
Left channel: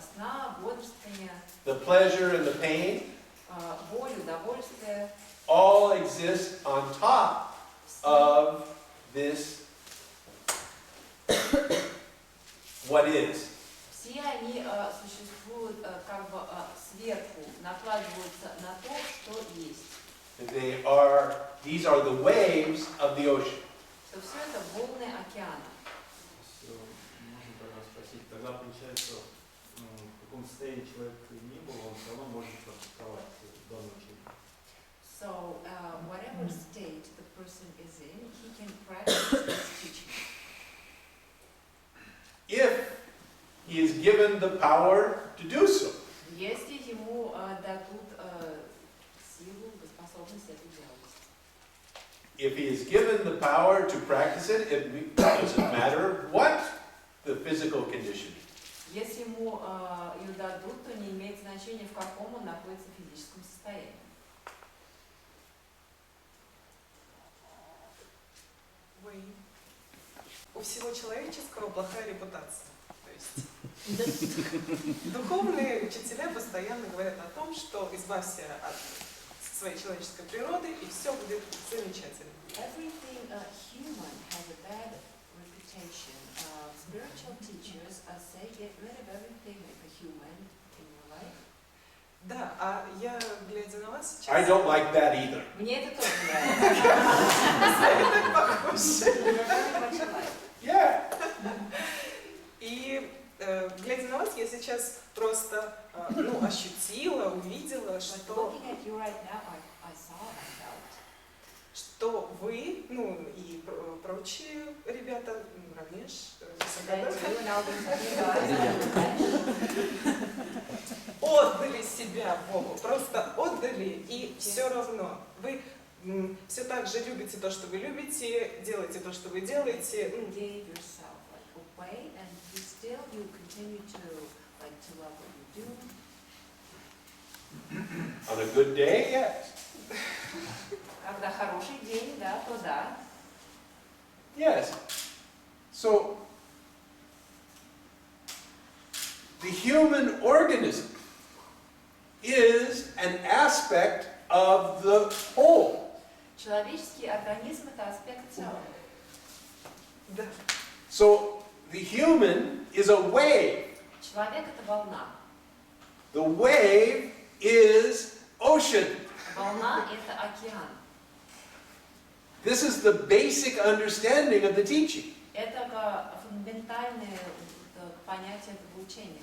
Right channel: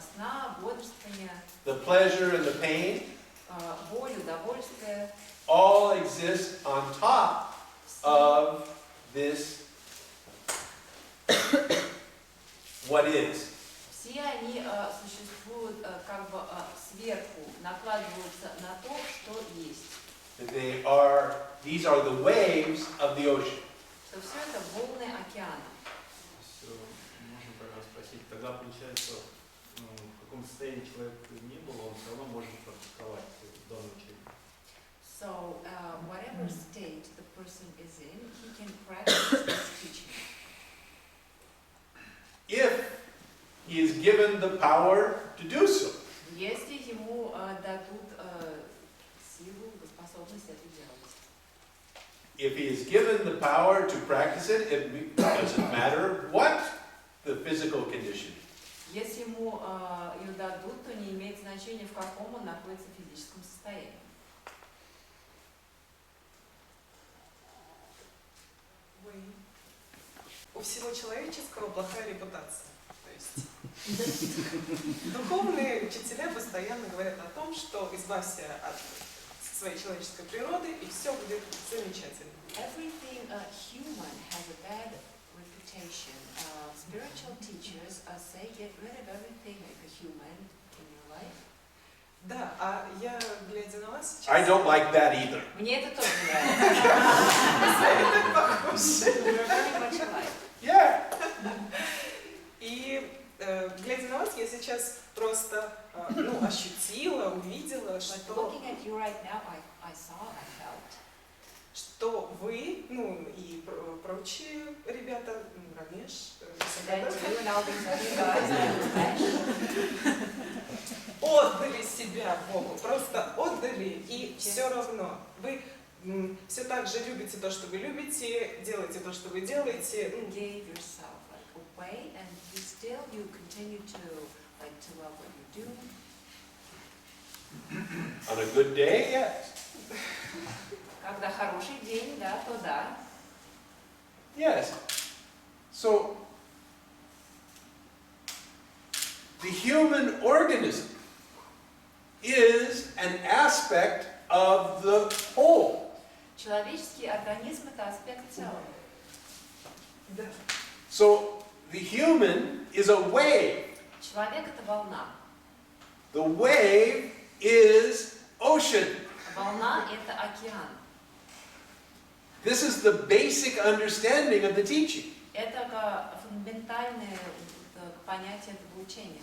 сна, бодрствования, the pleasure and the pain, боль, удовольствие, all exist on top of this what is. все они существуют сверху, накладываются на то, что есть. These are the waves of the ocean. Что все это волны океана. Можно тогда спросить, тогда получается, в каком состоянии человек не был, он все равно может практиковать данное учение. So, whatever state the person is in, he can practice this teaching. If he is given the power to do so. Если ему дадут силу, способность это делать. If he is given the power to practice it, it doesn't matter what the physical condition is. Если ему ее дадут, то не имеет значения, в каком он находится в физическом состоянии. У всего человеческого плохая репутация. То есть духовные учителя постоянно говорят о том, что избавься от своей человеческой природы, и все будет замечательно. Everything human has a bad reputation. Spiritual teachers say get rid of everything like a human in your life. Да, а я, глядя на вас сейчас... I don't like that either. Мне это тоже нравится. Так похоже. We're very much alike. Yeah. И глядя на вас, я сейчас просто ощутила, увидела, что что вы, и прочие ребята, Рамеш, отдали себя Богу, просто отдали, и все равно вы все так же любите то, что вы любите, делаете то, что вы делаете. On a good day, yes. Когда хороший день, да, то да. Yes. So, the human organism is an aspect of the whole. Человеческий организм – это аспект целого. Да. So, the human is a wave. Человек – это волна. The wave is ocean. Волна – это океан. This is the basic understanding of the teaching. Это фундаментальное понятие этого учения.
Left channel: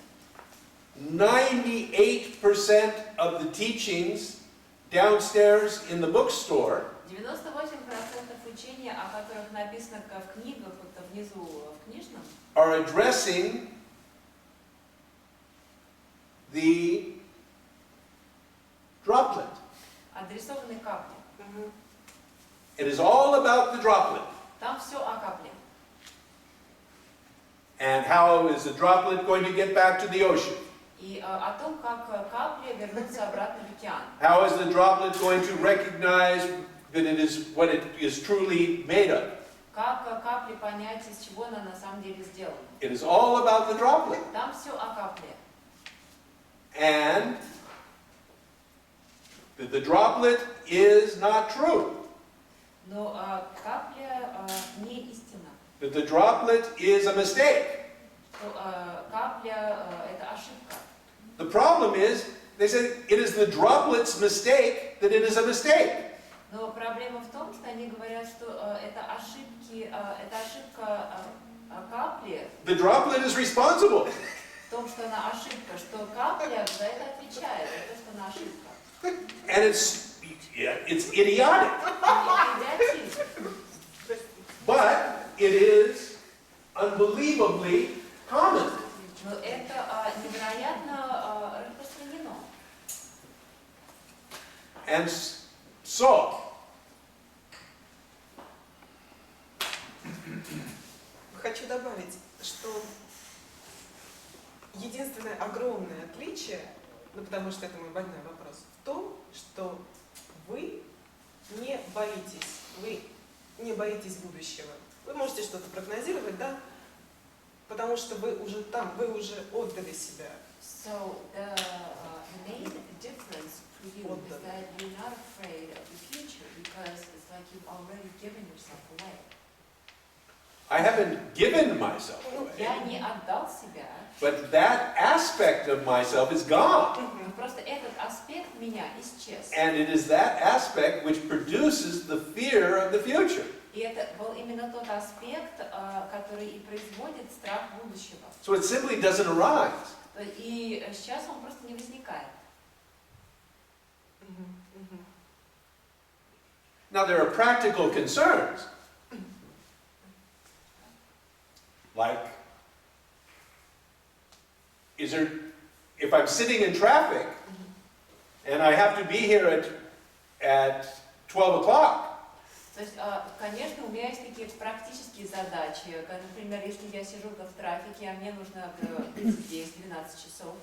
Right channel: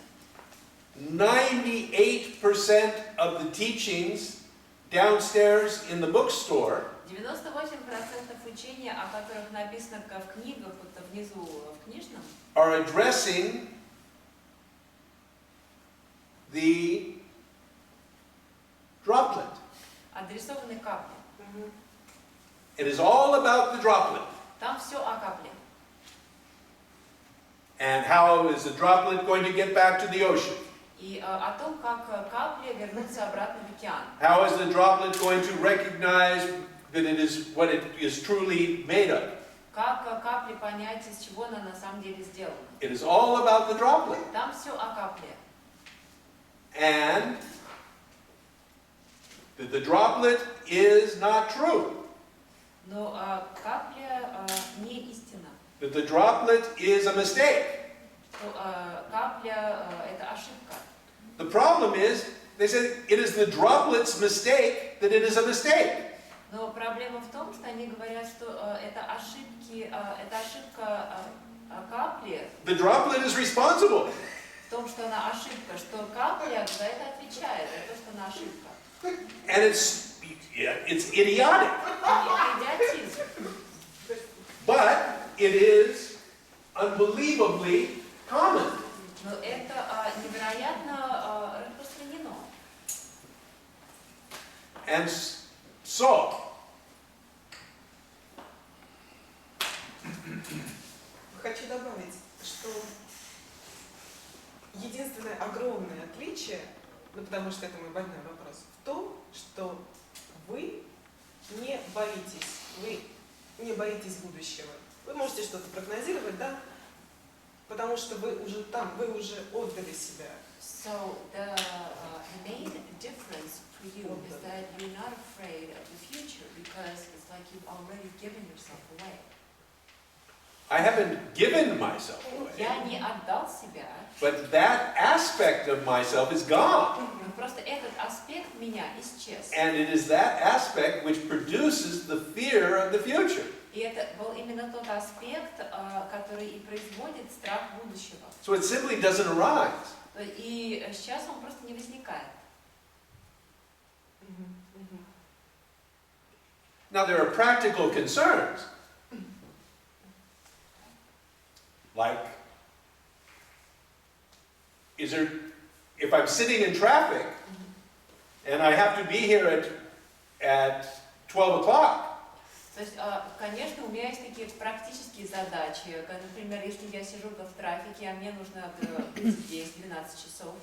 98% of the teachings downstairs in the bookstore 98% учения, о которых написано в книгах, внизу в книжном, are addressing the droplet. Адресованы капле. It is all about the droplet. Там все о капле. And how is the droplet going to get back to the ocean? И о том, как капли вернутся обратно в океан. How is the droplet going to recognize that it is what it is truly made of? Как капли понять, из чего она на самом деле сделана. It is all about the droplet. Там все о капле. And that the droplet is not true. Но капля не истина. That the droplet is a mistake. Что капля это ошибка. The problem is, they said it is the droplet's mistake that it is a mistake. Но проблема в том, что они говорят, что это ошибка капли. The droplet is responsible. В том, что она ошибка, что капля за это отвечает, за то, что она ошибка. And it's idiotic. Идиотизм. But it is unbelievably common. Но это невероятно распространено. And so, Хочу добавить, что единственное огромное отличие, ну потому что это мой больной вопрос, в том, что вы не боитесь будущего. Вы можете что-то прогнозировать, да? Потому что вы уже там, вы уже отдали себя. So the main difference for you is that you're not afraid of the future because it's like you've already given yourself away. I haven't given myself away, Я не отдал себя. but that aspect of myself is gone. Просто этот аспект меня исчез. And it is that aspect which produces the fear of the future. И это был именно тот аспект, который и производит страх будущего. So it simply doesn't arise. И сейчас он просто не возникает. Now there are practical concerns. Like, if I'm sitting in traffic and I have to be here at 12 o'clock, То есть, конечно, у меня есть такие практические задачи. Например, если я сижу в трафике, а мне нужно быть здесь 12 часов.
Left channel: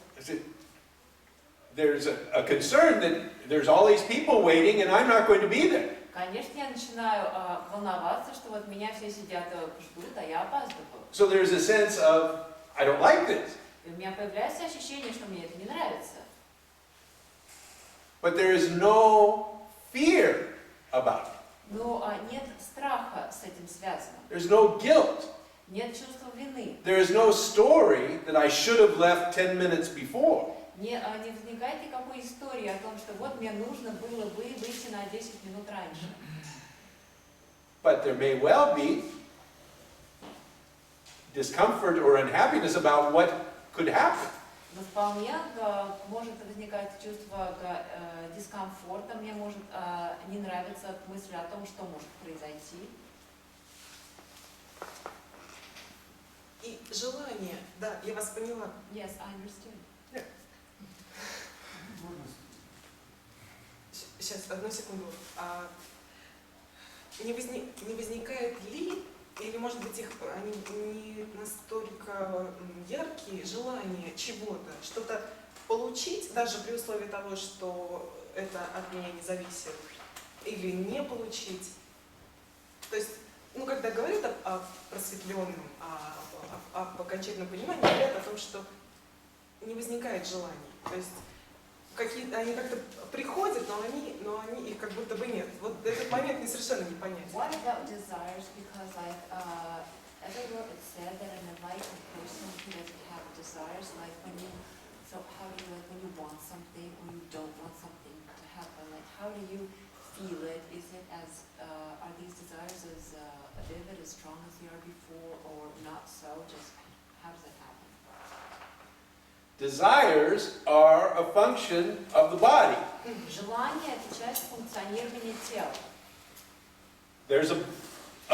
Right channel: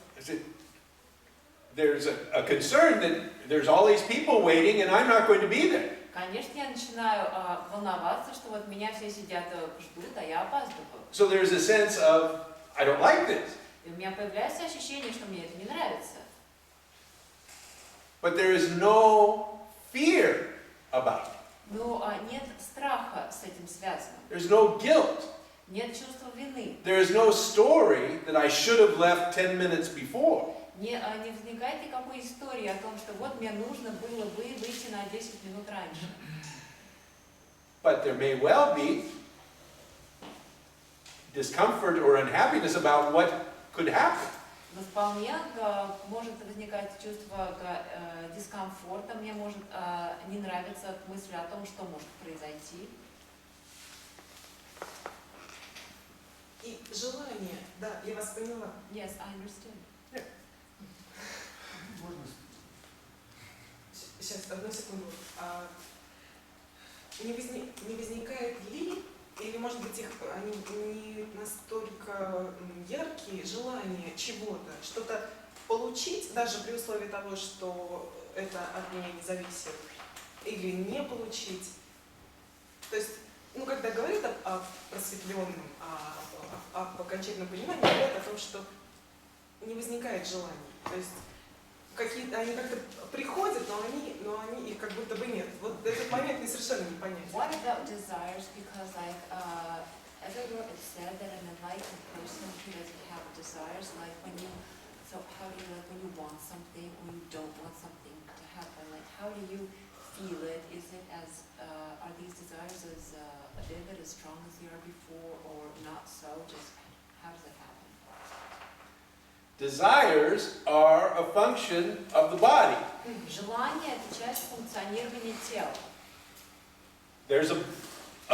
there's a concern that there's all these people waiting and I'm not going to be there. Конечно, я начинаю волноваться, что вот меня все сидят, ждут, а я опаздываю. So there's a sense of, I don't like this. И у меня появляется ощущение, что мне это не нравится. But there is no fear about it. Но нет страха с этим связанным. There's no guilt. Нет чувства вины. There is no story that I should have left 10 minutes before. Не возникает никакой истории о том, что вот мне нужно было бы выйти на 10 минут раньше. But there may well be discomfort or unhappiness about what could happen. Но вполне может возникать чувство дискомфорта, мне может не нравиться мысль о том, что может произойти. И желание, да, я вас поняла. Yes, I understood. Сейчас, одну секунду. Не возникает ли, или может быть они не настолько яркие, желания чего-то, что-то получить, даже при условии того, что это от меня не зависит, или не получить. То есть, ну, когда говорят о просветленном, об окончательном понимании, говорят о том, что не возникает желаний. То есть они как-то приходят, но они их как будто бы нет. Вот этот момент мне совершенно не понятен. What about desires? Because everywhere it said that an enlightened person who doesn't have desires, like when you want something or you don't want something to happen, like how do you feel it? Is it are these desires as vivid, as strong as they are before, or not so? Just how does it happen? Desires are a function of the body. Желание – это часть функционирования тела. There's a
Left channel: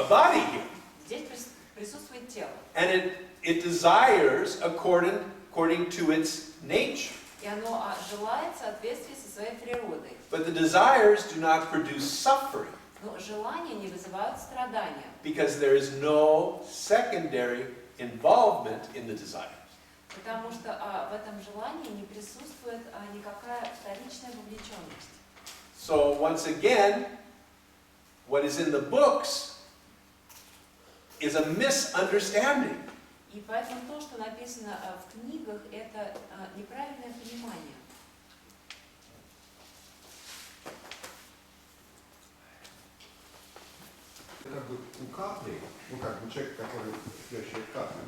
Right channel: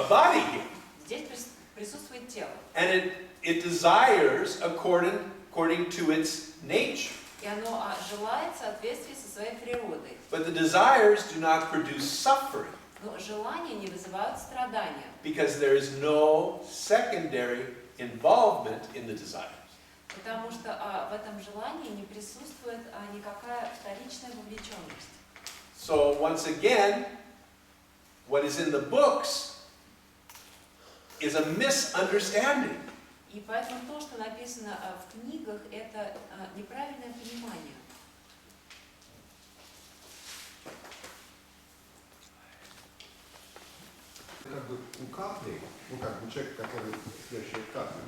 body here. Здесь присутствует тело. And it desires according to its nature. И оно желает в соответствии со своей природой. But the desires do not produce suffering. Но желания не вызывают страдания. Because there is no secondary involvement in the desires. Потому что в этом желании не присутствует никакая вторичная вовлеченность. So once again, what is in the books is a misunderstanding. И поэтому то, что написано в книгах, это неправильное понимание. Как бы у капли, ну как бы человек, который следующая капли,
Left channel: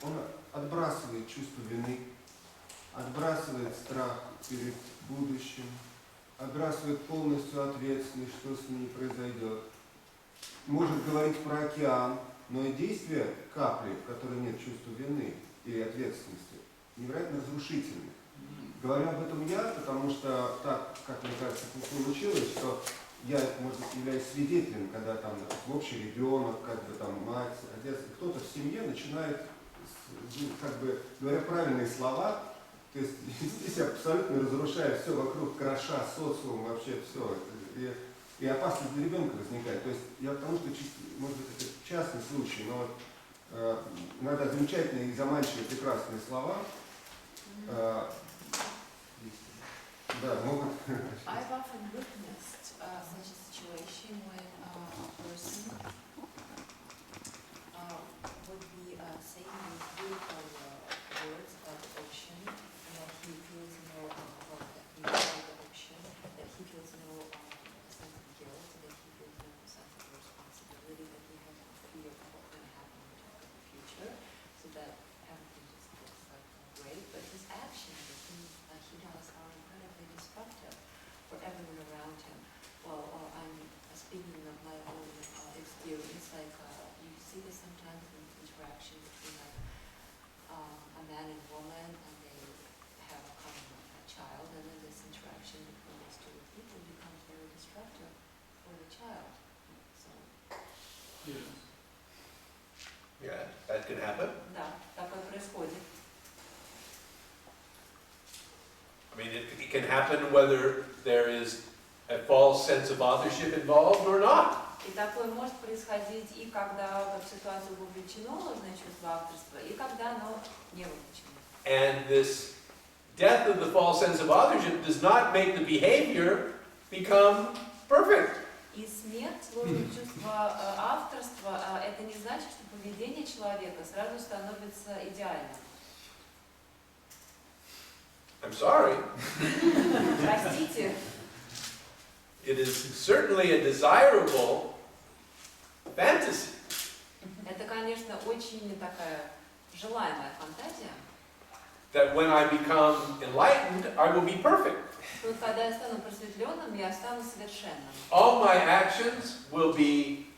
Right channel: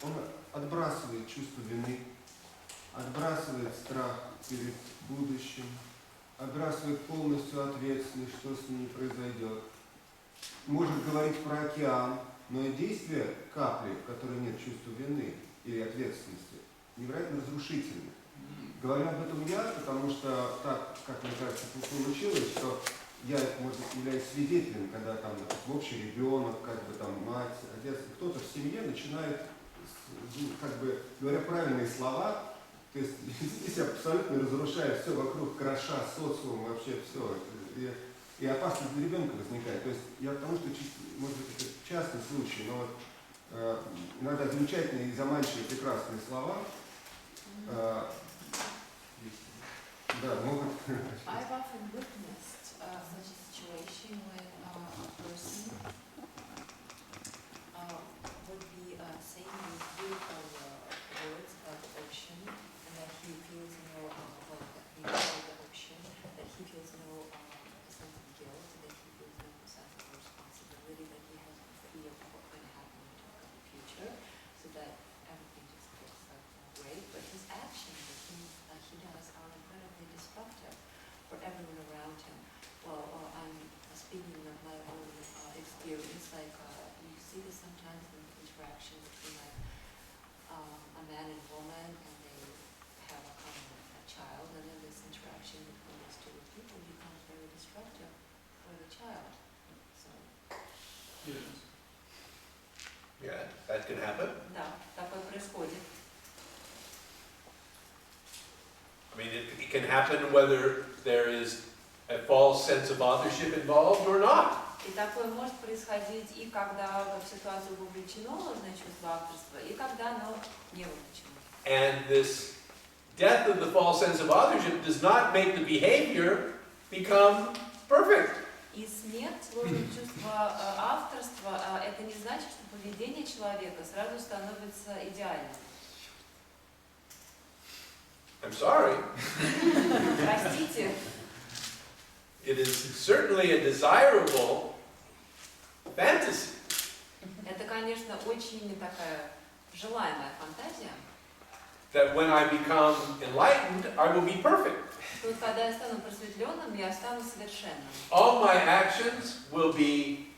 он отбрасывает чувство вины, отбрасывает страх перед будущим, отбрасывает полностью ответственность, что с ней произойдет. Может говорить про океан, но и действие капли, в которой нет чувства вины или ответственности, невероятно разрушительны. Говорю об этом я, потому что так, как мне кажется, получилось, что я, может быть, являюсь свидетелем, когда там общий ребенок, как бы там мать, отец, кто-то в семье начинает, как бы, говоря правильные слова, то есть здесь абсолютно разрушая все вокруг, кроша социум, вообще все. И опасность для ребенка возникает. То есть я потому что, может быть, это частный случай, но вот иногда замечательные и заманчивые прекрасные слова да, могут... I've often witnessed such a situation when a person would be saying these beautiful words about the ocean, and that he feels no, well, that he feels the ocean, that he feels no sense of guilt, that he feels no sense of responsibility, that he has no fear of what's going to happen in the future, so that everything just looks like great. But his actions, the things he does, are incredibly destructive for everyone around him. Well, I'm speaking of my own experience, like you see this sometimes in interaction between like a man and woman, and they have a common child, and then this interaction between these two people becomes very destructive for the child. So. Yeah, that can happen. Да, такое происходит. I mean, it can happen whether there is a false sense of authorship involved or not. И такое может происходить и когда в ситуацию вовлечено, значит, чувство авторства, и когда оно не вовлечено. And this death of the false sense of authorship does not make the behavior become perfect. И смерть ложного чувства авторства, это не значит, что поведение человека сразу становится идеальным. I'm sorry. Простите. It is certainly a desirable fantasy. Это, конечно, очень такая желаемая фантазия. That when I become enlightened, I will be perfect. Тут, когда я стану просветленным, я стану совершенным. All my actions will be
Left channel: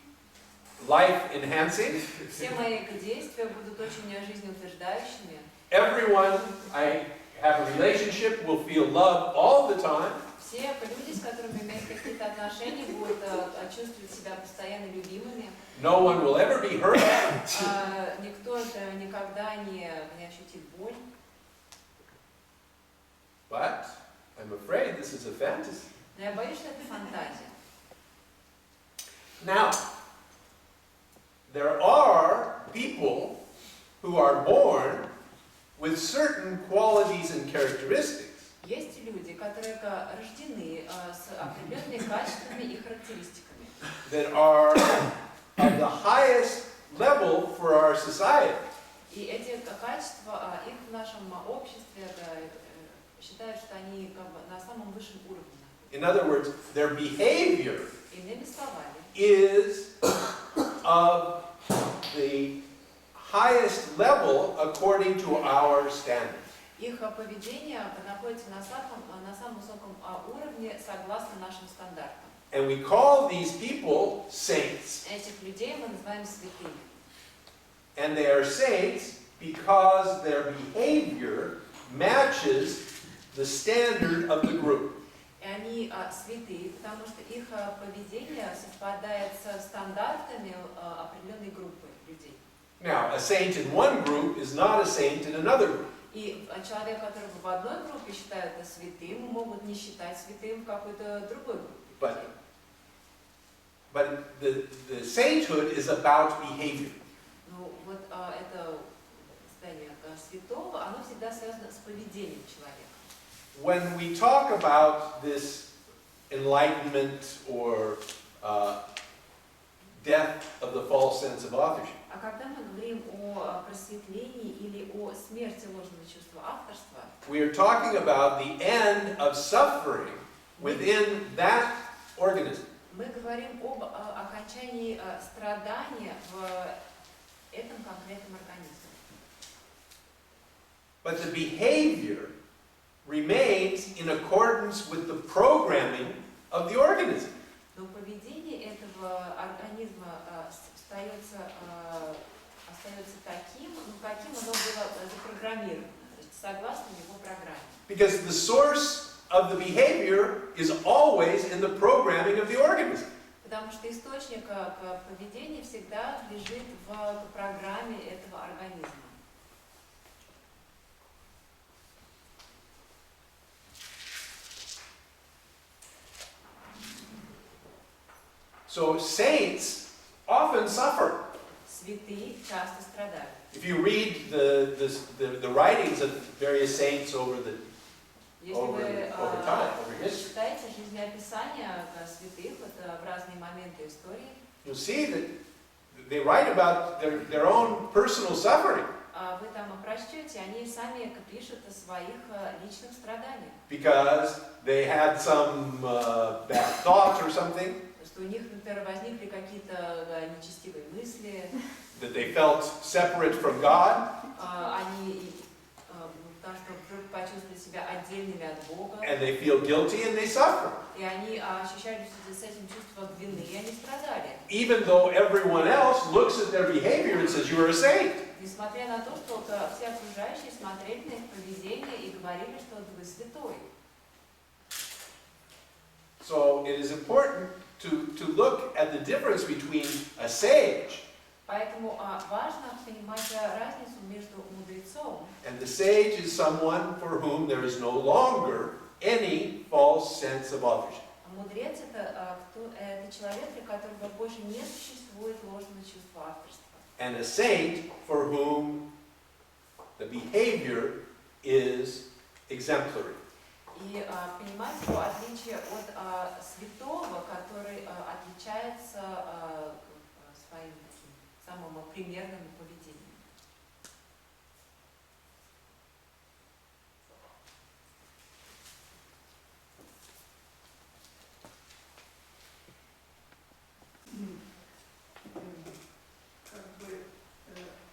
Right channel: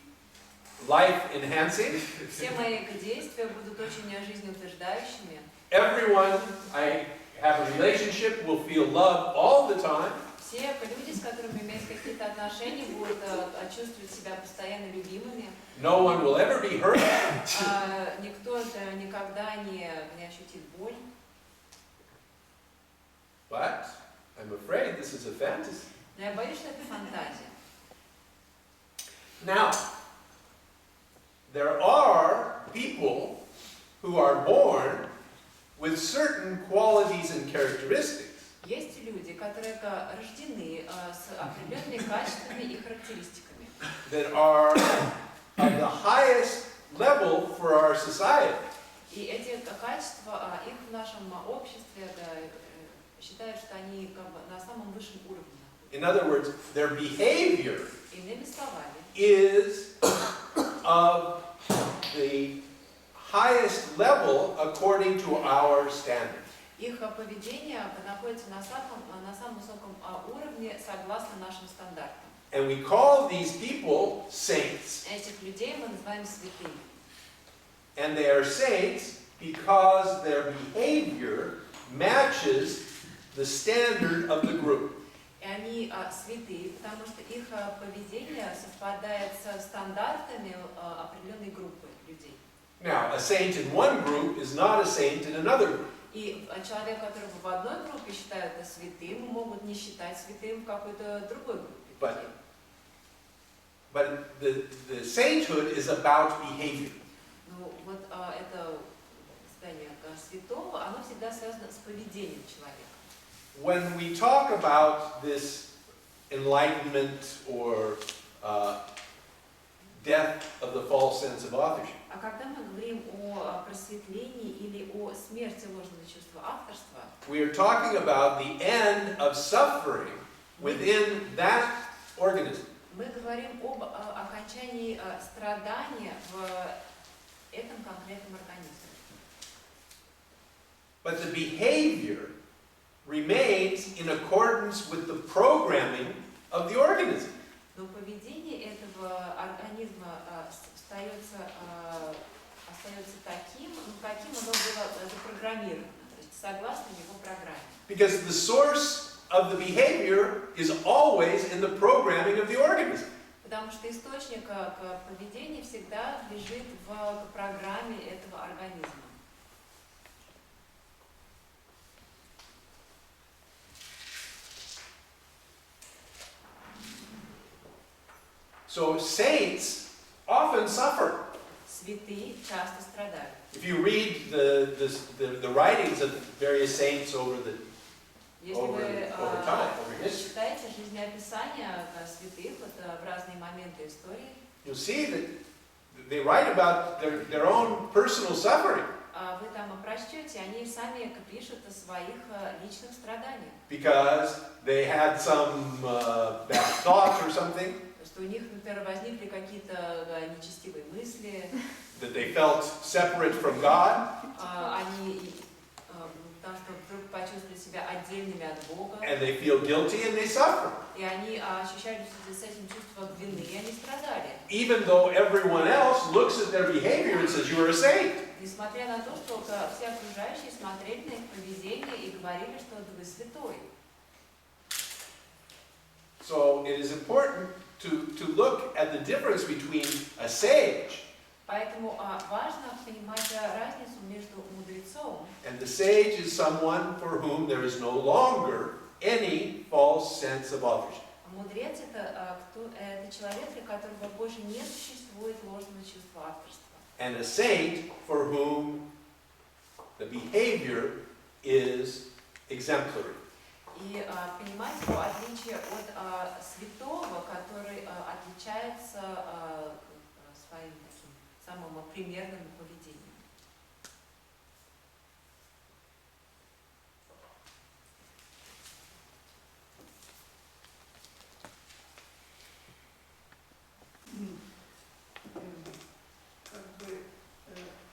life-enhancing. Все мои действия будут очень жизнеутверждающими. Everyone I have a relationship will feel love all the time. Все люди, с которыми имеют какие-то отношения, будут чувствовать себя постоянно любимыми. No one will ever be hurt. Никто никогда не ощутит боль. But I'm afraid this is a fantasy. Но я боюсь, что это фантазия. Now, there are people who are born with certain qualities and characteristics. Есть люди, которые рождены с определенными качествами и характеристиками. That are of the highest level for our society. И эти качества, их в нашем обществе считают, что они как бы на самом высшем уровне. In other words, their behavior Иными словами, is of the highest level according to our standards. их поведение находится на самом высоком уровне согласно нашим стандартам. And we call these people saints. Этих людей мы называем святыми. And they are saints because their behavior matches the standard of the group. И они святые, потому что их поведение совпадает со стандартами определенной группы людей. Now, a saint in one group is not a saint in another group. И человек, которого в одной группе считают святым, могут не считать святым в какой-то другой группе. But the sainthood is about behavior. Ну вот это состояние святого, оно всегда связано с поведением человека. When we talk about this enlightenment or death of the false sense of authorship, А когда мы говорим о просветлении или о смерти ложного чувства авторства, we are talking about the end of suffering within that organism. мы говорим об окончании страдания в этом конкретном организме. But the behavior remains in accordance with the programming of the organism. Но поведение этого организма остается таким, каким оно было запрограммировано, то есть согласно его программе. Because the source of the behavior is always in the programming of the organism. Потому что источник поведения всегда лежит в программе этого организма. So saints often suffer. Святые часто страдают. If you read the writings of various saints over time, over history, читаете жизнеописания святых в разные моменты истории, you'll see that they write about their own personal suffering. вы там прочтете, они сами пишут о своих личных страданиях. Because they had some bad thoughts or something. Что у них, например, возникли какие-то нечестивые мысли. That they felt separate from God. Они потому что вдруг почувствовали себя отдельными от Бога. And they feel guilty and they suffer. И они ощущали с этим чувством вины, и они страдали. Even though everyone else looks at their behavior and says, "You are a saint." Несмотря на то, что все окружающие смотрели на их поведение и говорили, что вы святой. So it is important to look at the difference between a sage. Поэтому важно понимать разницу между мудрецом. And the sage is someone for whom there is no longer any false sense of authorship. Мудрец это человек, для которого больше не существует ложного чувства авторства. And a saint for whom the behavior is exemplary. И понимать его отличие от святого, который отличается своим таким самым примерным поведением.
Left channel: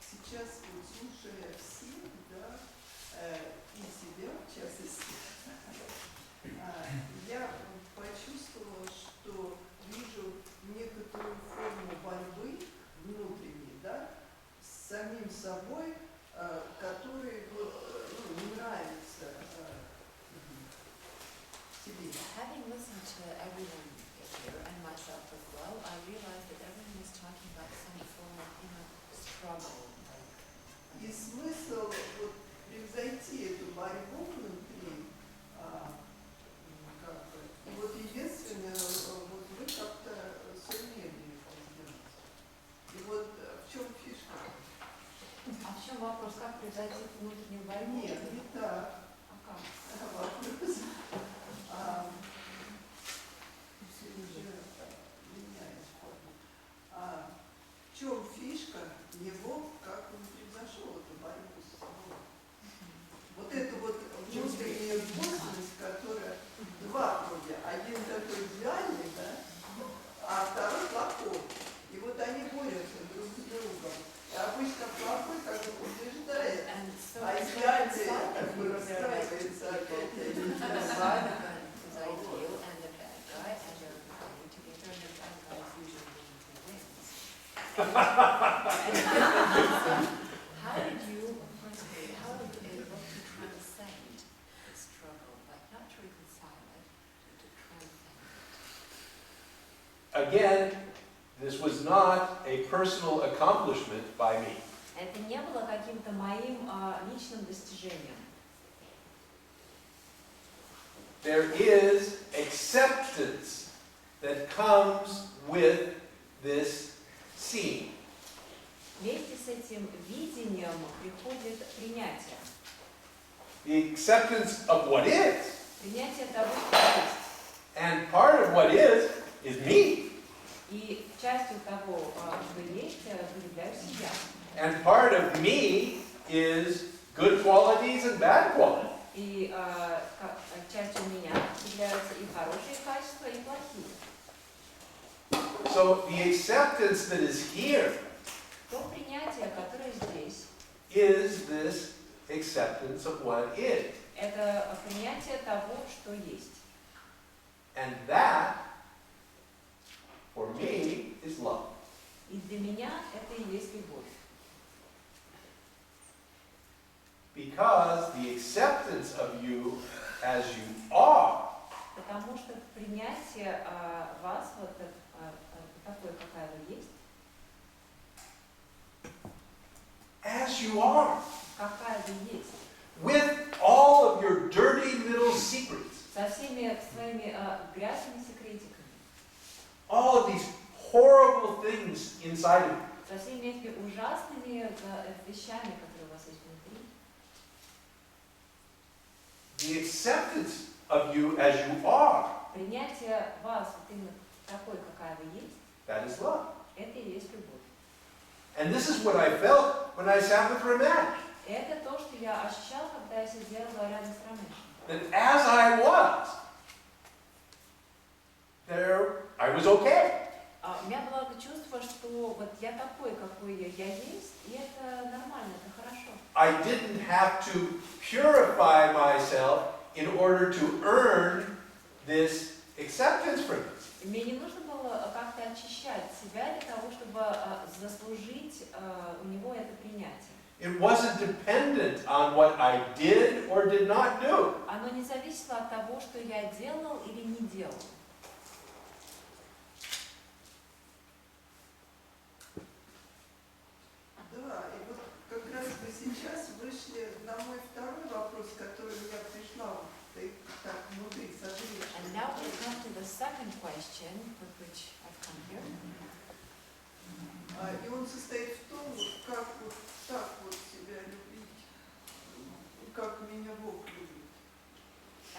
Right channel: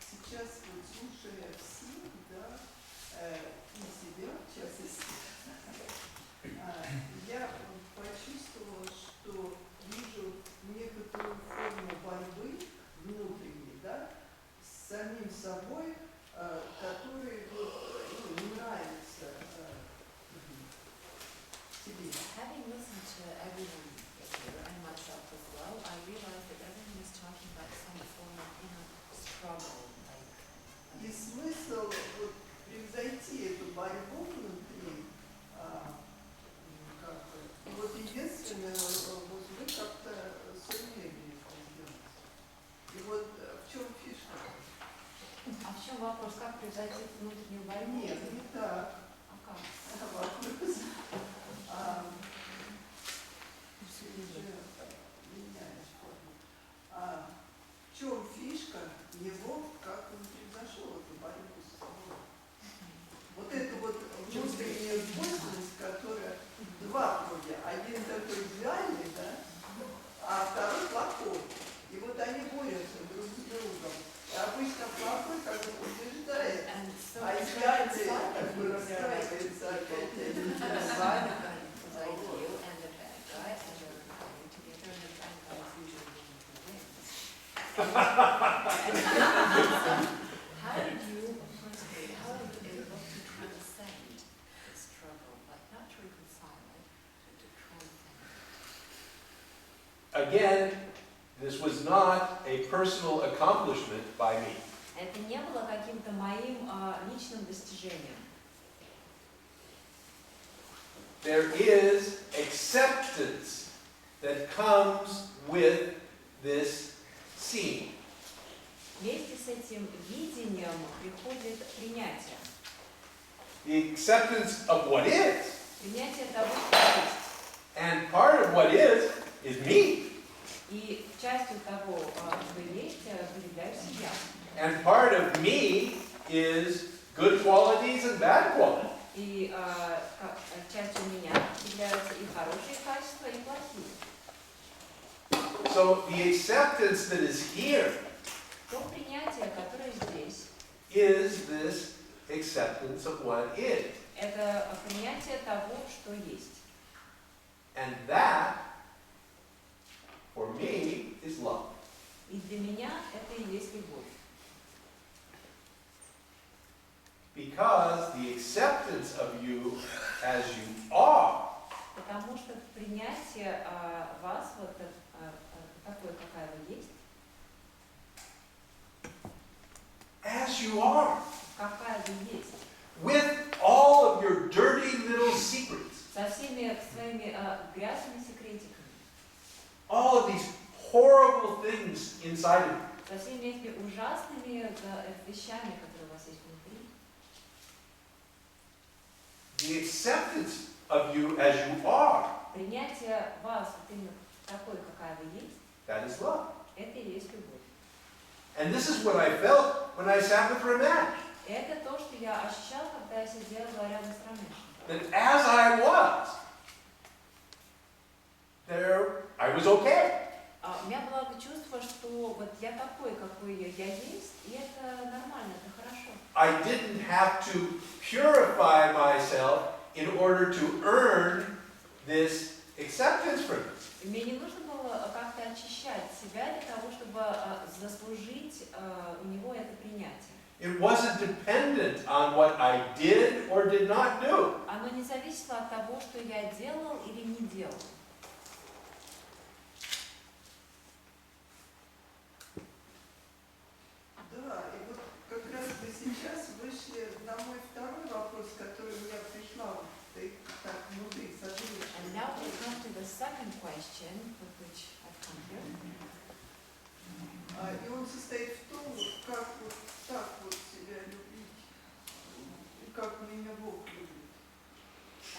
Сейчас вот слушая всех, да, и себя в частности, я почувствовала, что вижу некоторую форму борьбы внутренней, да, с самим собой, который вот, не нравится себе. Having listened to everyone here and myself as well, I realized that everyone is talking about some form of inner struggle. И смысл вот превзойти эту борьбу внутри, и вот единственное, вот вы как-то сумели это сделать. И вот в чем фишка? А в чем вопрос? Как превзойти внутреннюю борьбу? Нет, не так. А как? Вопрос. Меняешь форму. В чем фишка его, как он превзошел эту борьбу с собой? Вот это вот внутренняя двойственность, которая два вроде, один такой идеальный, да, а второй плохой. И вот они борются друг с другом. И обычно плохой как бы побеждает, а идеальный как бы расстраивается опять. How did you, firstly, how were you able to transcend the struggle, like not to reconcile it, but to transcend it? Again, this was not a personal accomplishment by me. Это не было каким-то моим личным достижением. There is acceptance that comes with this seeing. Вместе с этим видением приходит принятие. The acceptance of what is. Принятие того, что есть. And part of what is me. И частью того, что есть, являюсь я. And part of me is good qualities and bad qualities. И частью меня являются и хорошие качества, и плохие. So the acceptance that is here То принятие, которое здесь, is this acceptance of what is. это принятие того, что есть. And that, for me, is love. И для меня это и есть любовь. Because the acceptance of you as you are Потому что принятие вас, вот такой, какая вы есть, as you are, какая вы есть, with all of your dirty little secrets, со всеми своими грязными секретиками, all of these horrible things inside of you. со всеми этими ужасными вещами, которые у вас есть внутри. The acceptance of you as you are, Принятие вас вот именно такой, какая вы есть, that is love. это и есть любовь. And this is what I felt when I sat with Ramesh. Это то, что я ощущал, когда я сидела рядом с Рамешем. That as I was, there, I was okay. У меня было чувство, что вот я такой, какой я есть, и это нормально, это хорошо. I didn't have to purify myself in order to earn this acceptance from you. Мне не нужно было как-то очищать себя для того, чтобы заслужить у него это принятие. It wasn't dependent on what I did or did not do. Оно не зависело от того, что я делал или не делал. Да, и вот как раз вы сейчас вышли на мой второй вопрос, который у меня пришла так внутри, созревший. And now we come to the second question with which I've come here. И он состоит в том, вот как вот так вот себя любить, и как меня Бог любит.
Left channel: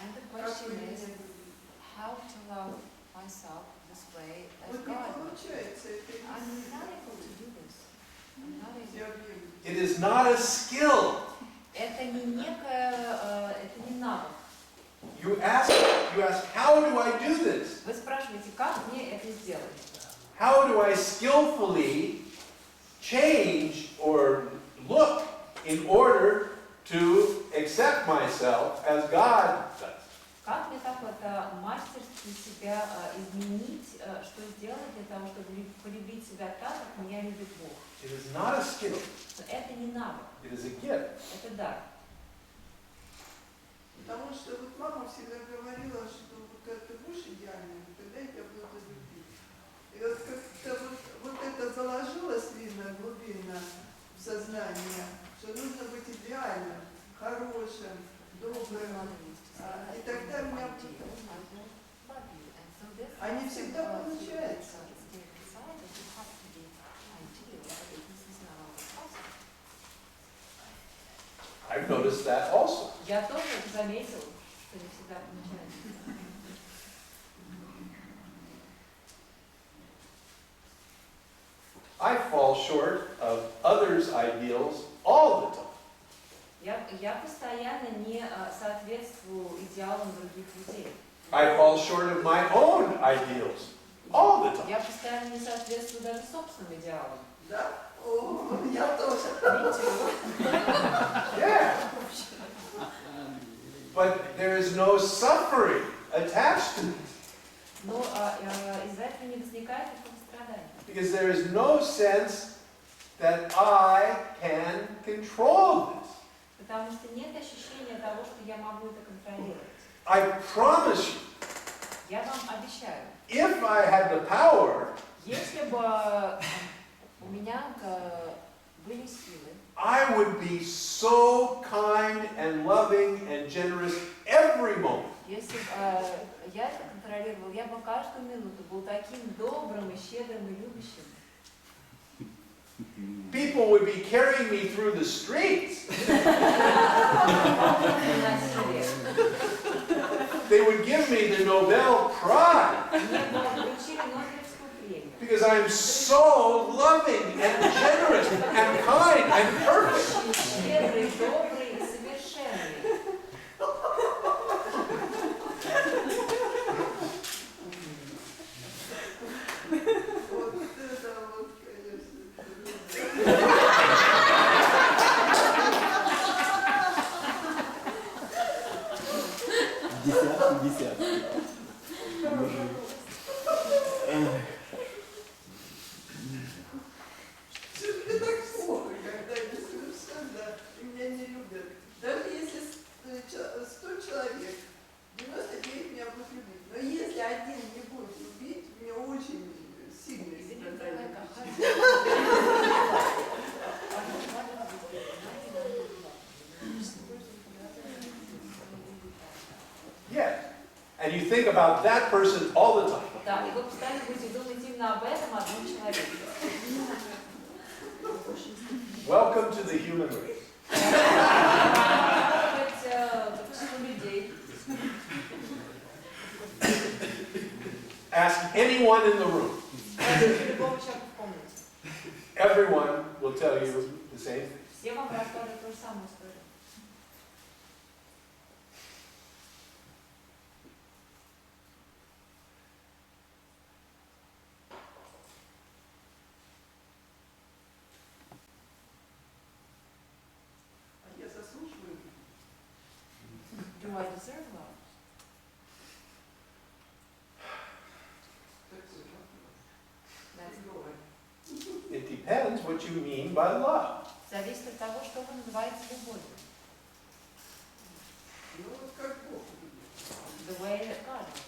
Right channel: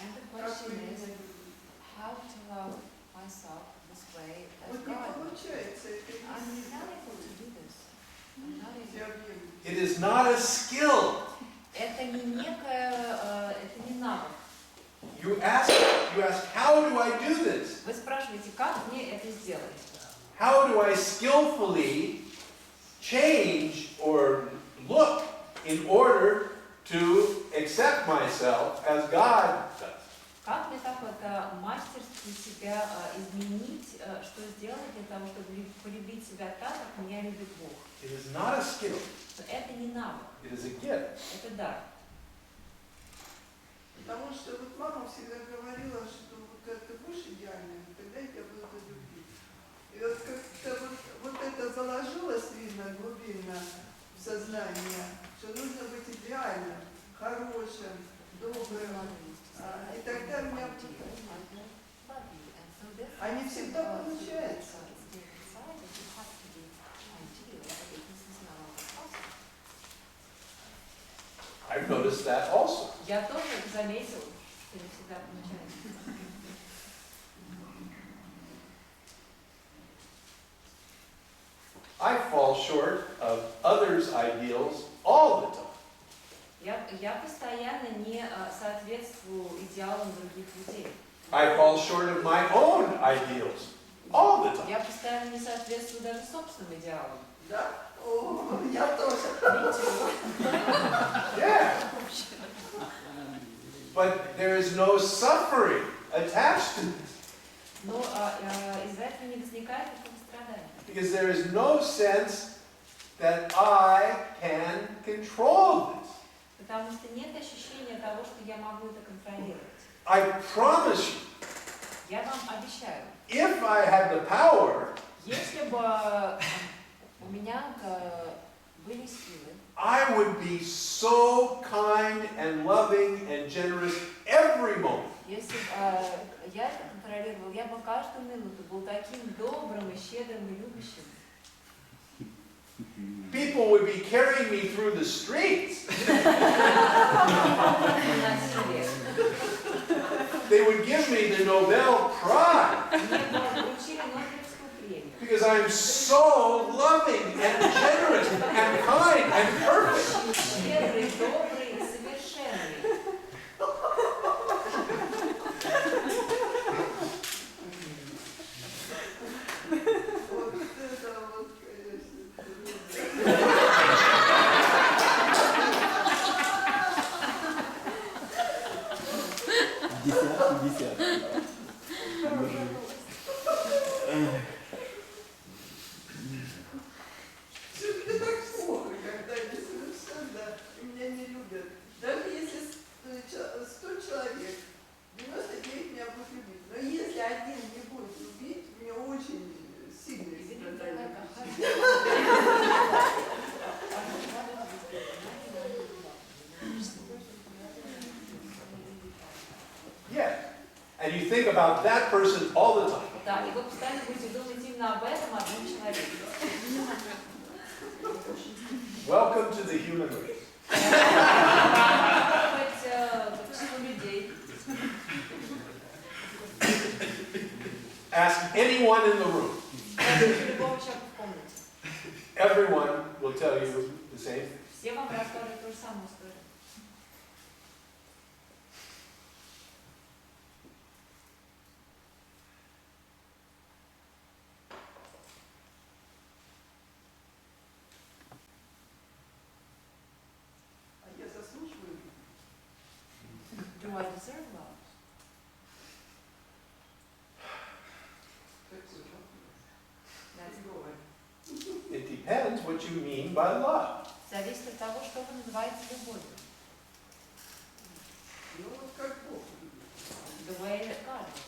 And the Как question вы меня is любите. how to love myself this way as Вот не God. получается это I'm not able to do this. I'm not все able. объемы. It is not a skill. Это не некое, это не навык. You ask, how do I do this? Вы спрашиваете, как мне это сделать? How do I skillfully change or look in order to accept myself as God does? Как мне так вот мастерски себя изменить, что сделать для того, чтобы полюбить себя так, как меня любит Бог? It is not a skill. Это не навык, It is a gift. это дар. Потому что вот мама всегда говорила, что вот когда ты будешь идеальным, тогда я тебя буду любить. И вот как-то вот это заложилось, видно, глубинно в сознание, что нужно быть идеальным, хорошим, добрым. И тогда у меня... А не всегда получается. I've noticed that also. Я тоже заметил, что не всегда получается. I fall short of others' ideals all the time. Я постоянно не соответствую идеалам других людей. I fall short of my own ideals all the time. Я постоянно не соответствую даже собственным идеалам. Да? О, я тоже. Me too. Yeah. But there is no suffering attached to this. Но из-за этого не возникает никакого страдания. Because there is no sense that I can control this. Потому что нет ощущения того, что я могу это контролировать. I promise you, Я вам обещаю, if I had the power, если бы у меня были силы, I would be so kind and loving and generous every moment. если бы я это контролировал, я бы каждую минуту был таким добрым и щедрым и любящим. People would be carrying me through the streets. They would give me the Nobel Prize. Because I'm so loving and generous and kind and perfect. Щедрый, добрый и совершенный. Вот это вот, конечно. Десятки. Что-то мне так плохо, когда они совершенно меня не любят. Даже если 100 человек, 99 меня будут любить. Но если один не будет любить, мне очень сильно страдает. Yes. And you think about that person all the time. Да, и вы постоянно будете думать именно об этом одном человеке. Welcome to the human race. К числу людей. Ask anyone in the room. Спросите любого человека в комнате. Everyone will tell you the same thing. Все вам расскажут ту же самую историю. А я заслуживаю. Do I deserve love? That's good. It depends what you mean by love. Зависит от того, что вы называете любовью. Ну вот как Бог любит. The way that God loves.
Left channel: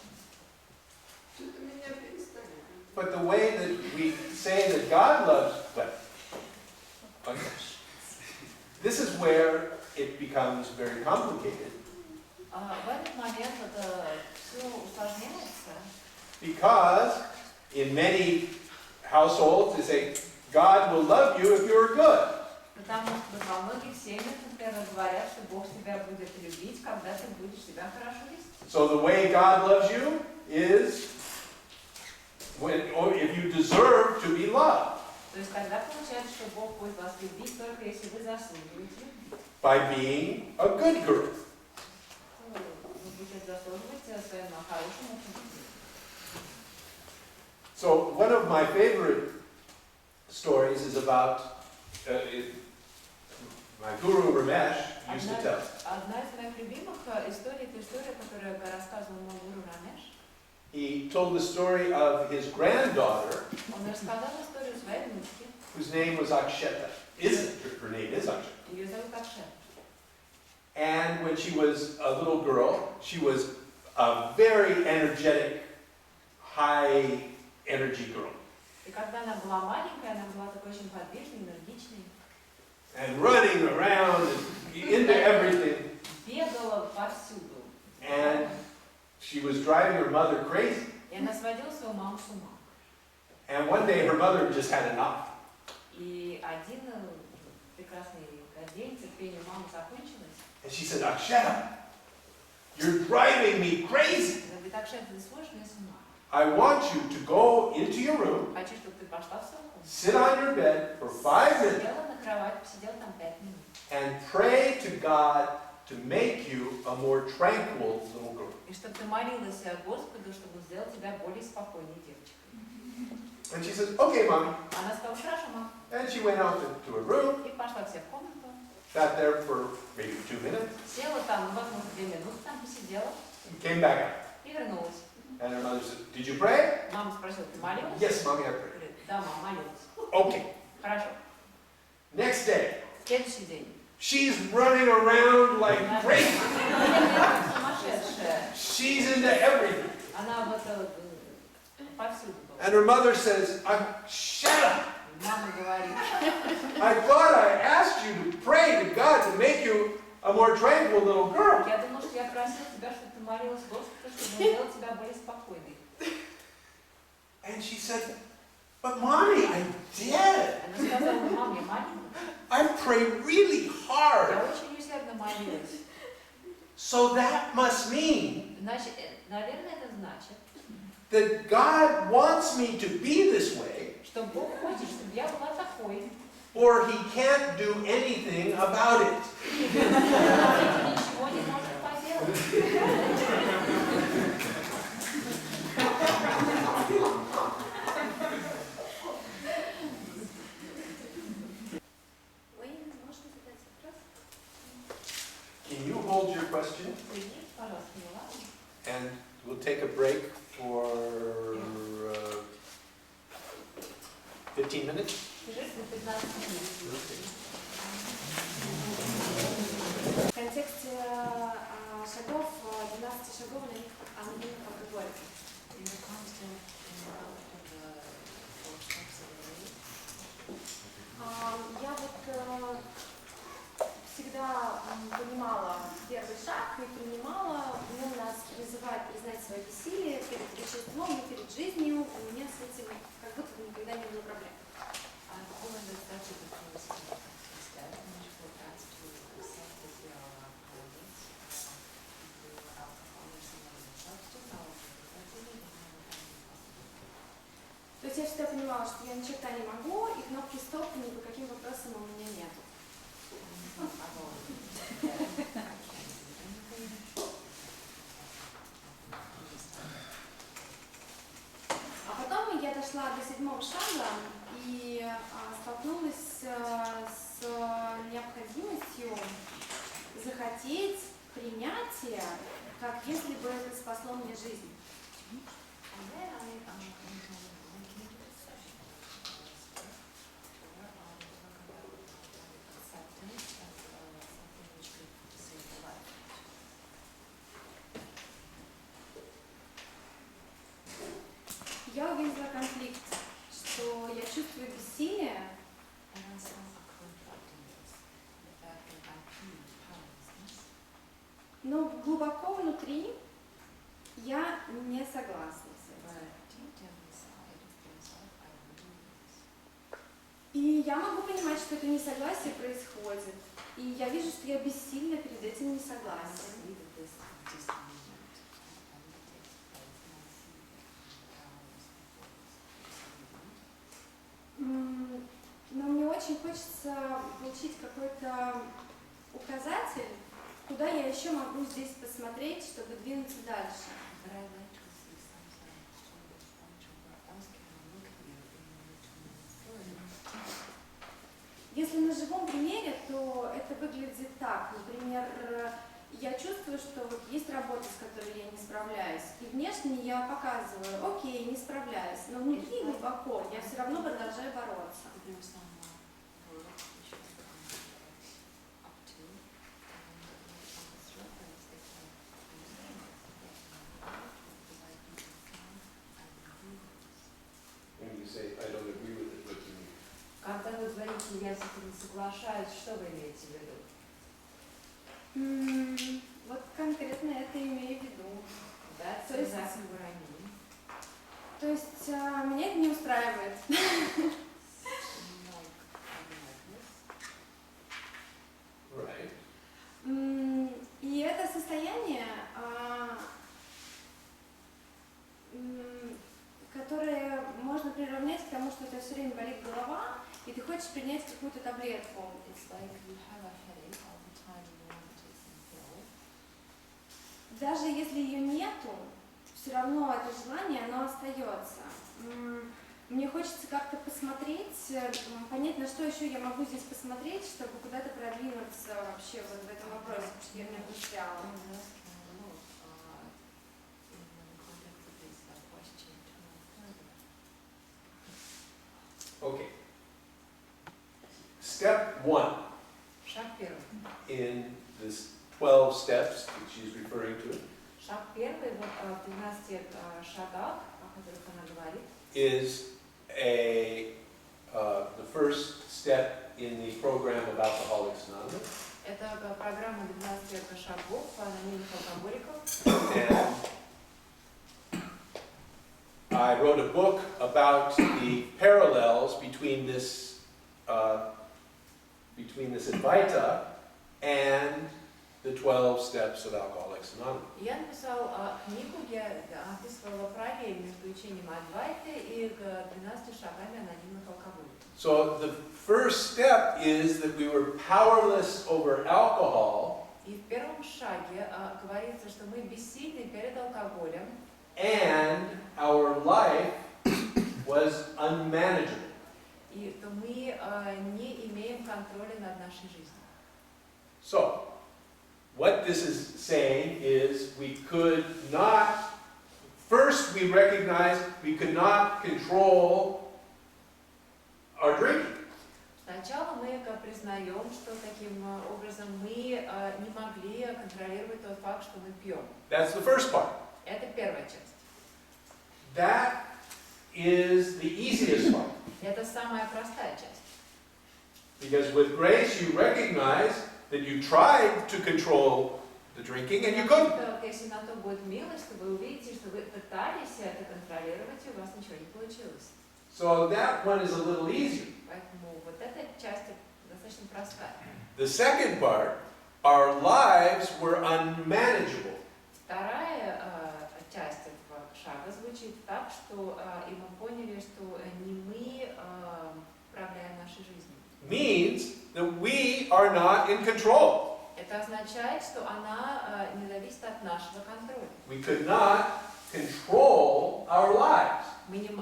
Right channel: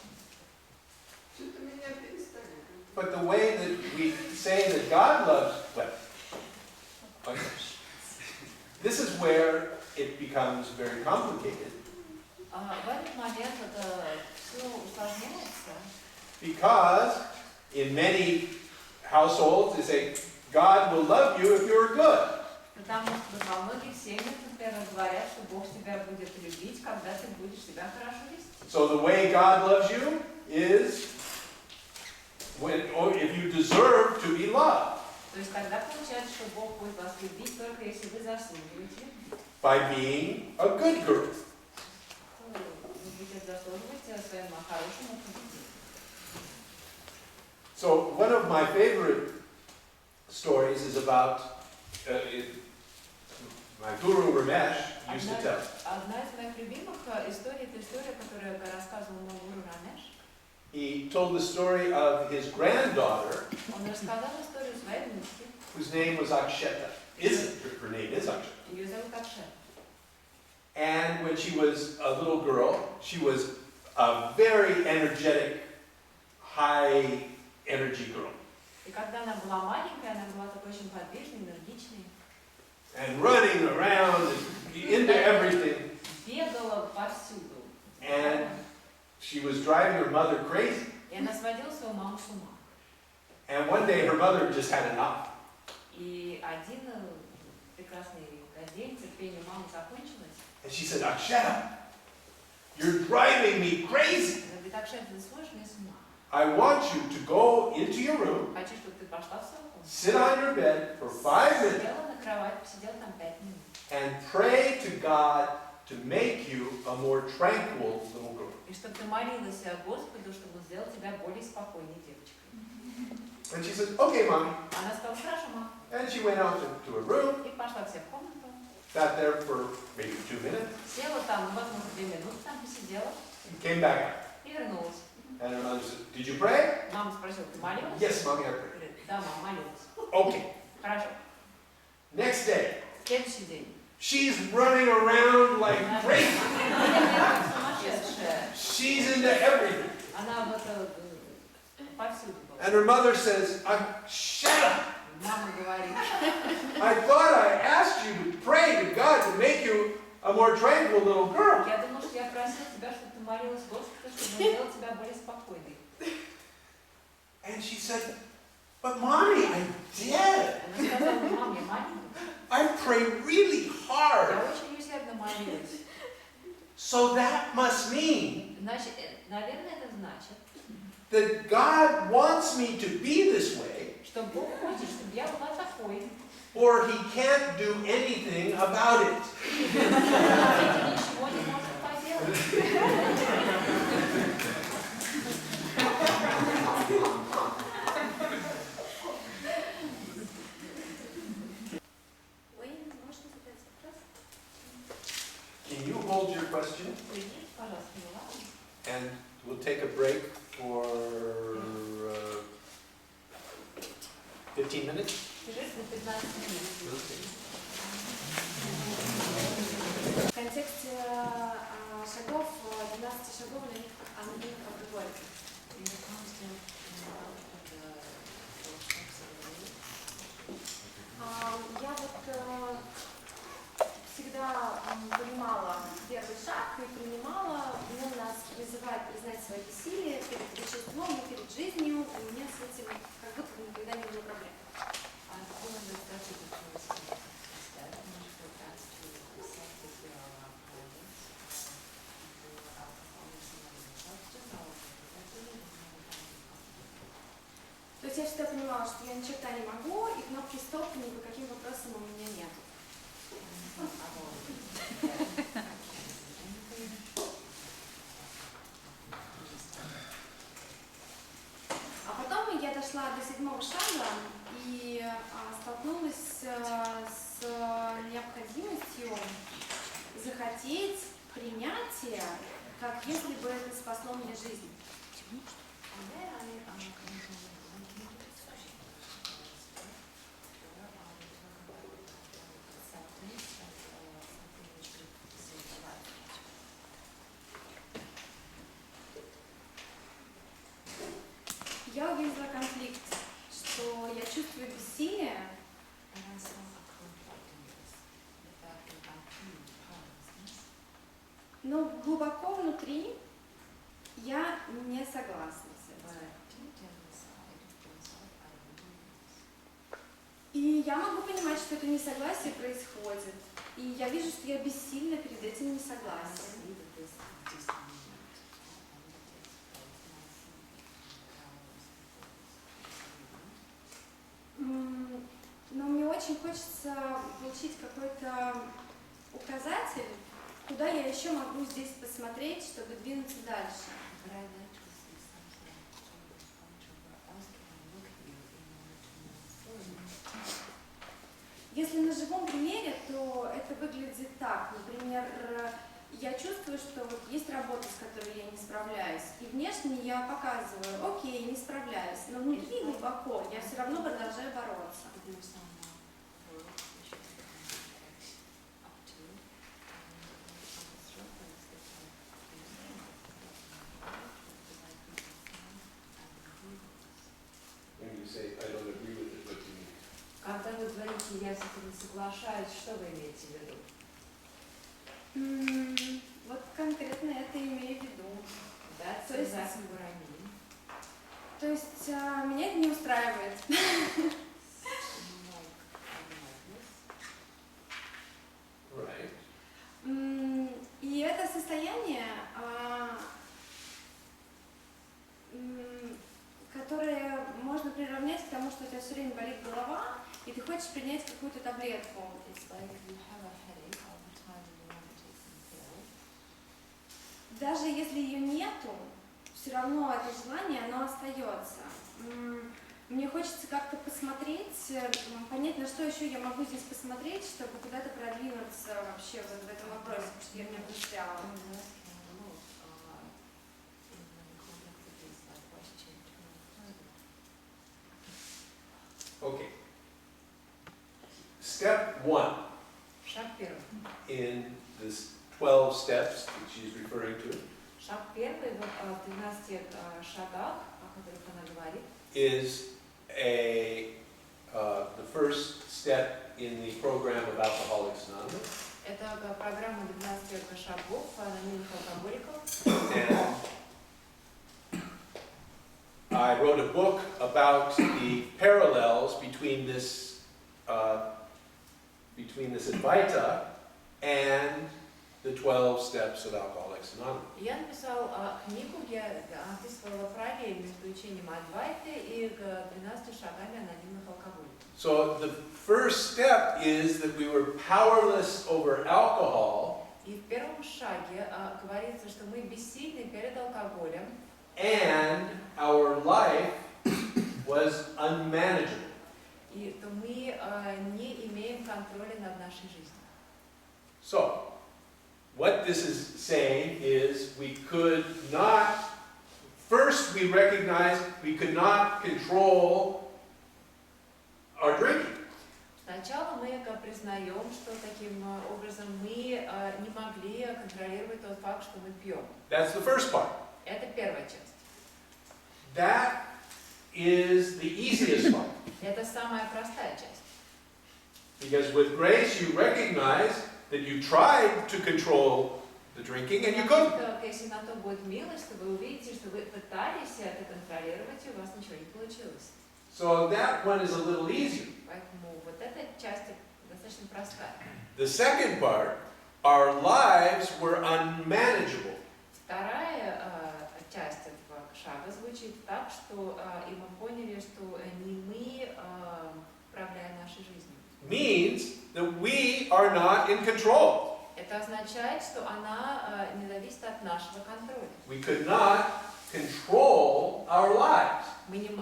Что-то меня перестали. But the way that we say that God loves, well, okay. This is where it becomes very complicated. В этот момент это все усложняется. Because in many households they say, God will love you if you're good. Потому что во многих семьях, например, говорят, что Бог тебя будет любить, когда ты будешь себя хорошо вести. So the way God loves you is when, or if you deserve to be loved. То есть тогда получается, что Бог будет вас любить только если вы заслуживаете любви. By being a good girl. Вы будете заслуживать своим хорошим поведением. So one of my favorite stories is about my guru Ramesh used to tell. Одна из моих любимых историй, это история, которую рассказывал мой гуру Рамеш. He told the story of his granddaughter, Он рассказал историю своей внучки. whose name was Aksheta. Her name is Aksheta. Ее зовут Акшета. And when she was a little girl, she was a very energetic, high energy girl. И когда она была маленькая, она была такой очень подвижной, энергичной. And running around and into everything. Бегала повсюду. And she was driving her mother crazy. И она сводила свою маму с ума. And one day her mother just had enough. И один прекрасный день терпение мамы закончилось. And she said, Aksheta, you're driving me crazy. Она говорит, Акшета, ты сводишь меня с ума. I want you to go into your room, Хочу, чтобы ты пошла в свою комнату. sit on your bed for 5 minutes, Села на кровать, посидела там 5 минут. and pray to God to make you a more tranquil little girl. И чтобы ты молилась Господу, чтобы сделать тебя более спокойной девочкой. And she says, okay, mommy. Она сказала, хорошо, мама. And she went out to her room, И пошла к себе в комнату. sat there for maybe 2 minutes, Села там, возможно, 2 минуты там посидела. and came back out. И вернулась. And her mother said, did you pray? Мама спросила, ты молилась? Yes, mommy, I prayed. Говорит, да, мама, молилась. Okay. Хорошо. Next day, Следующий день. she's running around like Она crazy. бегает как сумасшедшая. She's into everything. Она вот повсюду была. And her mother says, shut up. Мама говорит, I thought I asked you to pray to God to make you a more tranquil little girl. Я думала, что я просила тебя, чтобы ты молилась Господу, чтобы он сделал тебя более спокойной. And she said, but mommy, I did. Она сказала, мам, я молилась. I prayed really Я hard. очень усердно молилась. So that must mean Значит, наверное, это значит, that God wants me to be this way, что Бог хочет, чтобы я была такой. or he can't do anything about it. Ничего не может поделать. Уэйн, можно задать вопрос? Can you hold your question? Приди, пожалуйста, Мила. And we'll take a break for 15 minutes. Перерыв на 15 минут. В контексте шагов, 12 шагов, на них как говорится. Я вот всегда понимала первый шаг и принимала, он нас призывает признать свое бессилие перед веществом и перед жизнью, у меня с этим как будто бы никогда не было проблем. То есть я всегда понимала, что я ни черта не могу, и кнопки стоп ни по каким вопросам у меня нет. А потом я дошла до 7-го шага и столкнулась с необходимостью захотеть принятия, как если бы это спасло мне жизнь. Я увидела конфликт, что я чувствую бессилие, но глубоко внутри я не согласна с этим. И я могу понимать, что это несогласие происходит. И я вижу, что я бессильна перед этим несогласием. Но мне очень хочется получить какой-то указатель, куда я еще могу здесь посмотреть, чтобы двинуться дальше. Если на живом примере, то это выглядит так. Например, я чувствую, что вот есть работа, с которой я не справляюсь, и внешне я показываю, окей, не справляюсь, но внутри глубоко я все равно продолжаю бороться. When you say, I don't agree with it, what do you mean? Когда вы говорите, я с этим не соглашаюсь, что вы имеете в виду? Вот конкретно это имею в виду. That's То есть- exactly what I mean. То есть меня это не устраивает. Right. И это состояние, которое можно приравнять к тому, что у тебя все время болит голова, и ты хочешь принять какую-то таблетку. It's like you have a headache all the time and you want to take some pill. Даже если ее нету, все равно это желание, оно остается. Мне хочется как-то посмотреть, понять, на что еще я могу здесь посмотреть, чтобы куда-то продвинуться вообще вот в этом вопросе, потому что я в нем застряла. Okay. Step 1 Шаг первый. in this 12 steps that she's referring to Шаг первый вот в 13 шагах, о которых она говорит, is the first step in программа 12 шагов анонимных алкоголиков. And I wrote a book about the parallels between this Advaita and the 12 steps of Alcoholics Anonymous. Я написал книгу, где описывала параллель между учением Адвайты и 12 шагами анонимных алкоголиков. So the first step is that we were powerless over alcohol. И в первом шаге говорится, что мы бессильны перед алкоголем. And our life was unmanageable. И то мы не имеем контроля над нашей жизнью. So, what this is saying is we could not, first we recognize we could not control our drinking. Сначала мы признаем, что таким образом мы не могли контролировать тот факт, что мы пьем. That's the first part. Это первая часть. That is the easiest part. Это самая простая часть. Because with grace you recognize that you tried to control the drinking and you couldn't. Если на то будет милость, то вы увидите, что вы пытались это контролировать, и у вас ничего не получилось. So that one is a little easier. Поэтому вот эта часть достаточно простая. The second part, our lives were unmanageable. Вторая часть этого шага звучит так, что и мы поняли, что не мы управляем нашей жизнью. Means that we are not in control. Это означает, что она не зависит от нашего контроля. We could not control our lives.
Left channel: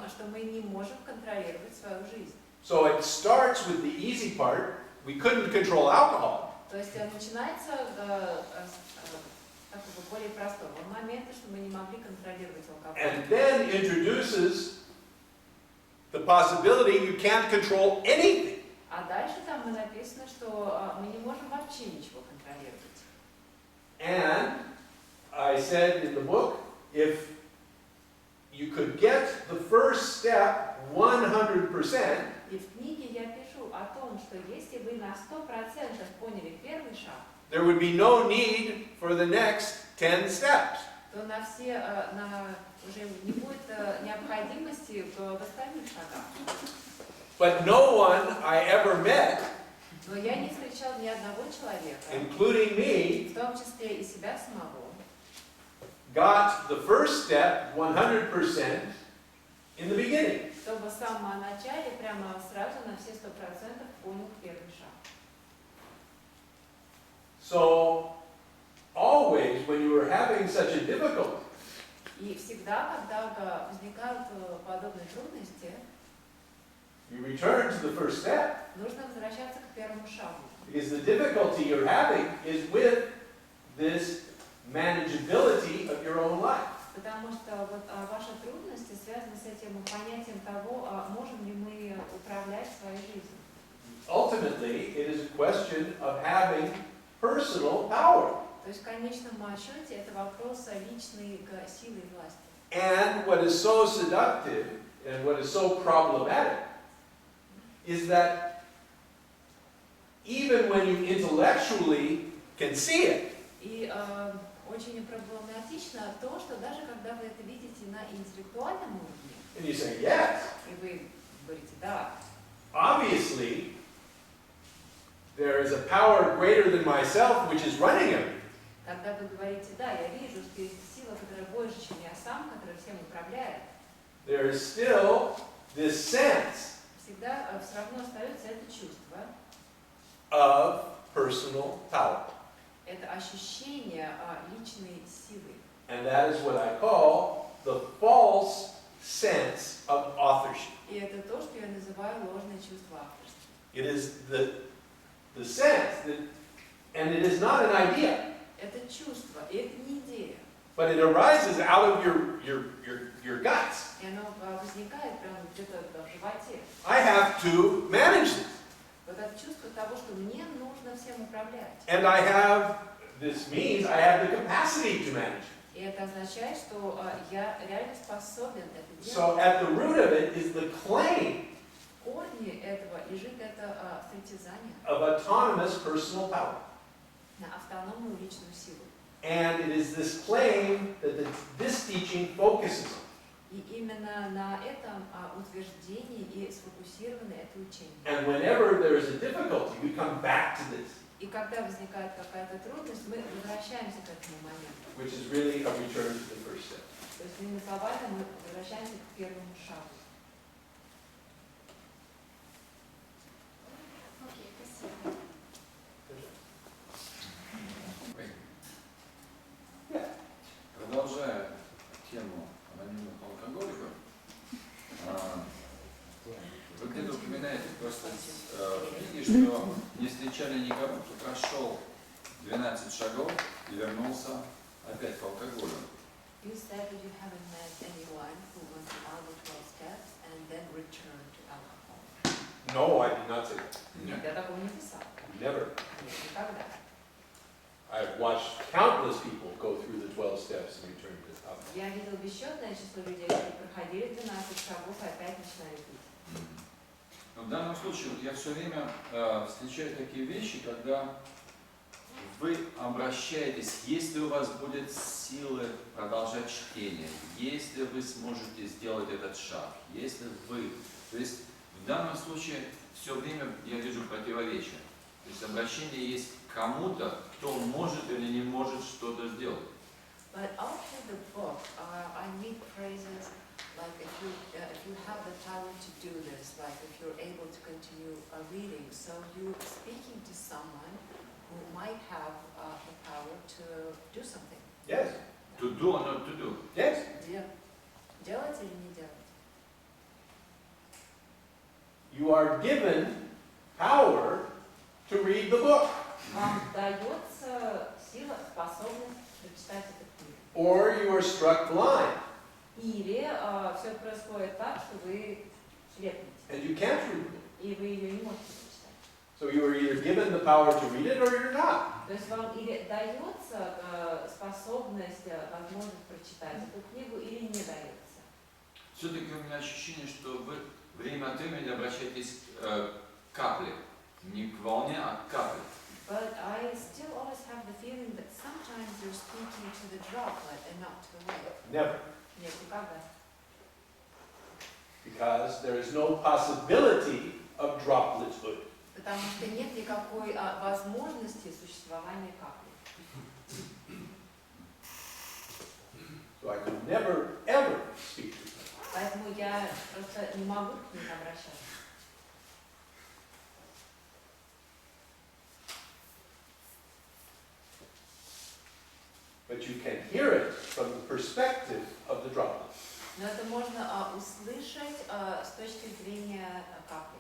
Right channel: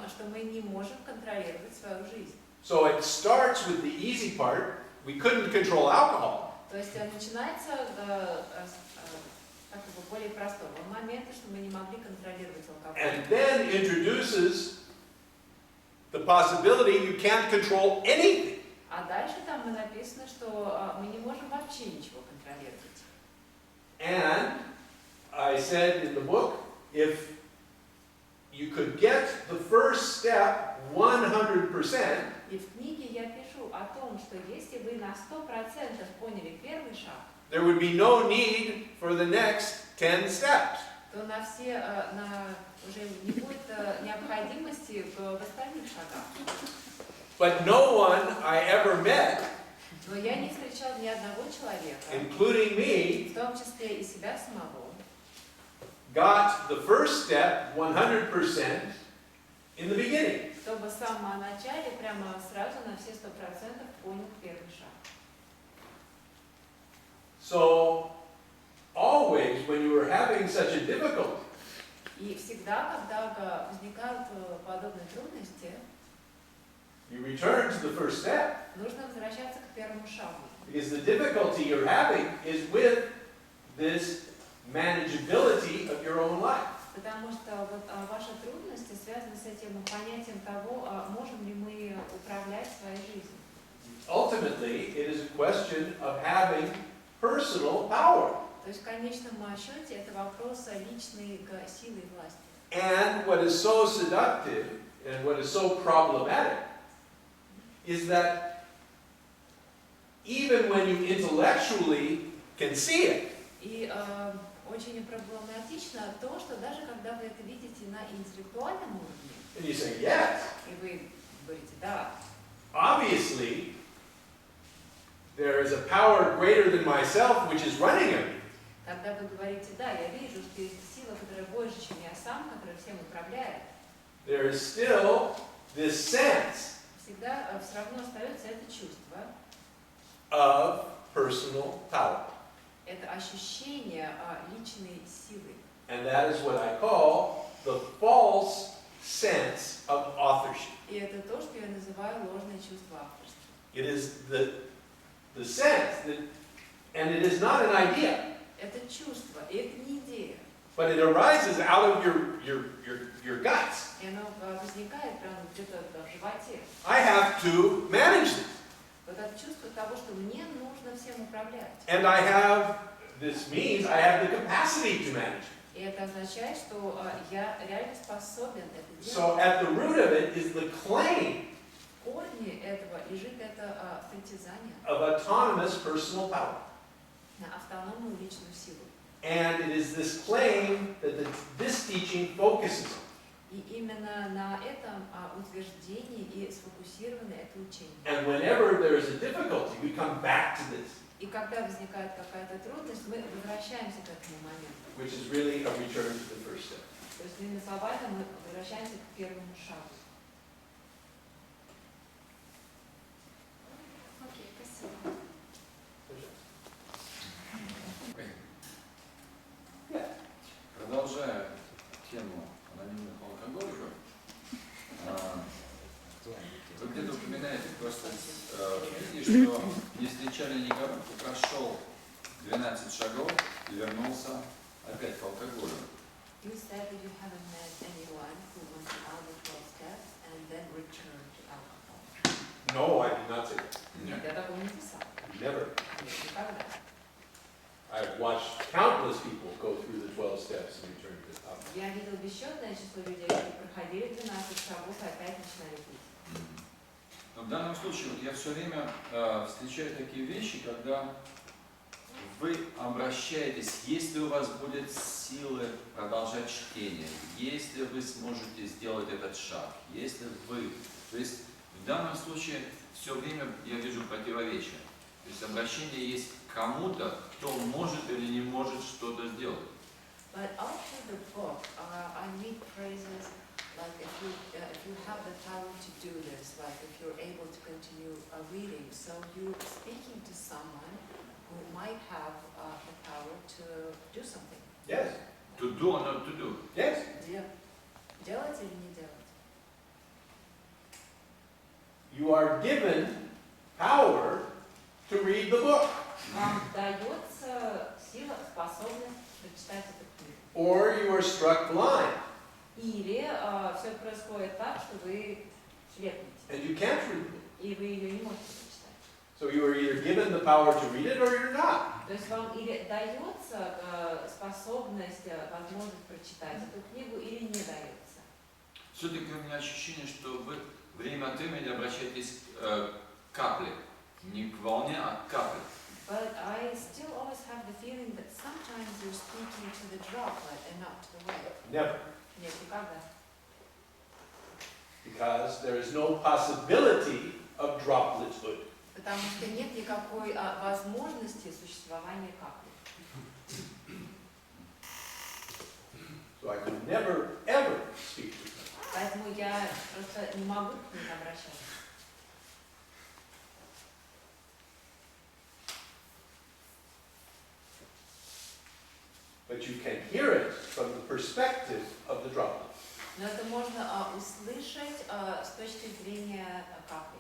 Что мы не можем контролировать свою жизнь. So it starts with the easy part. We couldn't control alcohol. То есть начинается с такого более простого момента, что мы не могли контролировать алкоголь. And then introduces the possibility you can't control anything. А дальше там написано, что мы не можем вообще ничего контролировать. And I said in the book, if you could get the first step 100%, И в книге я пишу о том, что если вы на 100% поняли первый шаг, there would be no need for the next 10 steps. то уже не будет необходимости в остальных шагах. But no one I ever met, Но я не встречал ни одного человека, including me, в том числе и себя самого, got the first step 100% in the beginning. чтобы в самом начале прямо сразу на все 100% понял первый шаг. So, always when you are having such a difficulty, И всегда, когда возникают подобные трудности, you return to the first step. нужно возвращаться к первому шагу. Because the difficulty you're having is with this manageability of your own life. Потому что вот ваши трудности связаны с этим понятием того, можем ли мы управлять своей жизнью. Ultimately, it is a question of having personal power. То есть в конечном счете это вопрос личной силы и власти. And what is so seductive and what is so problematic is that even when you intellectually can see it, И очень проблематично то, что даже когда вы это видите на интеллектуальном уровне, and you say, yes, и вы говорите «да», obviously, there is a power greater than myself which is running everything. когда вы говорите «да, я вижу, что есть сила, которая больше, чем я сам, которая всем управляет», There is still this sense всегда все равно остается это чувство, of personal power. это ощущение личной силы. And that is what I call the false sense of authorship. И это то, что я называю ложное чувство авторства. It is the sense that, and it is not an idea, Это чувство, и это не идея. but it arises out of your guts. И оно возникает прямо где-то в животе. I have to manage this. Вот это чувство того, что мне нужно всем управлять. And this means I have the capacity to manage it. И это означает, что я реально способен это делать. So at the root of it is the claim В корне этого лежит это притязание of autonomous personal power. на автономную личную силу. And it is this claim that this teaching focuses on. И именно на этом утверждении и сфокусировано это учение. And whenever there is a difficulty, we come back to this, И когда возникает какая-то трудность, мы возвращаемся к этому моменту. which is really a return to the first step. То есть, иными словами, мы возвращаемся к первому шагу. Окей, спасибо. Продолжая тему анонимных алкоголиков, вы где-то упоминаете просто в книге, что не встречали никого, кто прошел 12 шагов и вернулся опять к алкоголю. You said that you haven't met anyone who went down the 12 steps and then returned to alcohol. No, I did not say that. Нет, я такого не писал. Never. Нет, никогда. I've watched countless people go through the 12 steps and return to alcohol. Я видел бесчетное число людей, которые проходили 12 шагов и опять начинали пить. Но в данном случае вот я все время встречаю такие вещи, когда вы обращаетесь, если у вас будет силы продолжать чтение, если вы сможете сделать этот шаг, если вы... То есть в данном случае все время я вижу противоречие. То есть обращение есть к кому-то, кто может или не может что-то сделать. But after the book, I read phrases like if you have the power to do this, like if you're able to continue reading, so you're speaking to someone who might have the power to do something. Yes. To do or not to do? Yes. Делать или не делать? You are given power to read the book. Вам дается сила, способность прочитать эту книгу. Or you are struck blind. Или все происходит так, что вы слепнете, And you can't read the book. и вы ее не можете прочитать. So you are either given the power to read it or you're not. То есть вам или дается способность, возможность прочитать эту книгу, или не дается. Все-таки у меня ощущение, что вы время от времени обращаетесь к капле. Не к волне, а к капле. But I still always have the feeling that sometimes you're speaking to the droplet and not to the wave. Never. Нет, никогда. Because there is no possibility of droplethood. Потому что нет никакой возможности существования капли. So I could never, ever speak to them. Поэтому я просто не могу к ним обращаться. But you can hear it from the perspective of the droplet. Но это можно услышать с точки зрения капли.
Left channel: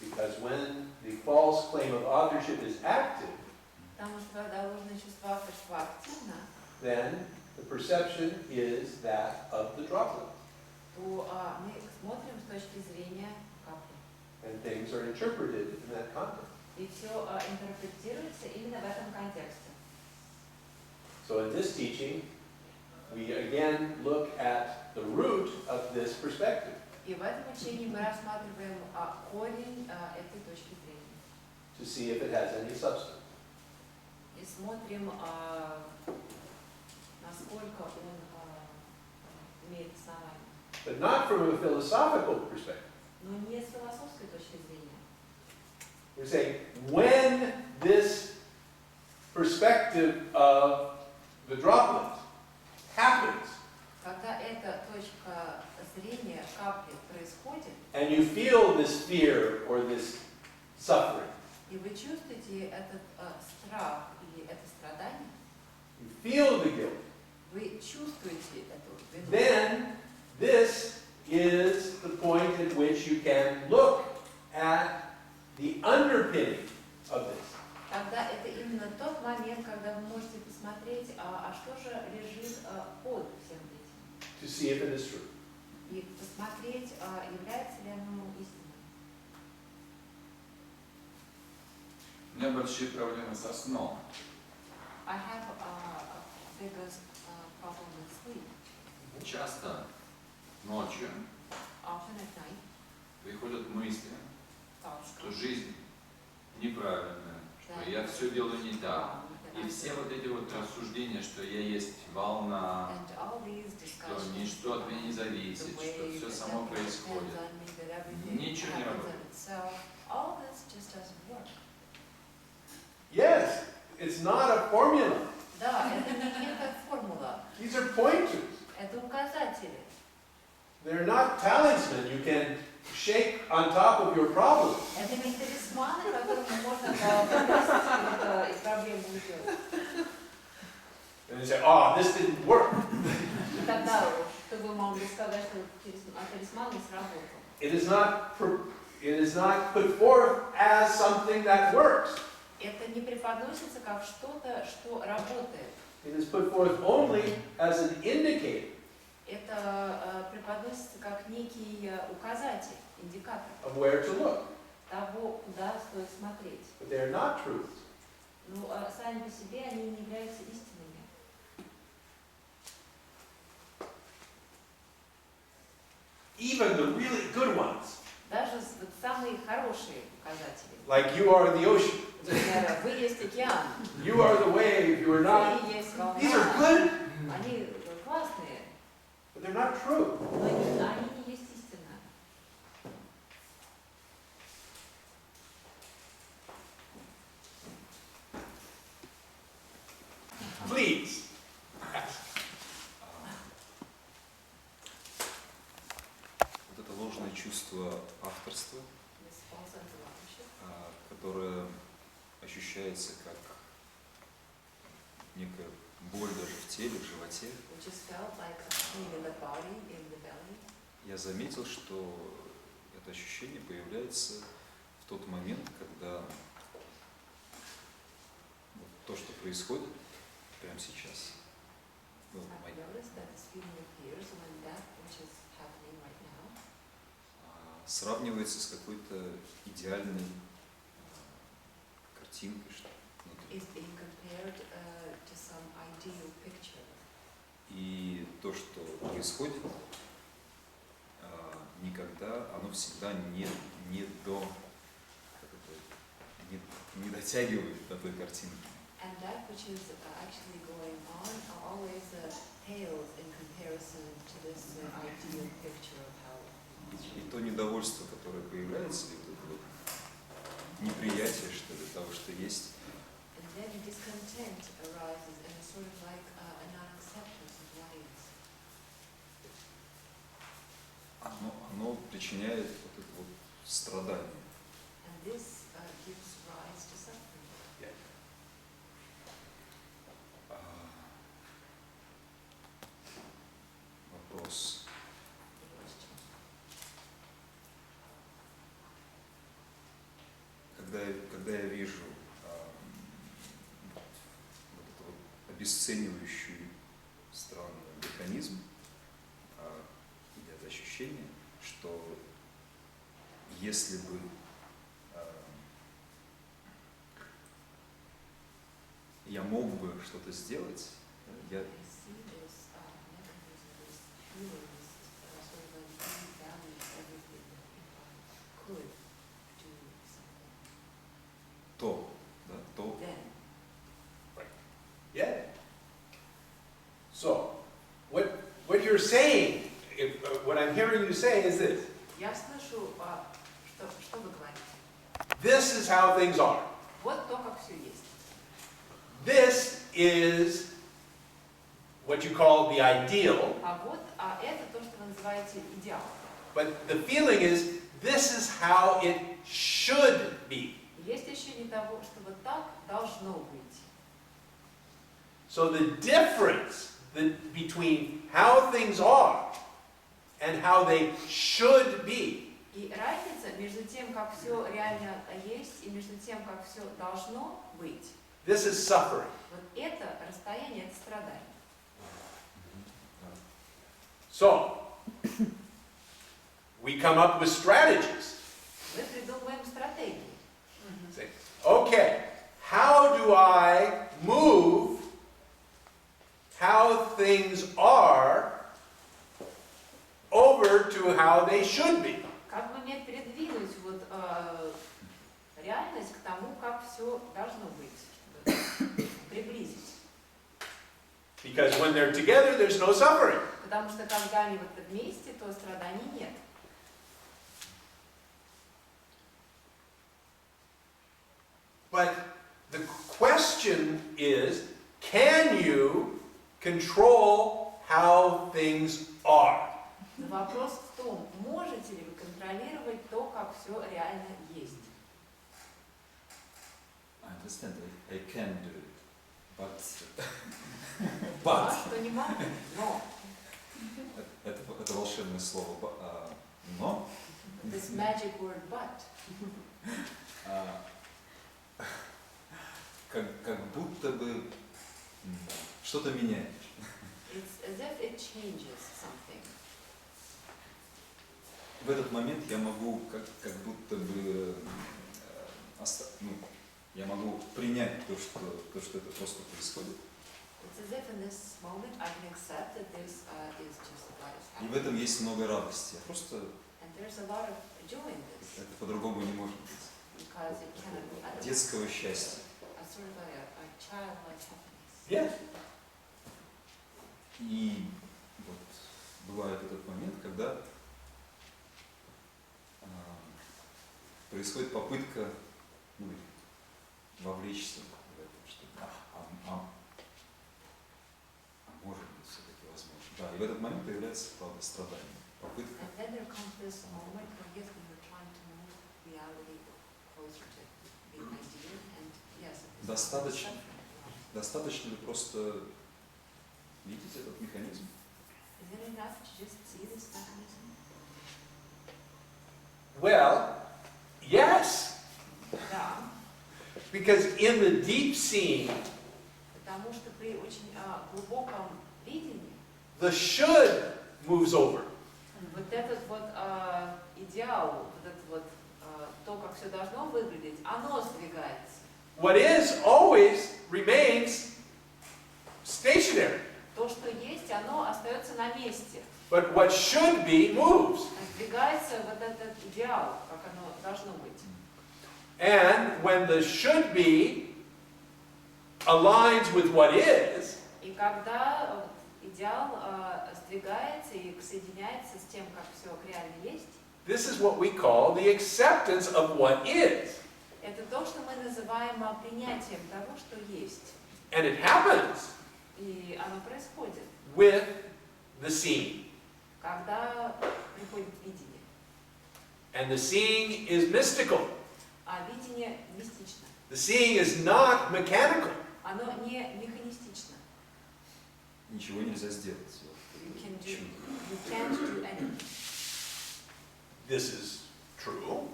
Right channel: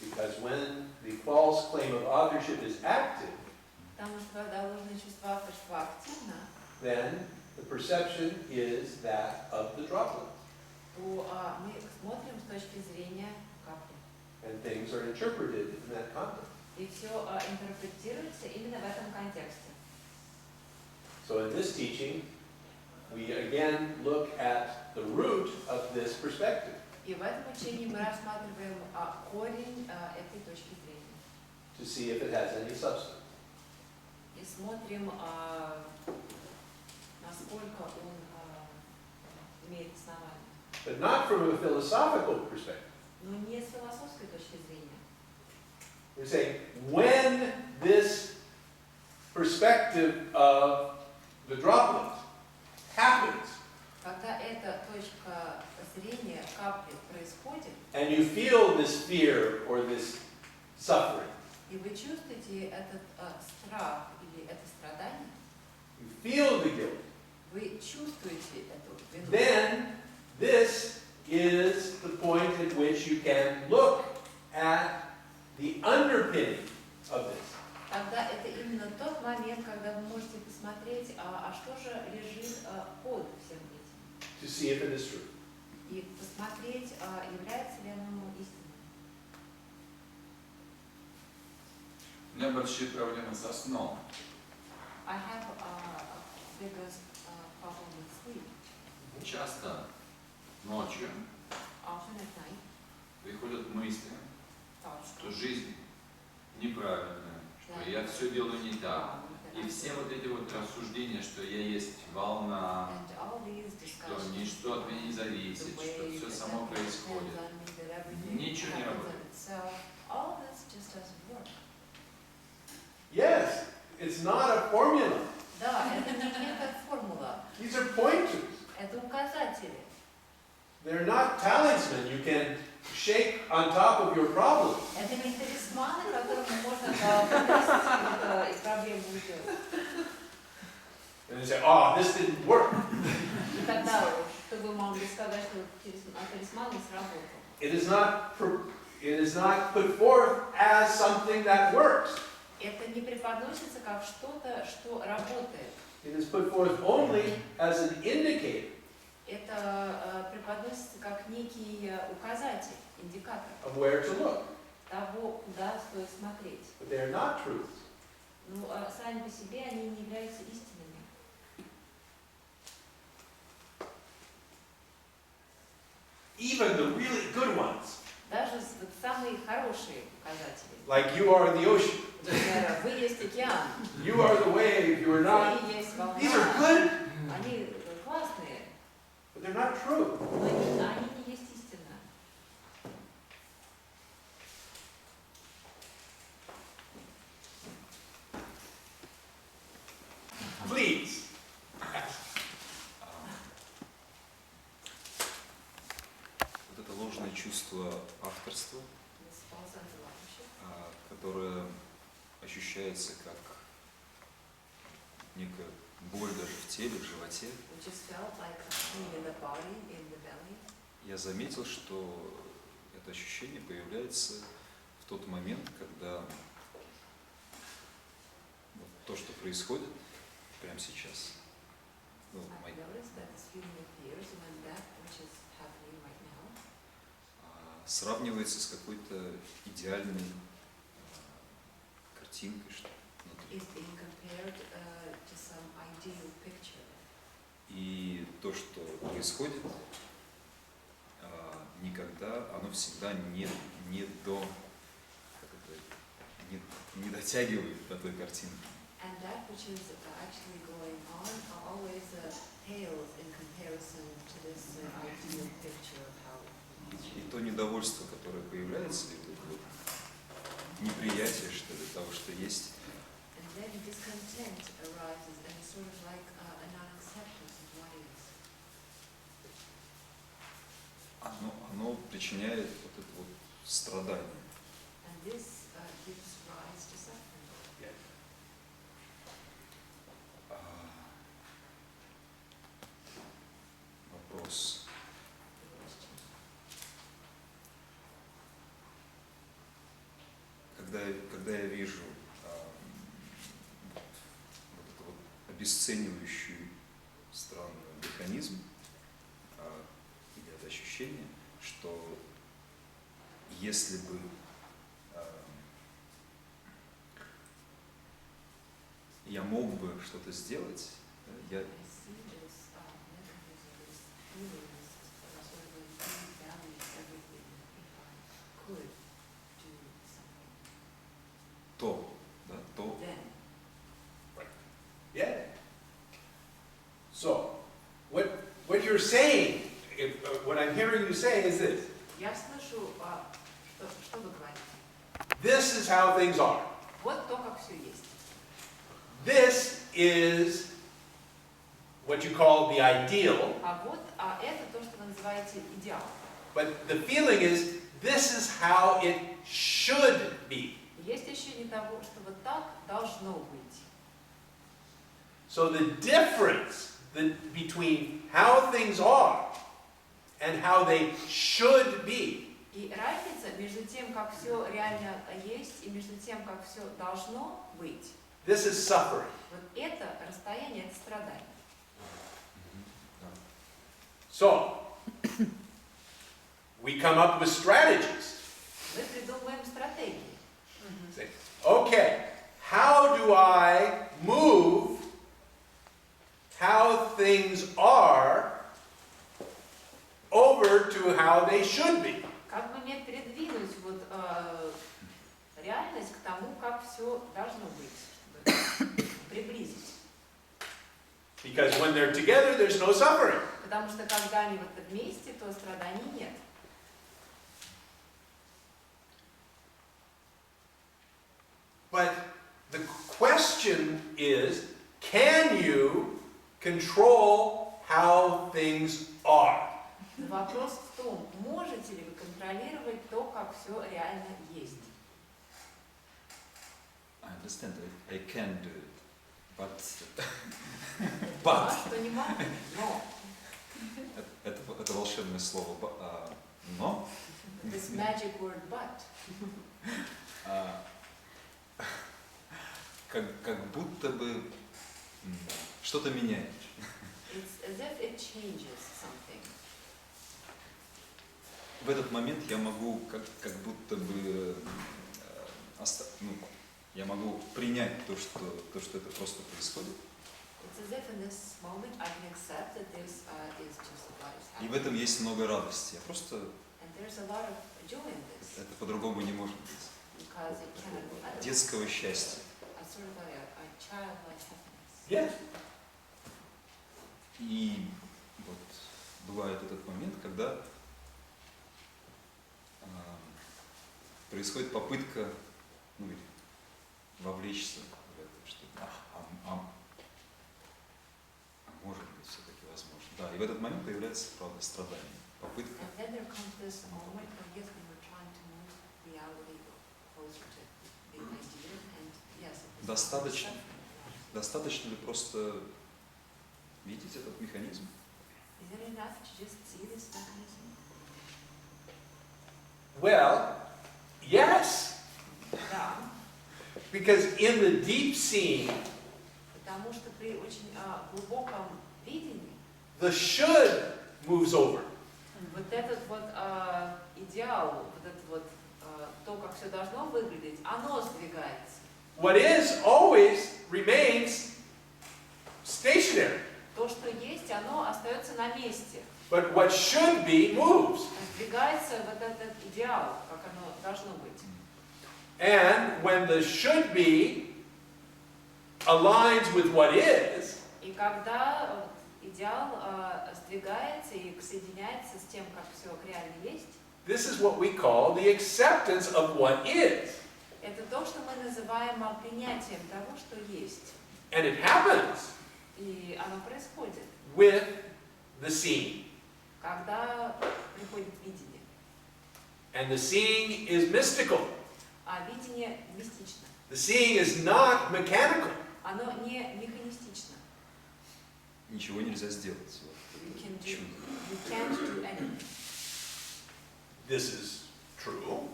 Because when the false claim of authorship is active, Потому что когда ложное чувство авторства активно, then the perception is that of the droplet. то мы смотрим с точки зрения капли. And things are interpreted in that context. И все интерпретируется именно в этом контексте. So in this teaching, we again look at the root of this perspective И в этом учении мы рассматриваем корень этой точки зрения. to see if it has any substance. И смотрим, насколько он имеет основание. But not from a philosophical perspective. Но не с философской точки зрения. We're saying when this perspective of the droplet happens, Когда эта точка зрения капли происходит, and you feel this fear or this suffering, и вы чувствуете этот страх или это страдание, you feel the guilt, вы чувствуете эту вину, then this is the point at which you can look at the underpinning of this. тогда это именно тот момент, когда вы можете посмотреть, что же лежит под всем этим. To see if it is true. И посмотреть, является ли оно истинным. У меня большие проблемы со сном. I have a biggest problem with sleep. Часто ночью Often at night, приходят мысли, что жизнь неправильная, что я все делаю не так. И все вот эти вот рассуждения, что я есть волна, что ничто от меня не зависит, что все само происходит, ничего не работает. Yes, it's not a formula. Да, это не некая формула. These are pointers. Это указатели. They're not talisman you can shake on top of your problem. Это не талисманы, которыми можно повесить и проблему уйдет. And they say, oh, this didn't work. И тогда, чтобы вы могли сказать, что талисман не сработал. It is not put forth as something that works. Это не преподносится как что-то, что работает. It is put forth only as an indicator Это преподносится как некий указатель, индикатор of where to look. того, куда стоит смотреть. But they are not truths. Но сами по себе они не являются истинными. Even the really good ones, Даже вот самые хорошие указатели. like you are the ocean, Например, вы есть океан, you are the wave, you are not. вы есть волна. These are good, Они классные, but they're not true. но они не есть истина. Please. Вот это ложное чувство авторства, This false sense of authorship, которое ощущается как некая боль даже в теле, в животе. which is felt like a pain in the body, in the belly. Я заметил, что это ощущение появляется в тот момент, когда вот то, что происходит прямо сейчас, ну, I noticed that this feeling appears when that which is happening right now сравнивается с какой-то идеальной картинкой, что внутри. is being compared to some ideal picture. И то, что происходит, никогда, оно всегда не дотягивает до той картинки. And that which is actually going on always pales in comparison to this ideal picture of how. И то недовольство, которое появляется, и вот это вот неприятие, что ли, того, что есть, And then discontent arises, and it's sort of like a non-acceptance of what is. оно причиняет вот это вот страдание. And this gives rise to suffering. Вопрос. Когда я вижу вот это вот обесценивающий странный механизм, или это ощущение, что если бы я мог бы что-то сделать, я I see this mechanism, this feeling, this sort of like devalues everything. If I could do something, то then. Yeah. So, what you're saying, what I'm hearing you say is this. Я слышу, что вы говорите. This is how things are. Вот то, как все есть. This is what you call the ideal, Это то, что вы называете идеал. but the feeling is this is how it should be. Есть ощущение того, что вот так должно быть. So the difference between how things are and how they should be И разница между тем, как все реально есть, и между тем, как все должно быть, this is suffering. вот это расстояние, это страдание. So, we come up with strategies. Мы придумываем стратегии. Say, okay, how do I move how things are over to how they should be? Как бы мне передвинуть вот тому, как все должно быть, чтобы приблизить. Because when they're together, there's no suffering. Потому что когда они вот вместе, то страданий нет. But the question is, can you control how things are? Вопрос в том, можете ли вы контролировать то, как все реально есть. I understand, I can do it, but А что не могу, но. это волшебное слово, но. This magic word but. Как будто бы что-то меняет. It's as if it changes something. В этот момент я могу как будто бы я могу принять то, что это просто происходит. It's as if in this moment I can accept that this is just what is И happening. в этом есть много радости. Просто And there's a lot of joy in this. это по-другому не может быть. Because it cannot be otherwise. Детского счастья. A sort of a childlike happiness. Yes. И вот бывает этот момент, когда происходит попытка вовлечься в это, что может быть все-таки возможно. Да, и в этот момент появляется, правда, страдание. Попытка. And then there comes this moment when yes, we were trying to move reality closer to the ideal, and yes, it is Достаточно ли просто видеть этот механизм? Is it enough to just see this mechanism? Well, yes. Да, Because in the deep seeing, потому что при очень глубоком видении the should moves over. вот этот вот идеал, вот это вот то, как все должно выглядеть, оно сдвигается. What is always remains stationary. То, что есть, оно остается на месте. But what should be moves. Сдвигается вот этот идеал, как оно должно быть. And when the should be aligns with what is, И когда идеал сдвигается и соединяется с тем, как все реально есть, this is what we call the acceptance of what is. это то, что мы называем принятием того, что есть. And it happens И оно происходит, with the seeing. когда приходит видение. And the seeing is mystical. А видение мистично. The seeing is not mechanical. Оно не механистично. Ничего нельзя сделать. You can't Чудо. do anything. This is true.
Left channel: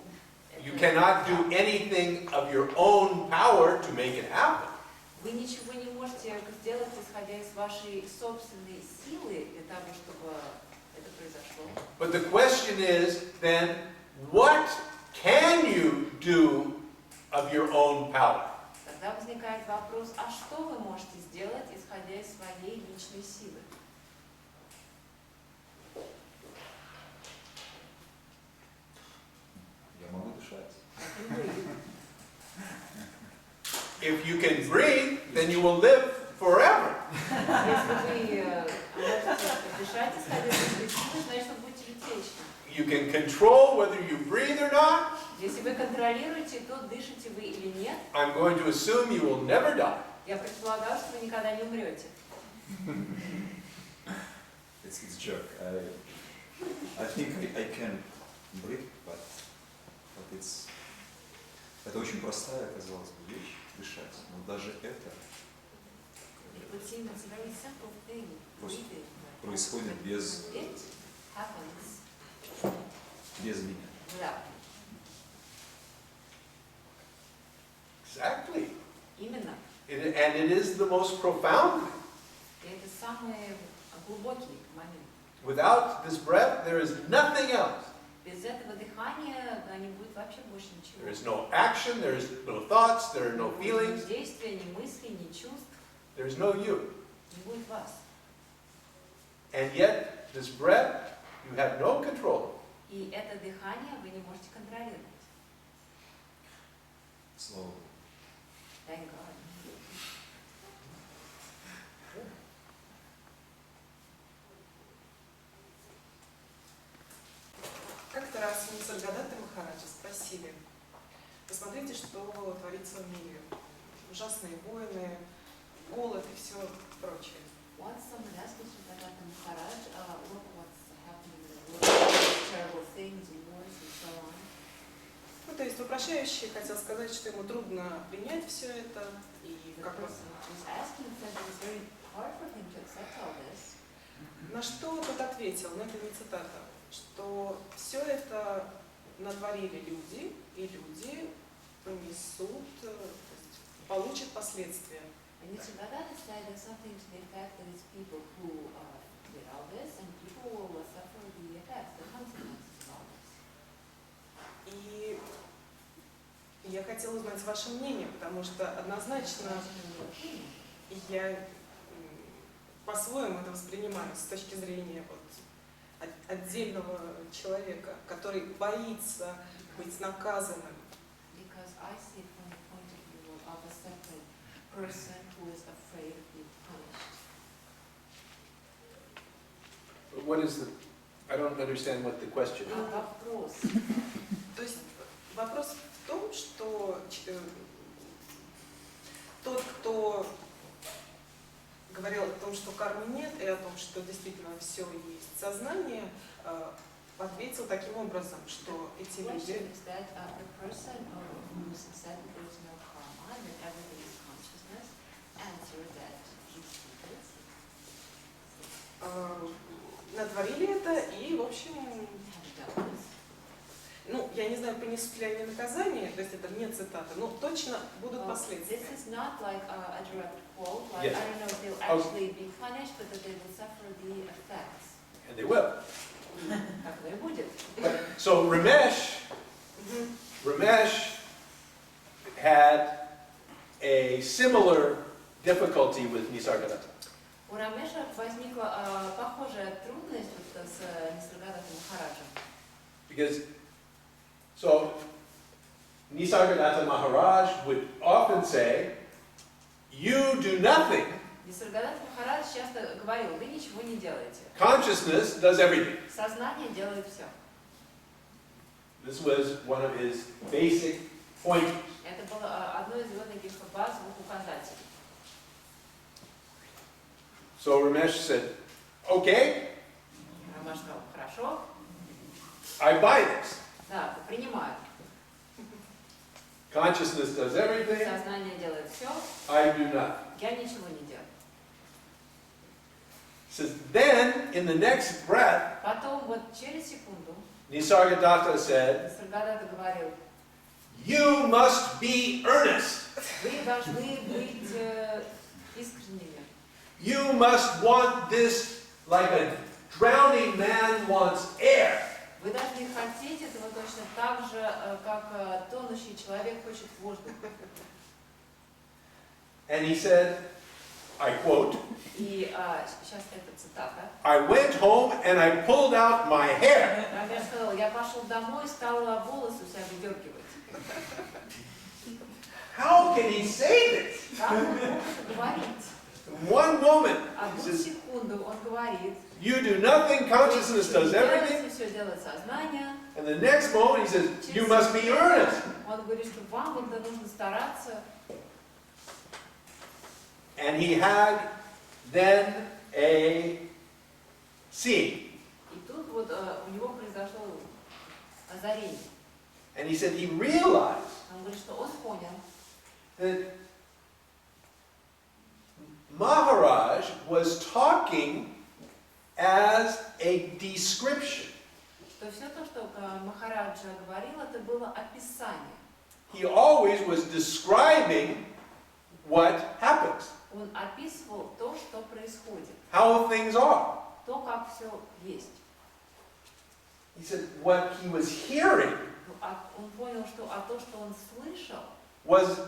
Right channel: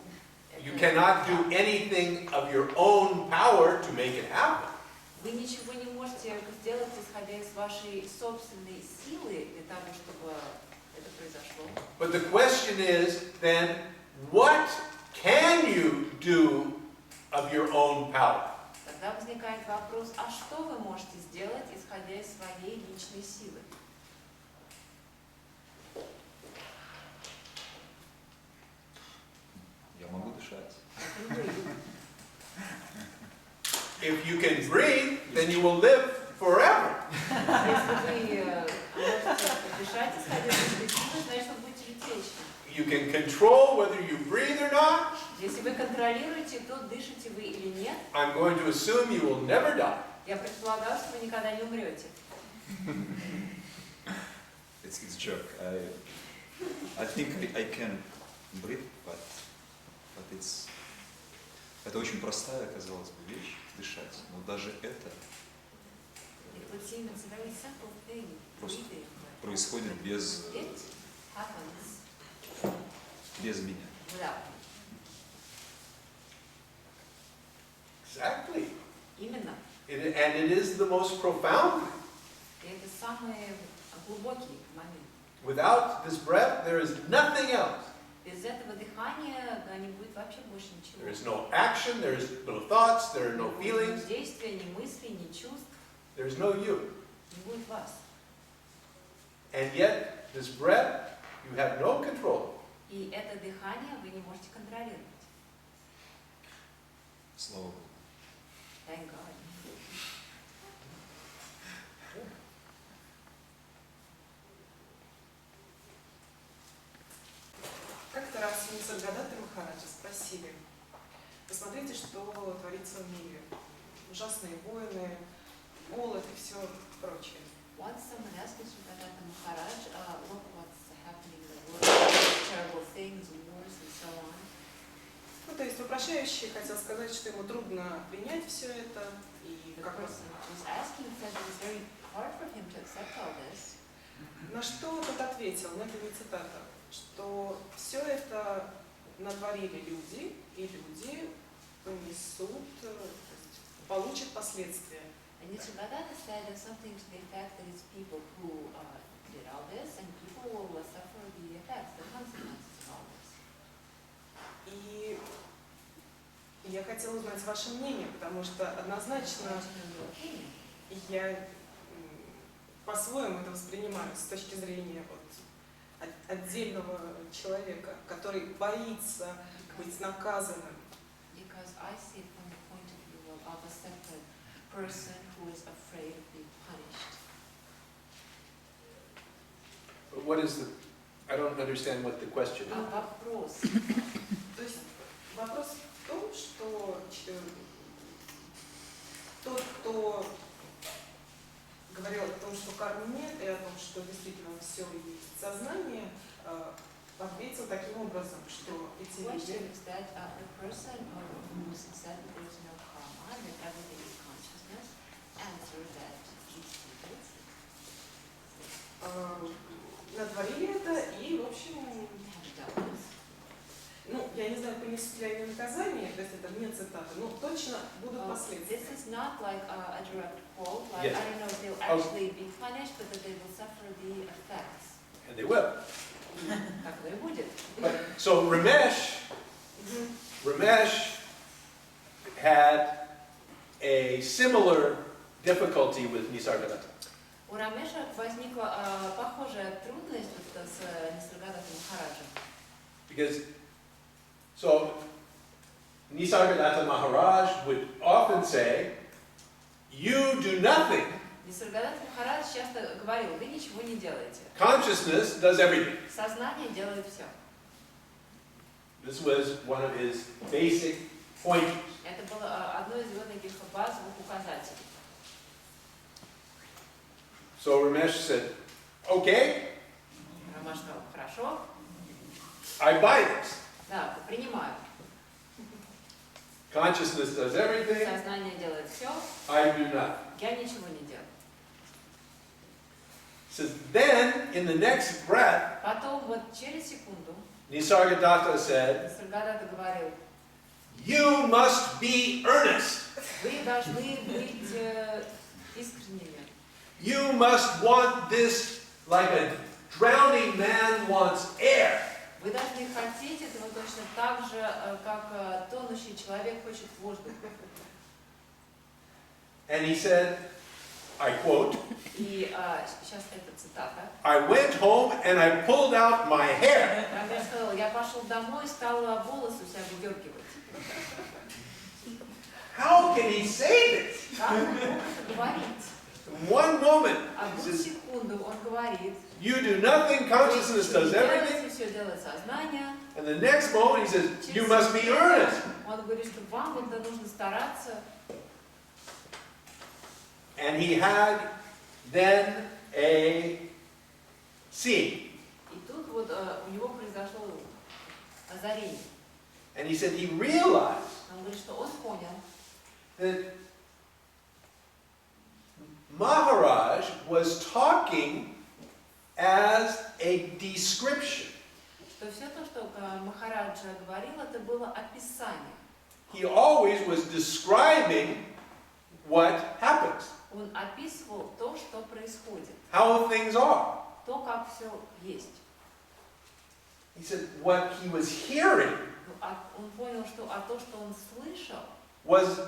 You Это cannot do да. anything of your own power to make it happen. Вы ничего не можете сделать, исходя из вашей собственной силы для того, чтобы это произошло. But the question is then, what can you do of your own power? Тогда возникает вопрос, а что вы можете сделать, исходя из своей личной силы? Я могу дышать. If you can breathe, then you will live forever. Если вы можете дышать, исходя из своей силы, значит, вы будете жить вечно. You can control whether you breathe or not. Если вы контролируете, то дышите вы или нет, I'm going to assume you will never die. я предполагаю, что вы никогда не умрете. It's a joke. I think I can breathe, but это очень простая, казалось бы, вещь, дышать. Но даже это It would seem it's a very simple thing, breathing. происходит без It happens меня. without me. Exactly. Именно. And it is the most profound thing. И это самый глубокий момент. Without this breath, there is nothing else. Без этого дыхания не будет вообще больше ничего. There is no action, there is no thoughts, there are no feelings, Ни действия, ни мыслей, ни чувств, there is no you. не будет вас. And yet, this breath, you have no control. И это дыхание вы не можете контролировать. Слава Богу. Thank God. Как-то раз Нисаргадата Махараджа спросили: посмотрите, что творится в мире. Ужасные войны, голод и все прочее. Once someone asked Nisargadatta Maharaj, look what's happening in the world, terrible things, wars and so on. Ну, то есть вопрошающий хотел сказать, что ему трудно принять все это, и The как он... person who's asking said it was very hard for him to accept all this. На что тот ответил, но это не цитата, что все это натворили люди, и люди понесут, то есть получат последствия. And Nisargadatta said something to the effect that it's people who did all this, and people will suffer the effects, the consequences of all this. И я хотела узнать ваше мнение, потому что однозначно я по-своему это воспринимаю с точки зрения вот отдельного человека, который боится быть наказанным. Because I see it from the point of view of a separate person who is afraid of being punished. But what is the, I don't understand what the question is. Вопрос. То есть вопрос в том, что тот, кто говорил о том, что кармы нет, и о том, что действительно все есть сознание, ответил таким образом, что эти The люди... question is that the person who said that there is no karma, that everything is consciousness, answered that these people натворили это и, в общем, have done this. ну, я не знаю, понесут ли они наказание, то есть это не цитата, но точно будут последствия. This is not like a direct quote, like Yes. I don't know if they'll actually be punished, but that they will suffer the effects. And they will. Так оно и будет. So Ramesh had a similar difficulty with Nisargadatta. У Рамеша возникла похожая трудность вот с Нисаргадаттой Махараджем. Because, so Nisargadatta Maharaj would often say, you do nothing. Нисаргадатта Махарадж часто говорил: вы ничего не делаете. Consciousness does everything. Сознание делает все. This was one of his basic pointers. Это было одно из его таких базовых указателей. So Ramesh said, okay, Рамаш сказал: хорошо, I buy this. да, принимаю. Consciousness does everything, Сознание делает все, I do nothing. я ничего не делаю. Says, then, in the next breath, Потом вот через секунду Nisargadatta said, Нисаргадатта говорил: you must be earnest. вы должны быть искренними. You must want this like a drowning man wants air. Вы должны хотеть этого точно так же, как тонущий человек хочет воздух. And he said, I quote, И сейчас это цитата. I went home and I pulled out my hair. Рамеш сказал: я пошел домой и стал волосы у себя выдергивать. How can he say this? Как он мог это говорить? In one moment, he Одну says, секунду он говорит: you do nothing, consciousness does everything. все делает сознание. And the next moment he says, you must be earnest. Он говорит, что вам вот нужно стараться. And he had then a scene. И тут вот у него произошло озарение. And he said he realized Он говорит, что он понял, that Maharaj was talking as a description. что все то, что Махараджа говорил, это было описание. He always was describing what happens, Он описывал то, что происходит, how things are. то, как все есть. He said what he was hearing Он понял, что то, что он слышал, was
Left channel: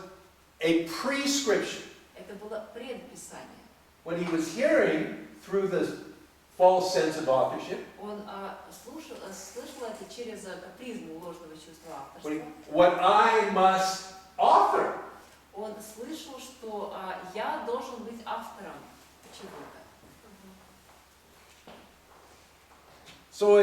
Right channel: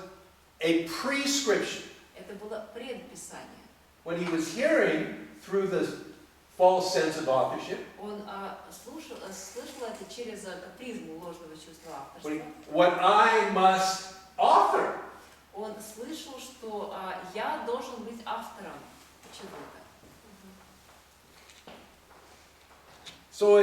a prescription. это было предписание. What he was hearing through the false sense of authorship, Он слышал это через призму ложного чувства авторства. what I must author. Он слышал, что я должен быть автором чего-то. So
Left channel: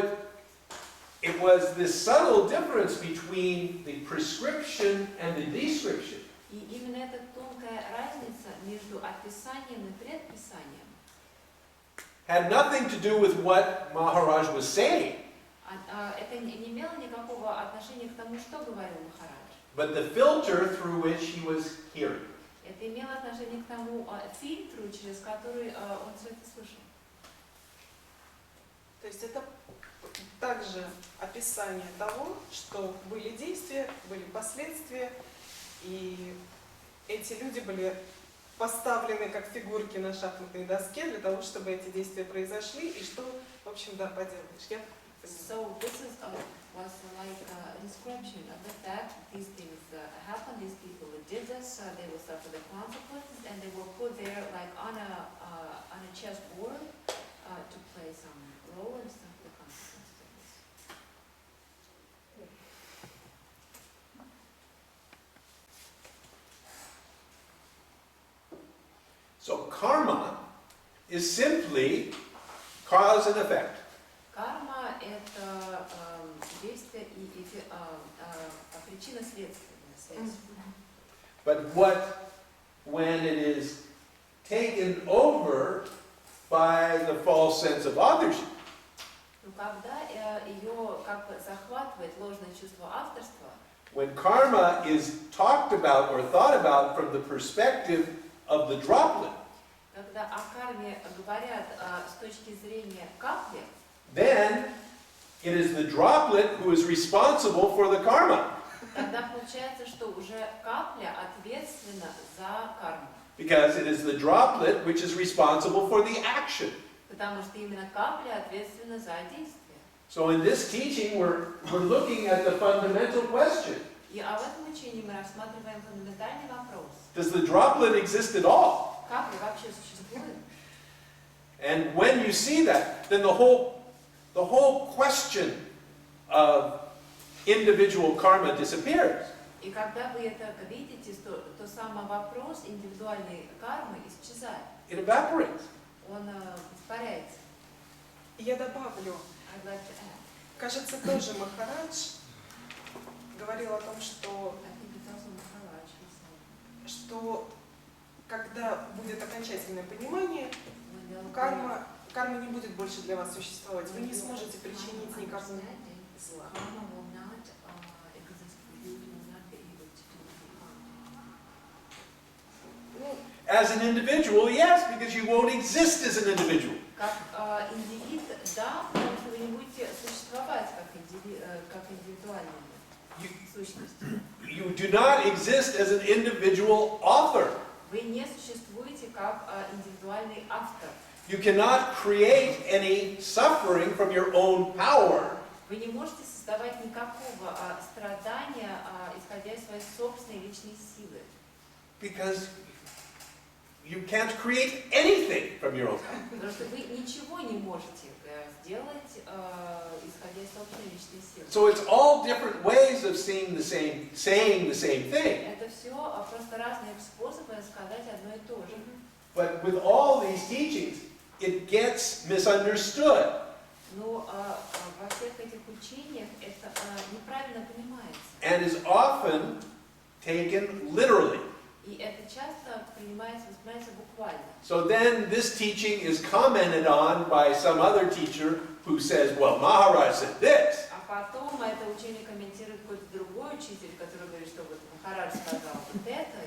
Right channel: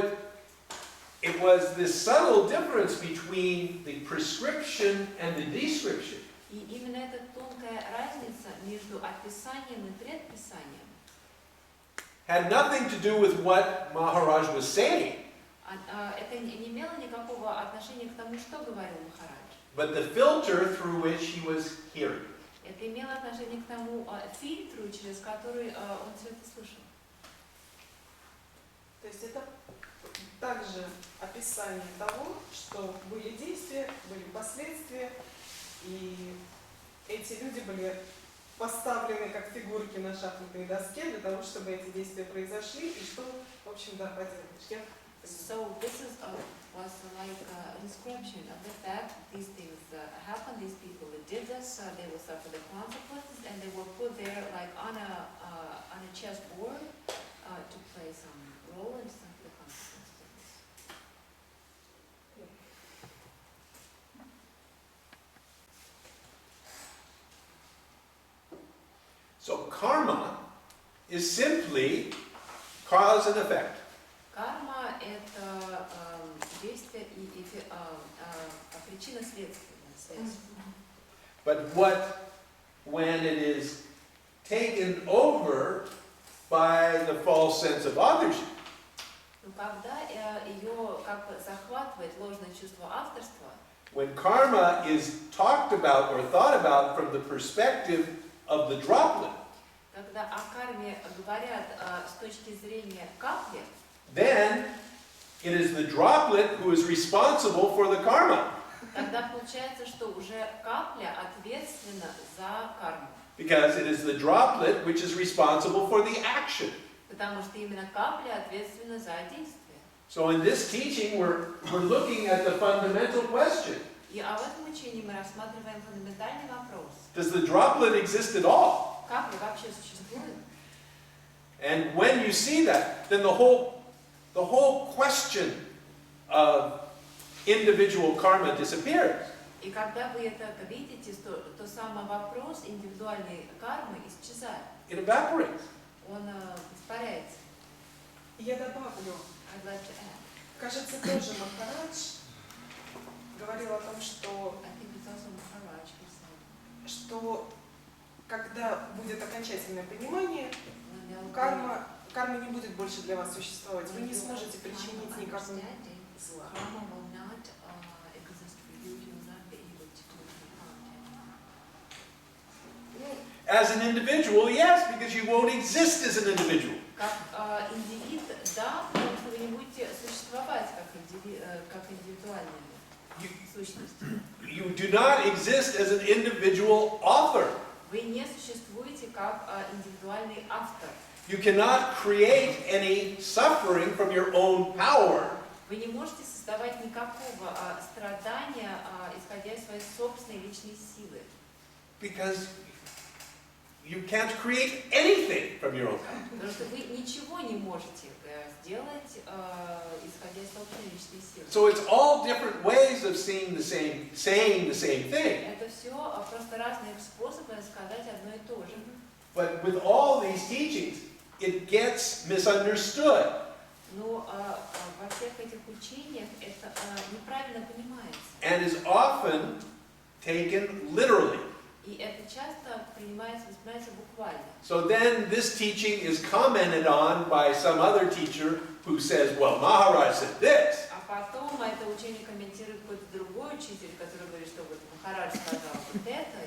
it was this subtle difference between the prescription and the description. И именно эта тонкая разница между описанием и предписанием Had nothing to do with what Maharaj was saying, это не имело никакого отношения к тому, что говорил Махарадж. but the filter through which he was hearing. Это имело отношение к тому фильтру, через который он все это слышал. То есть это также описание того, что были действия, были последствия, и эти люди были поставлены как фигурки на шахматной доске для того, чтобы эти действия произошли, и что, в общем, да, поделаешь. So this is was like a description of the fact that these things happened. These people did this. They will suffer the consequences, and they were put there like on a chessboard to play some role and suffer the consequences of this. So karma is simply cause and effect. Карма – это действие и причинно-следственная связь. But when it is taken over by the false sense of authorship, Но когда ее как бы захватывает ложное чувство авторства, when karma is talked about or thought about from the perspective of the droplet, когда о карме говорят с точки зрения капли, then it is the droplet who is responsible for the karma. тогда получается, что уже капля ответственна за карму. Because it is the droplet which is responsible for the action. Потому что именно капля ответственна за действие. So in this teaching, we're looking at the fundamental question. И в этом учении мы рассматриваем фундаментальный вопрос. Does the droplet exist at all? Капля вообще существует? And when you see that, then the whole question of individual karma disappears. И когда вы это видите, то самый вопрос индивидуальной кармы исчезает. It evaporates. Он испаряется. Я добавлю, I'd like to add. кажется, тоже Махарадж говорил о том, что I think it's also Maharaj who said, что когда будет окончательное понимание, when they'll карма не будет больше для вас существовать. Вы не сможете причинить никакого зла. Karma will not exist for you. You will not be able to do any harm. As an individual, yes, because you won't exist as an individual. Как индивид, да, потому что вы не будете существовать как индивидуальные сущности. You do not exist as an individual author. Вы не существуете как индивидуальный автор. You cannot create any suffering from your own power. Вы не можете создавать никакого страдания, исходя из своей собственной личной силы. Because you can't create anything from your own power. Потому что вы ничего не можете сделать, исходя из собственной личной силы. So it's all different ways of saying the same thing. Это все просто разные способы сказать одно и то же. But with all these teachings, it gets misunderstood. Но во всех этих учениях это неправильно понимается. And is often taken literally. И это часто воспринимается буквально. So then this teaching is commented on by some other teacher who says, well, Maharaj said this. А потом это учение комментирует какой-то другой учитель, который говорит, что вот Махарадж сказал вот это.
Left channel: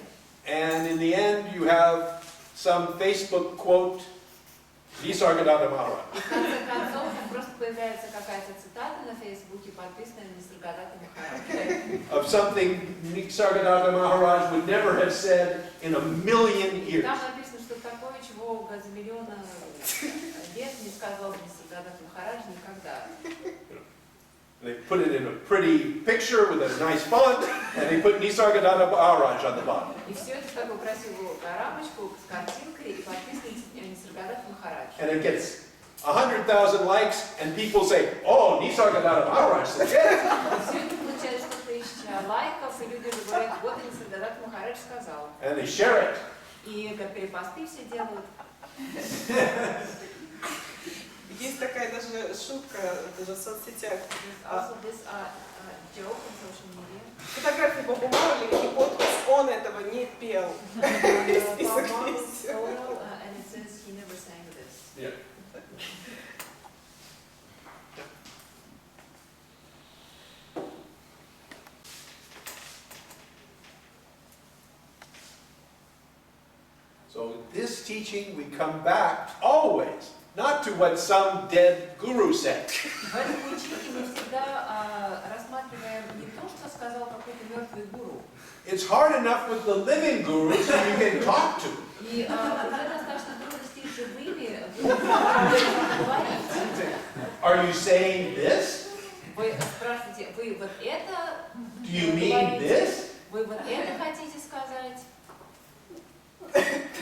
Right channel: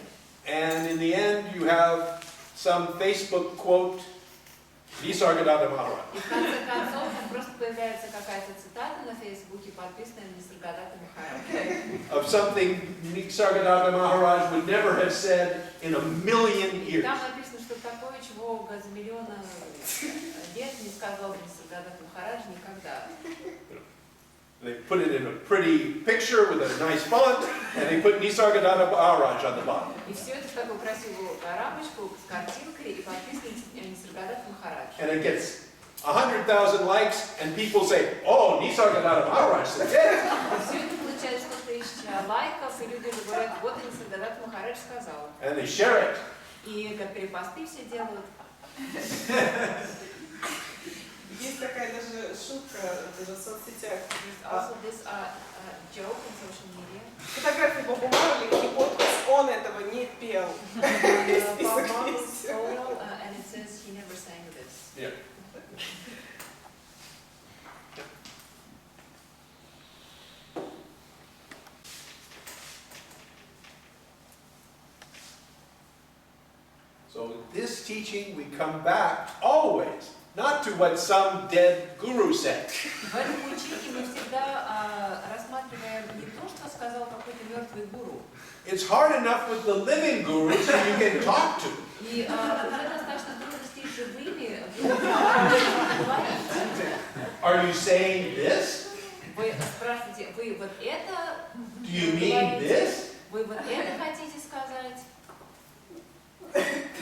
And in the end, you have some Facebook quote, Nisargadatta Maharaj. И в конце концов просто появляется какая-то цитата на Фейсбуке, подписанная Нисаргадатта Махарадж. Of something Nisargadatta Maharaj would never have said in a million years. Там написано, что такое, чего за миллион лет не сказал Нисаргадатта Махарадж никогда. They put it in a pretty picture with a nice font, and they put Nisargadatta Maharaj on the bottom. И все это в такую красивую рамочку с картинкой и подпиской Нисаргадатта Махарадж. And it gets 100,000 likes, and people say, oh, Nisargadatta Maharaj said this. Все это получает 100 000 лайков, и люди уже говорят, вот Инсагдадат Махарадж сказал. And they share it. И как перепосты все делают. Есть такая даже шутка даже в соцсетях. Also this joke on social media. Фотографии Боба Марли и подпись «Он этого не пел». Bob Marley's solo, and it says he never sang this. Yeah. So this teaching we come back always, not to what some dead guru said. В этом учении мы всегда рассматриваем не то, что сказал какой-то мертвый гуру. It's hard enough with the living gurus who you can talk to. И уже достаточно трудностей с живыми говорить. Are you saying this? Вы спрашиваете, вы вот это Do you mean this? Вы вот это хотите сказать?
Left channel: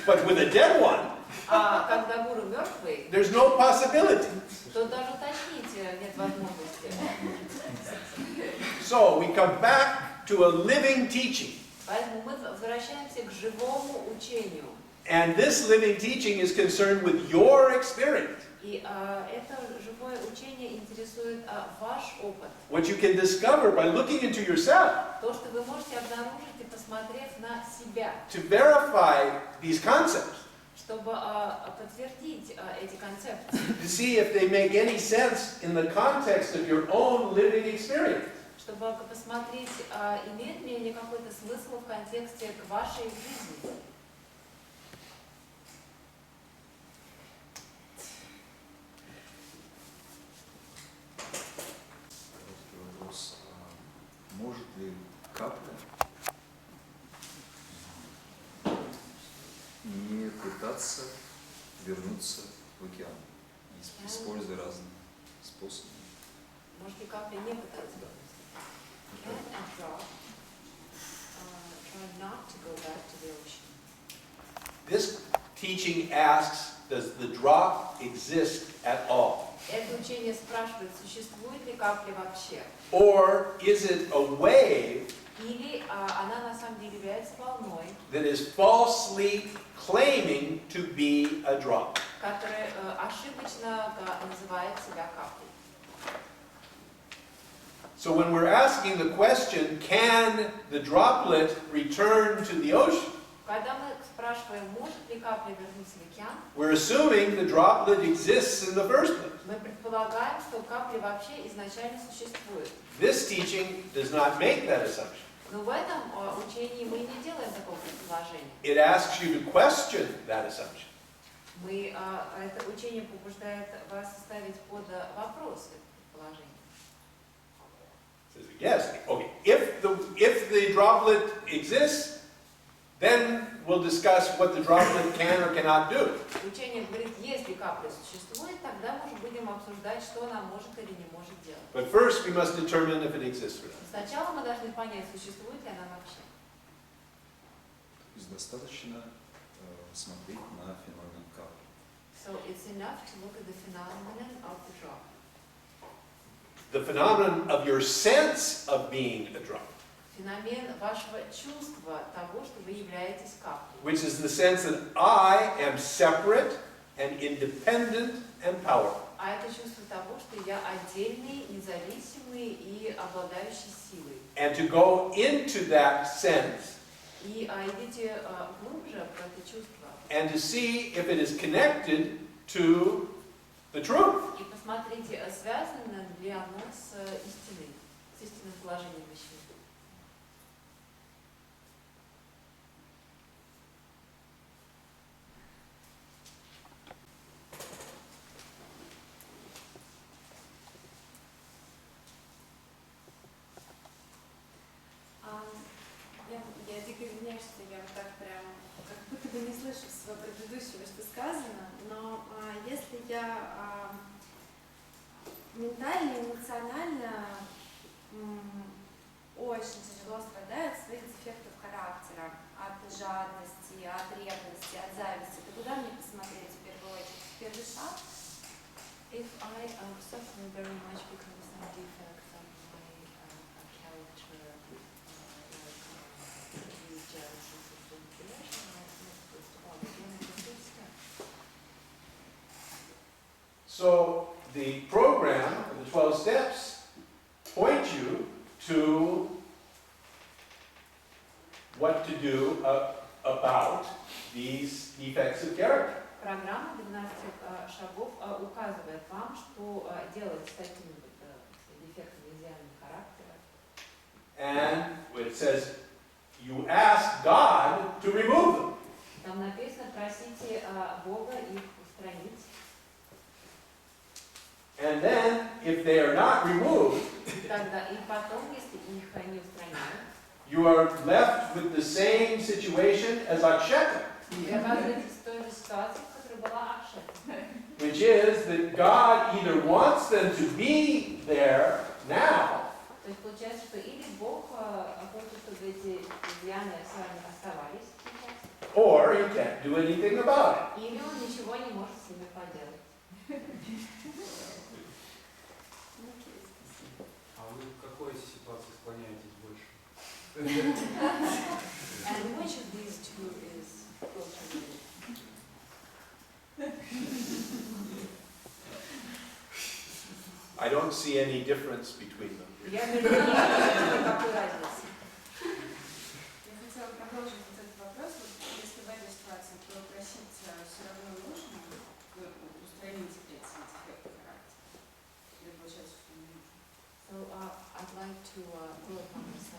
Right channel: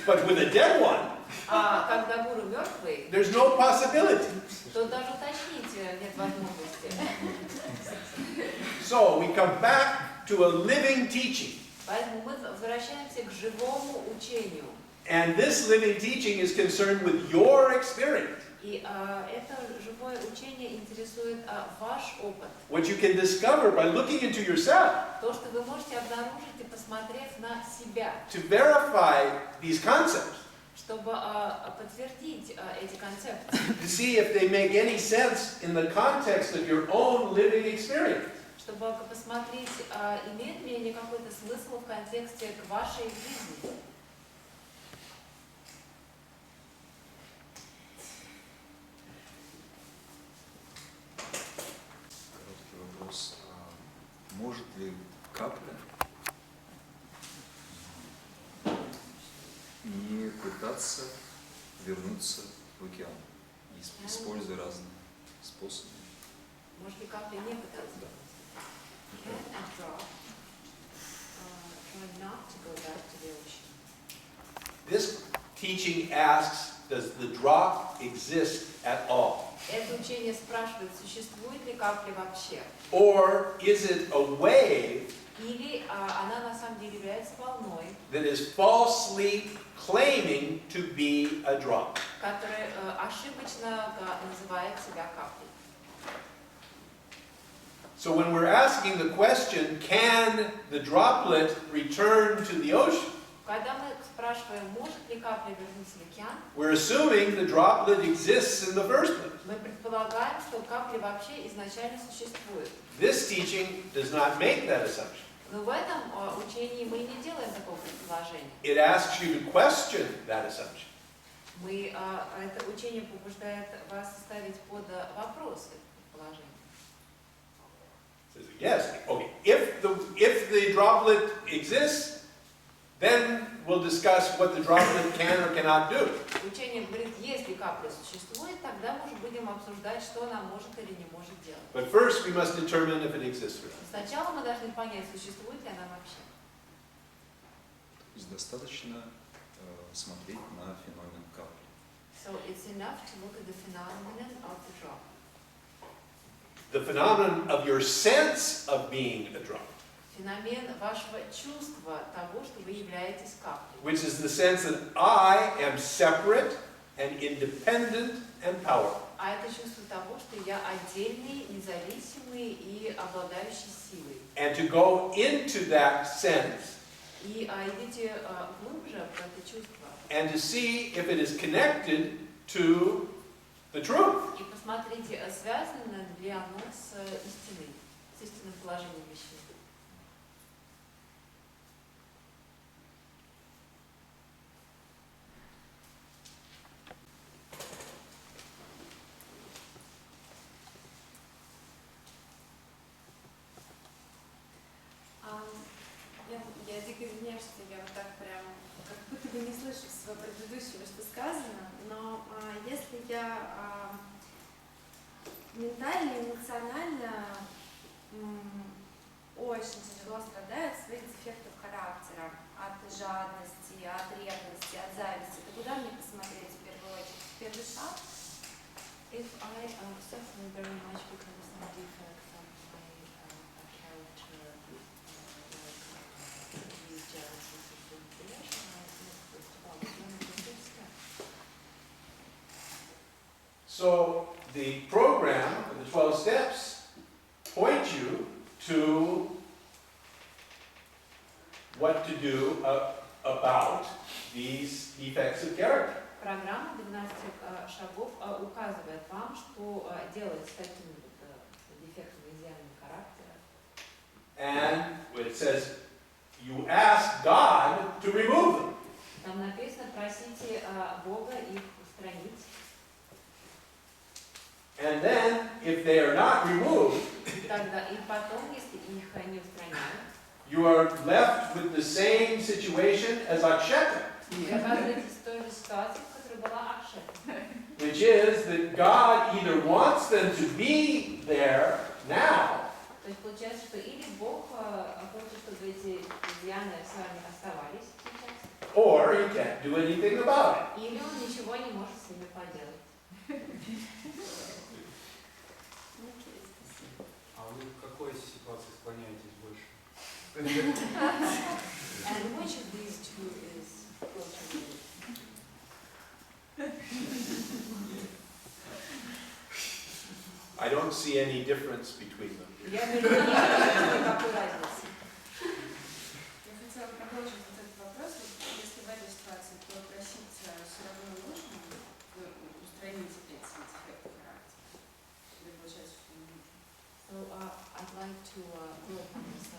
But with a dead one, А когда гуру мертвый, there's no possibility. то даже уточнить нет возможности. So we come back to a living teaching. Поэтому мы возвращаемся к живому учению. And this living teaching is concerned with your experience. И это живое учение интересует ваш опыт. What you can discover by looking into yourself. То, что вы можете обнаружить и посмотрев на себя. To verify these concepts. Чтобы подтвердить эти концепции. To see if they make any sense in the context of your own living experience. Чтобы посмотреть, имеют ли они какой-то смысл в контексте к вашей жизни. Короткий вопрос. Может ли капля не пытаться вернуться в океан, используя разные способы? Может ли капля не пытаться? Да. Can a drop try not to go back to the ocean? This teaching asks, does the drop exist at all? Это учение спрашивает, существует ли капля вообще? Or is it a wave Или она на самом деле является волной, that is falsely claiming to be a drop? которая ошибочно называет себя каплей. So when we're asking the question, can the droplet return to the ocean? Когда мы спрашиваем, может ли капля вернуться в океан, We're assuming the droplet exists in the first place. мы предполагаем, что капля вообще изначально существует. This teaching does not make that assumption. Но в этом учении мы не делаем такого предположения. It asks you to question that assumption. Это учение побуждает вас ставить под вопрос это предположение. Says, yes, okay. If the droplet exists, then we'll discuss what the droplet can or cannot do. Учение говорит, если капля существует, тогда мы уже будем обсуждать, что она может или не может делать. But first, we must determine if it exists or not. Сначала мы должны понять, существует ли она вообще. То есть достаточно смотреть на феномен капли. So it's enough to look at the phenomenon of the drop. The phenomenon of your sense of being a drop, Феномен вашего чувства того, что вы являетесь каплей. which is the sense that I am separate and independent and powerful. А это чувство того, что я отдельный, независимый и обладающий силой. And to go into that sense И идите глубже в это чувство. and to see if it is connected to the truth. И посмотрите, связано ли оно с истиной, с истинным положением вещей. Я дико извиняюсь, что я вот так прям как будто бы не слышу всего предыдущего, что сказано, но если я ментально, эмоционально очень тяжело страдаю от своих дефектов характера, от жадности, от ревности, от зависти, то куда мне посмотреть в первую очередь? В первый шаг? If I suffer very much because of some defects of my character, So the program, the 12 steps, point you to what to do about these defects of character. Программа 12 шагов указывает вам, что делать с такими дефектами, изъянами характера. And it says, you ask God to remove them. Там написано, просите Бога их устранить. And then, if they are not removed, Тогда и потом, если их не устраняют, you are left with the same situation as Aksheta, вы оказываетесь в той же ситуации, в которой была Акшета. which is that God either wants them to be there now, То есть получается, что или Бог хочет, чтобы эти изъяны с вами оставались сейчас, or He can't do anything about it. или Он ничего не может с ними поделать. А вы к какой ситуации склоняетесь больше? And which of these two is closer to you? I don't see any difference between them. Я между ними не вижу никакой разницы. Я хотела продолжить вот этот вопрос. Вот если в этой ситуации, то просить все равно нужно устранить эти дефекты характера? Или получается, что не нужно? So I'd like to go upon this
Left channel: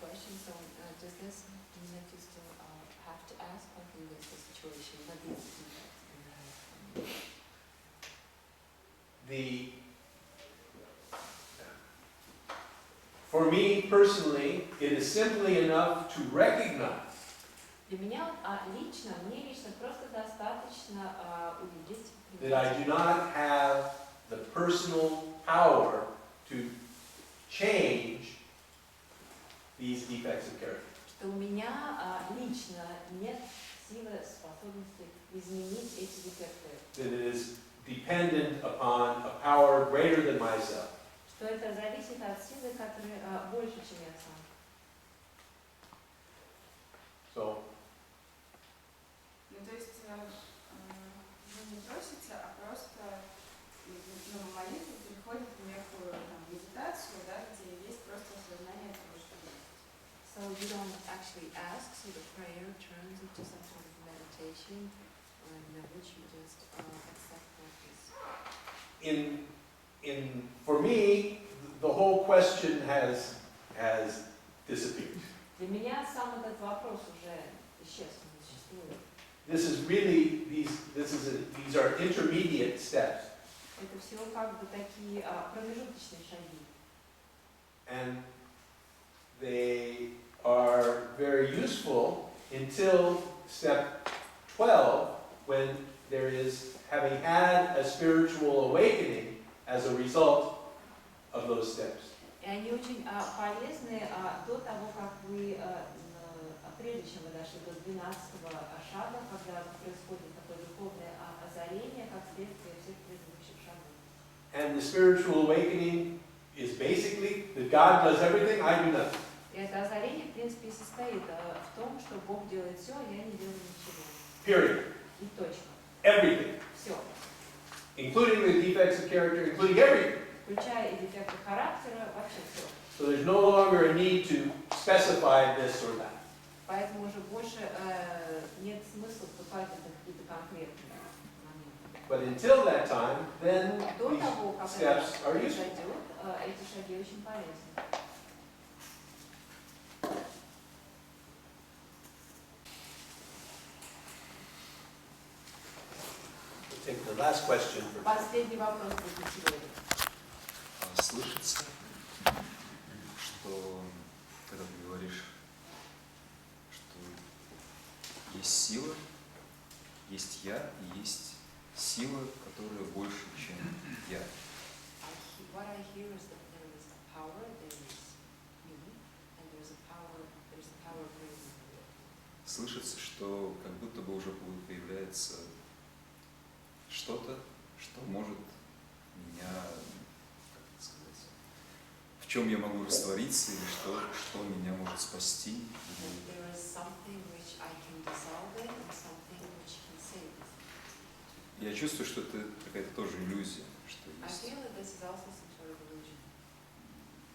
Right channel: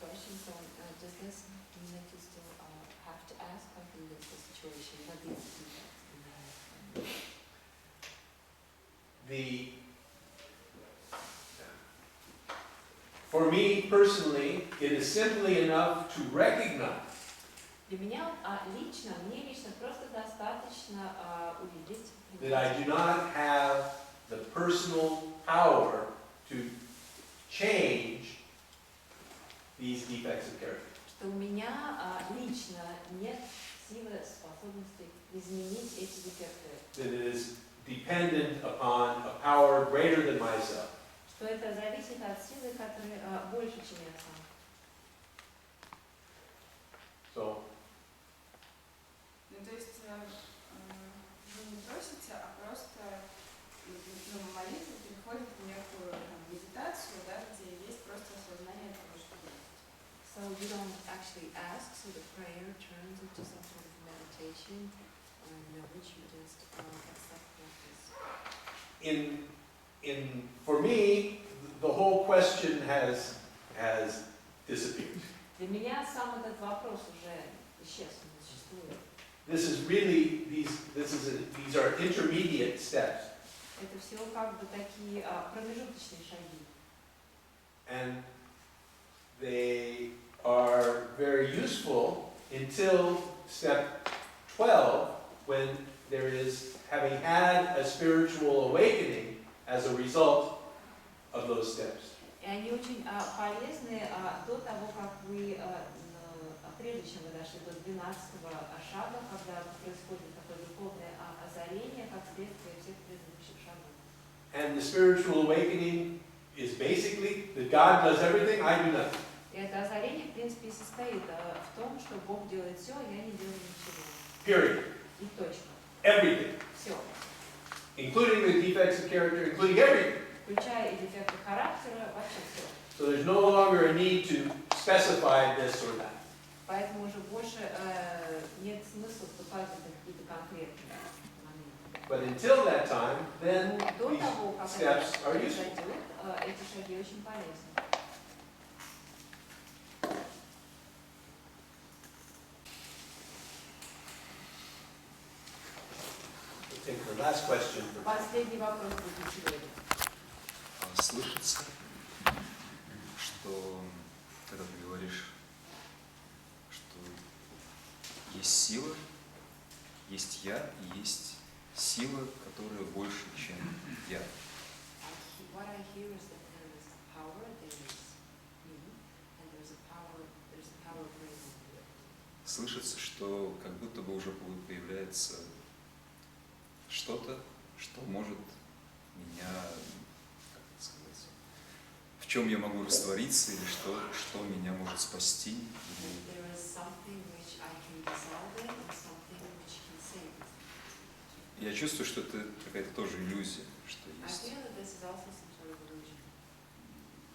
question. So does this mean that you still have to ask, like in this situation, what is the defect in the head? For me personally, it is simply enough to recognize Для меня лично, мне лично просто достаточно увидеть, that I do not have the personal power to change these defects of character. что у меня лично нет силы, способности изменить эти дефекты. That it is dependent upon a power greater than myself. Что это зависит от силы, которая больше, чем я сам. So, Ну, то есть вы не просите, а просто молитва переходит в некую медитацию, да, где есть просто осознание того, что есть. So you don't actually ask, so the prayer turns into some sort of meditation, in which you just accept what is. for me, the whole question has disappeared. Для меня сам этот вопрос уже исчез, не существует. This is really these are intermediate steps, Это все как бы такие промежуточные шаги. and they are very useful until step 12, when there is having had a spiritual awakening as a result of those steps. И они очень полезны до того, как вы, прежде чем вы дошли до 12-го шага, когда происходит такое духовное озарение, как следствие всех предыдущих шагов. And the spiritual awakening is basically that God does everything, I do nothing. И это озарение, в принципе, и состоит в том, что Бог делает все, а я не делаю ничего. Period. И точно. Everything. Все. Including the defects of character, including everything. Включая и дефекты характера, вообще все. So there's no longer a need to specify this or that. Поэтому уже больше нет смысла вступать в какие-то конкретные моменты. But until that time, then До these того, как это steps are useful. произойдет, эти шаги очень полезны. We'll take the last question. Последний вопрос будет сегодня. Слышится, что когда ты говоришь, что есть сила, есть я и есть сила, которая больше, чем я. What I hear is that there is power, there is me, and there's a power greater than you. Слышится, что как будто бы уже появляется что-то, что может меня, как это сказать, в чем я могу раствориться, или что меня может спасти. Я чувствую, что это какая-то тоже иллюзия, что I есть. feel that this is also some sort of illusion.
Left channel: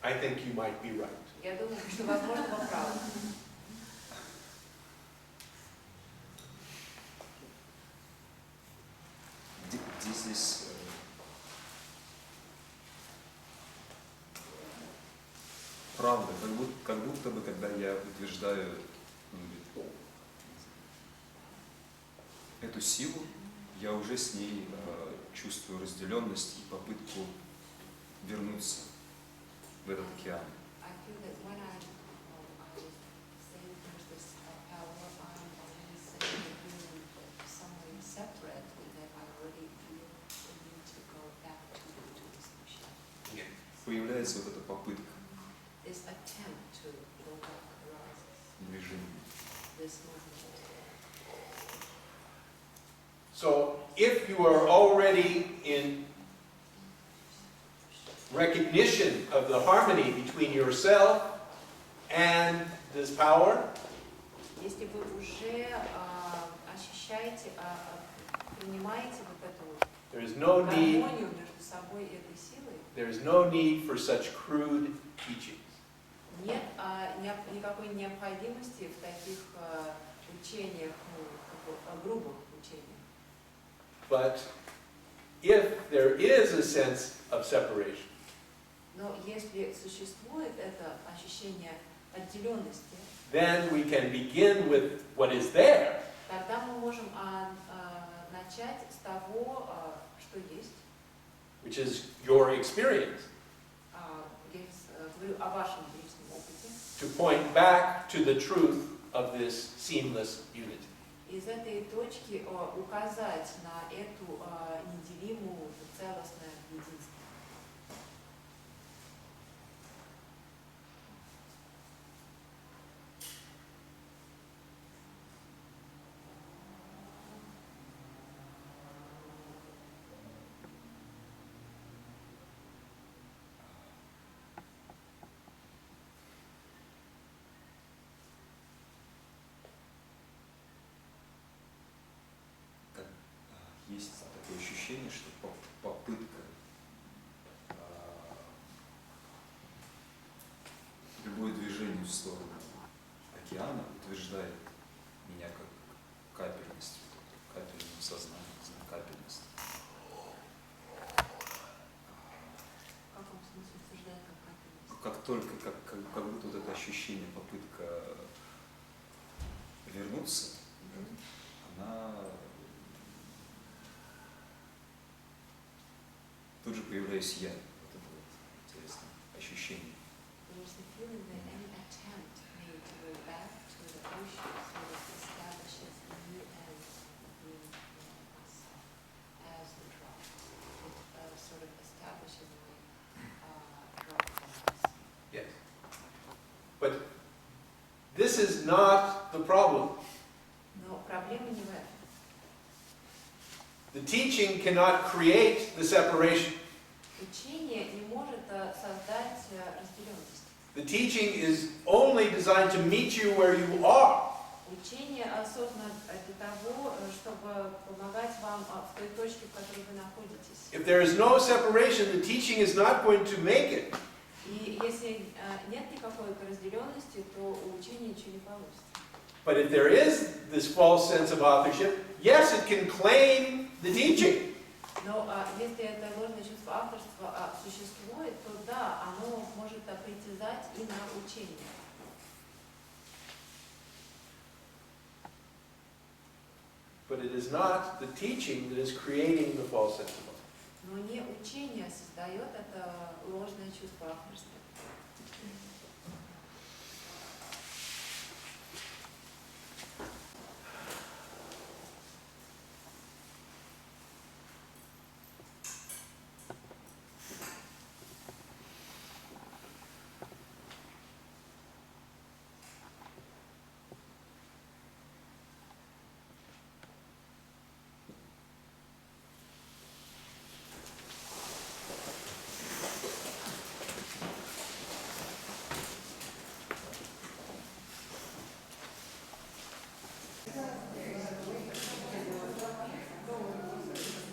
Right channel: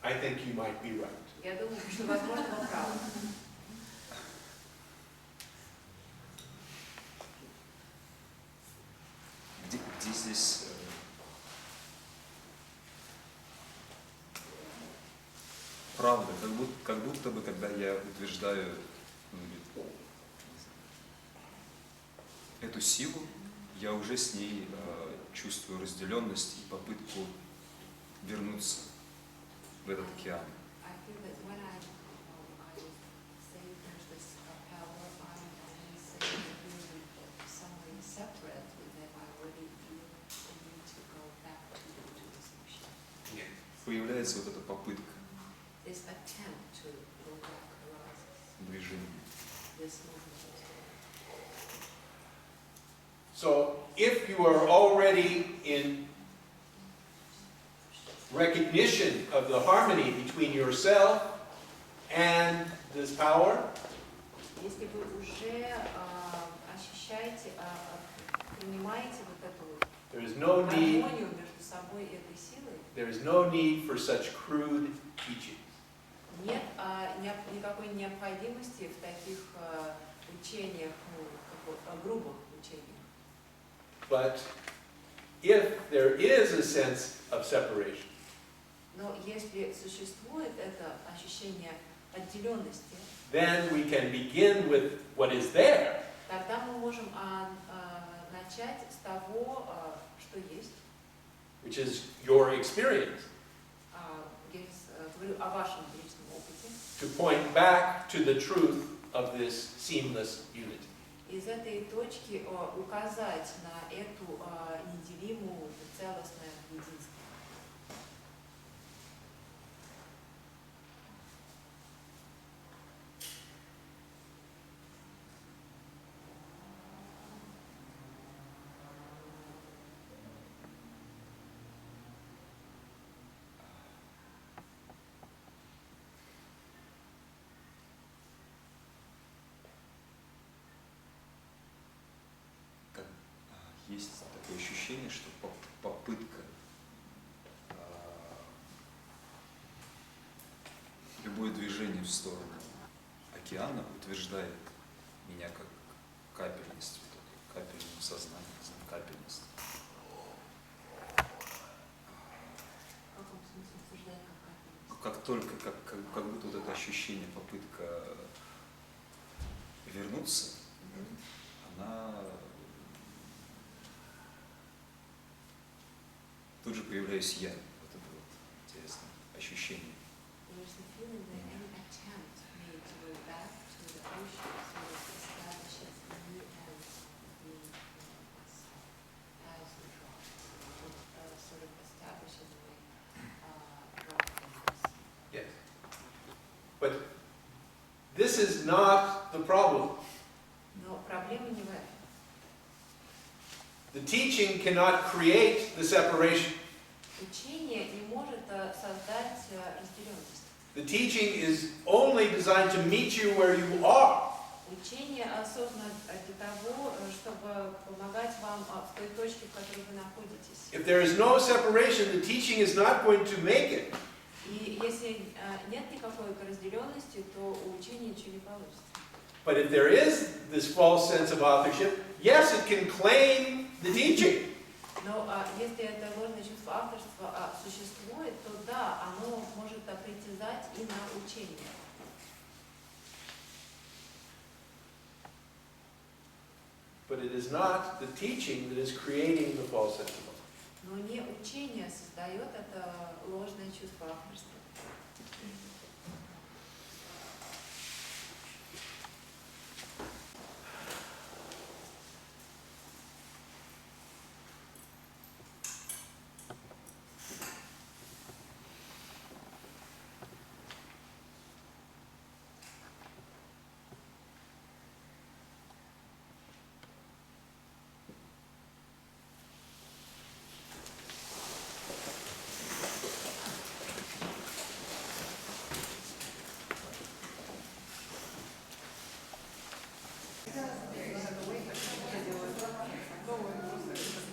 I think you might be right. Я думаю, что, возможно, вы правы. Где здесь правда, как будто бы, когда я утверждаю эту силу, я уже с ней чувствую разделенность и попытку вернуться в этот океан. I feel that when I say there's this power, I'm only saying that we're somewhere separate, and that I already feel the need to go back to this machine. Появляется вот эта попытка This attempt to go back arises, движения. this movement. So if you are already in recognition of the harmony between yourself and this power, Если вы уже ощущаете, принимаете вот эту вот there is no need, гармонию между собой и этой силой, there is no need for such crude teachings. нет никакой необходимости в таких учениях, грубых учениях. But if there is a sense of separation, Но если существует это ощущение отделенности, then we can begin with what is there, тогда мы можем начать с того, что есть. which is your experience, Я говорю о вашем личном опыте. to point back to the truth of this seamless unity. Из этой точки указать на эту неделимую, целостное единство. Есть такое ощущение, что попытка любое движение в сторону океана утверждает меня как капельность, капельное сознание, капельность. В каком смысле утверждает как капельность? Как только, как будто вот это ощущение, попытка вернуться, она тут же появляюсь я. Вот это вот интересное ощущение. There's a feeling that any attempt made to go back to the ocean sort of establishes me as me, myself, as the drop. It sort of establishes my drop focus. Yes. But this is not the problem. Но проблема не в этом. The teaching cannot create the separation. Учение не может создать разделенность. The teaching is only designed to meet you where you are. Учение создано для того, чтобы помогать вам в той точке, в которой вы находитесь. If there is no separation, the teaching is not going to make it. И если нет никакой разделенности, то у учения ничего не получится. But if there is this false sense of authorship, yes, it can claim the teaching. Но если это ложное чувство авторства существует, то да, оно может притязать и на учение. But it is not the teaching that is creating the false sense of authorship. Но не учение создает это ложное чувство авторства. это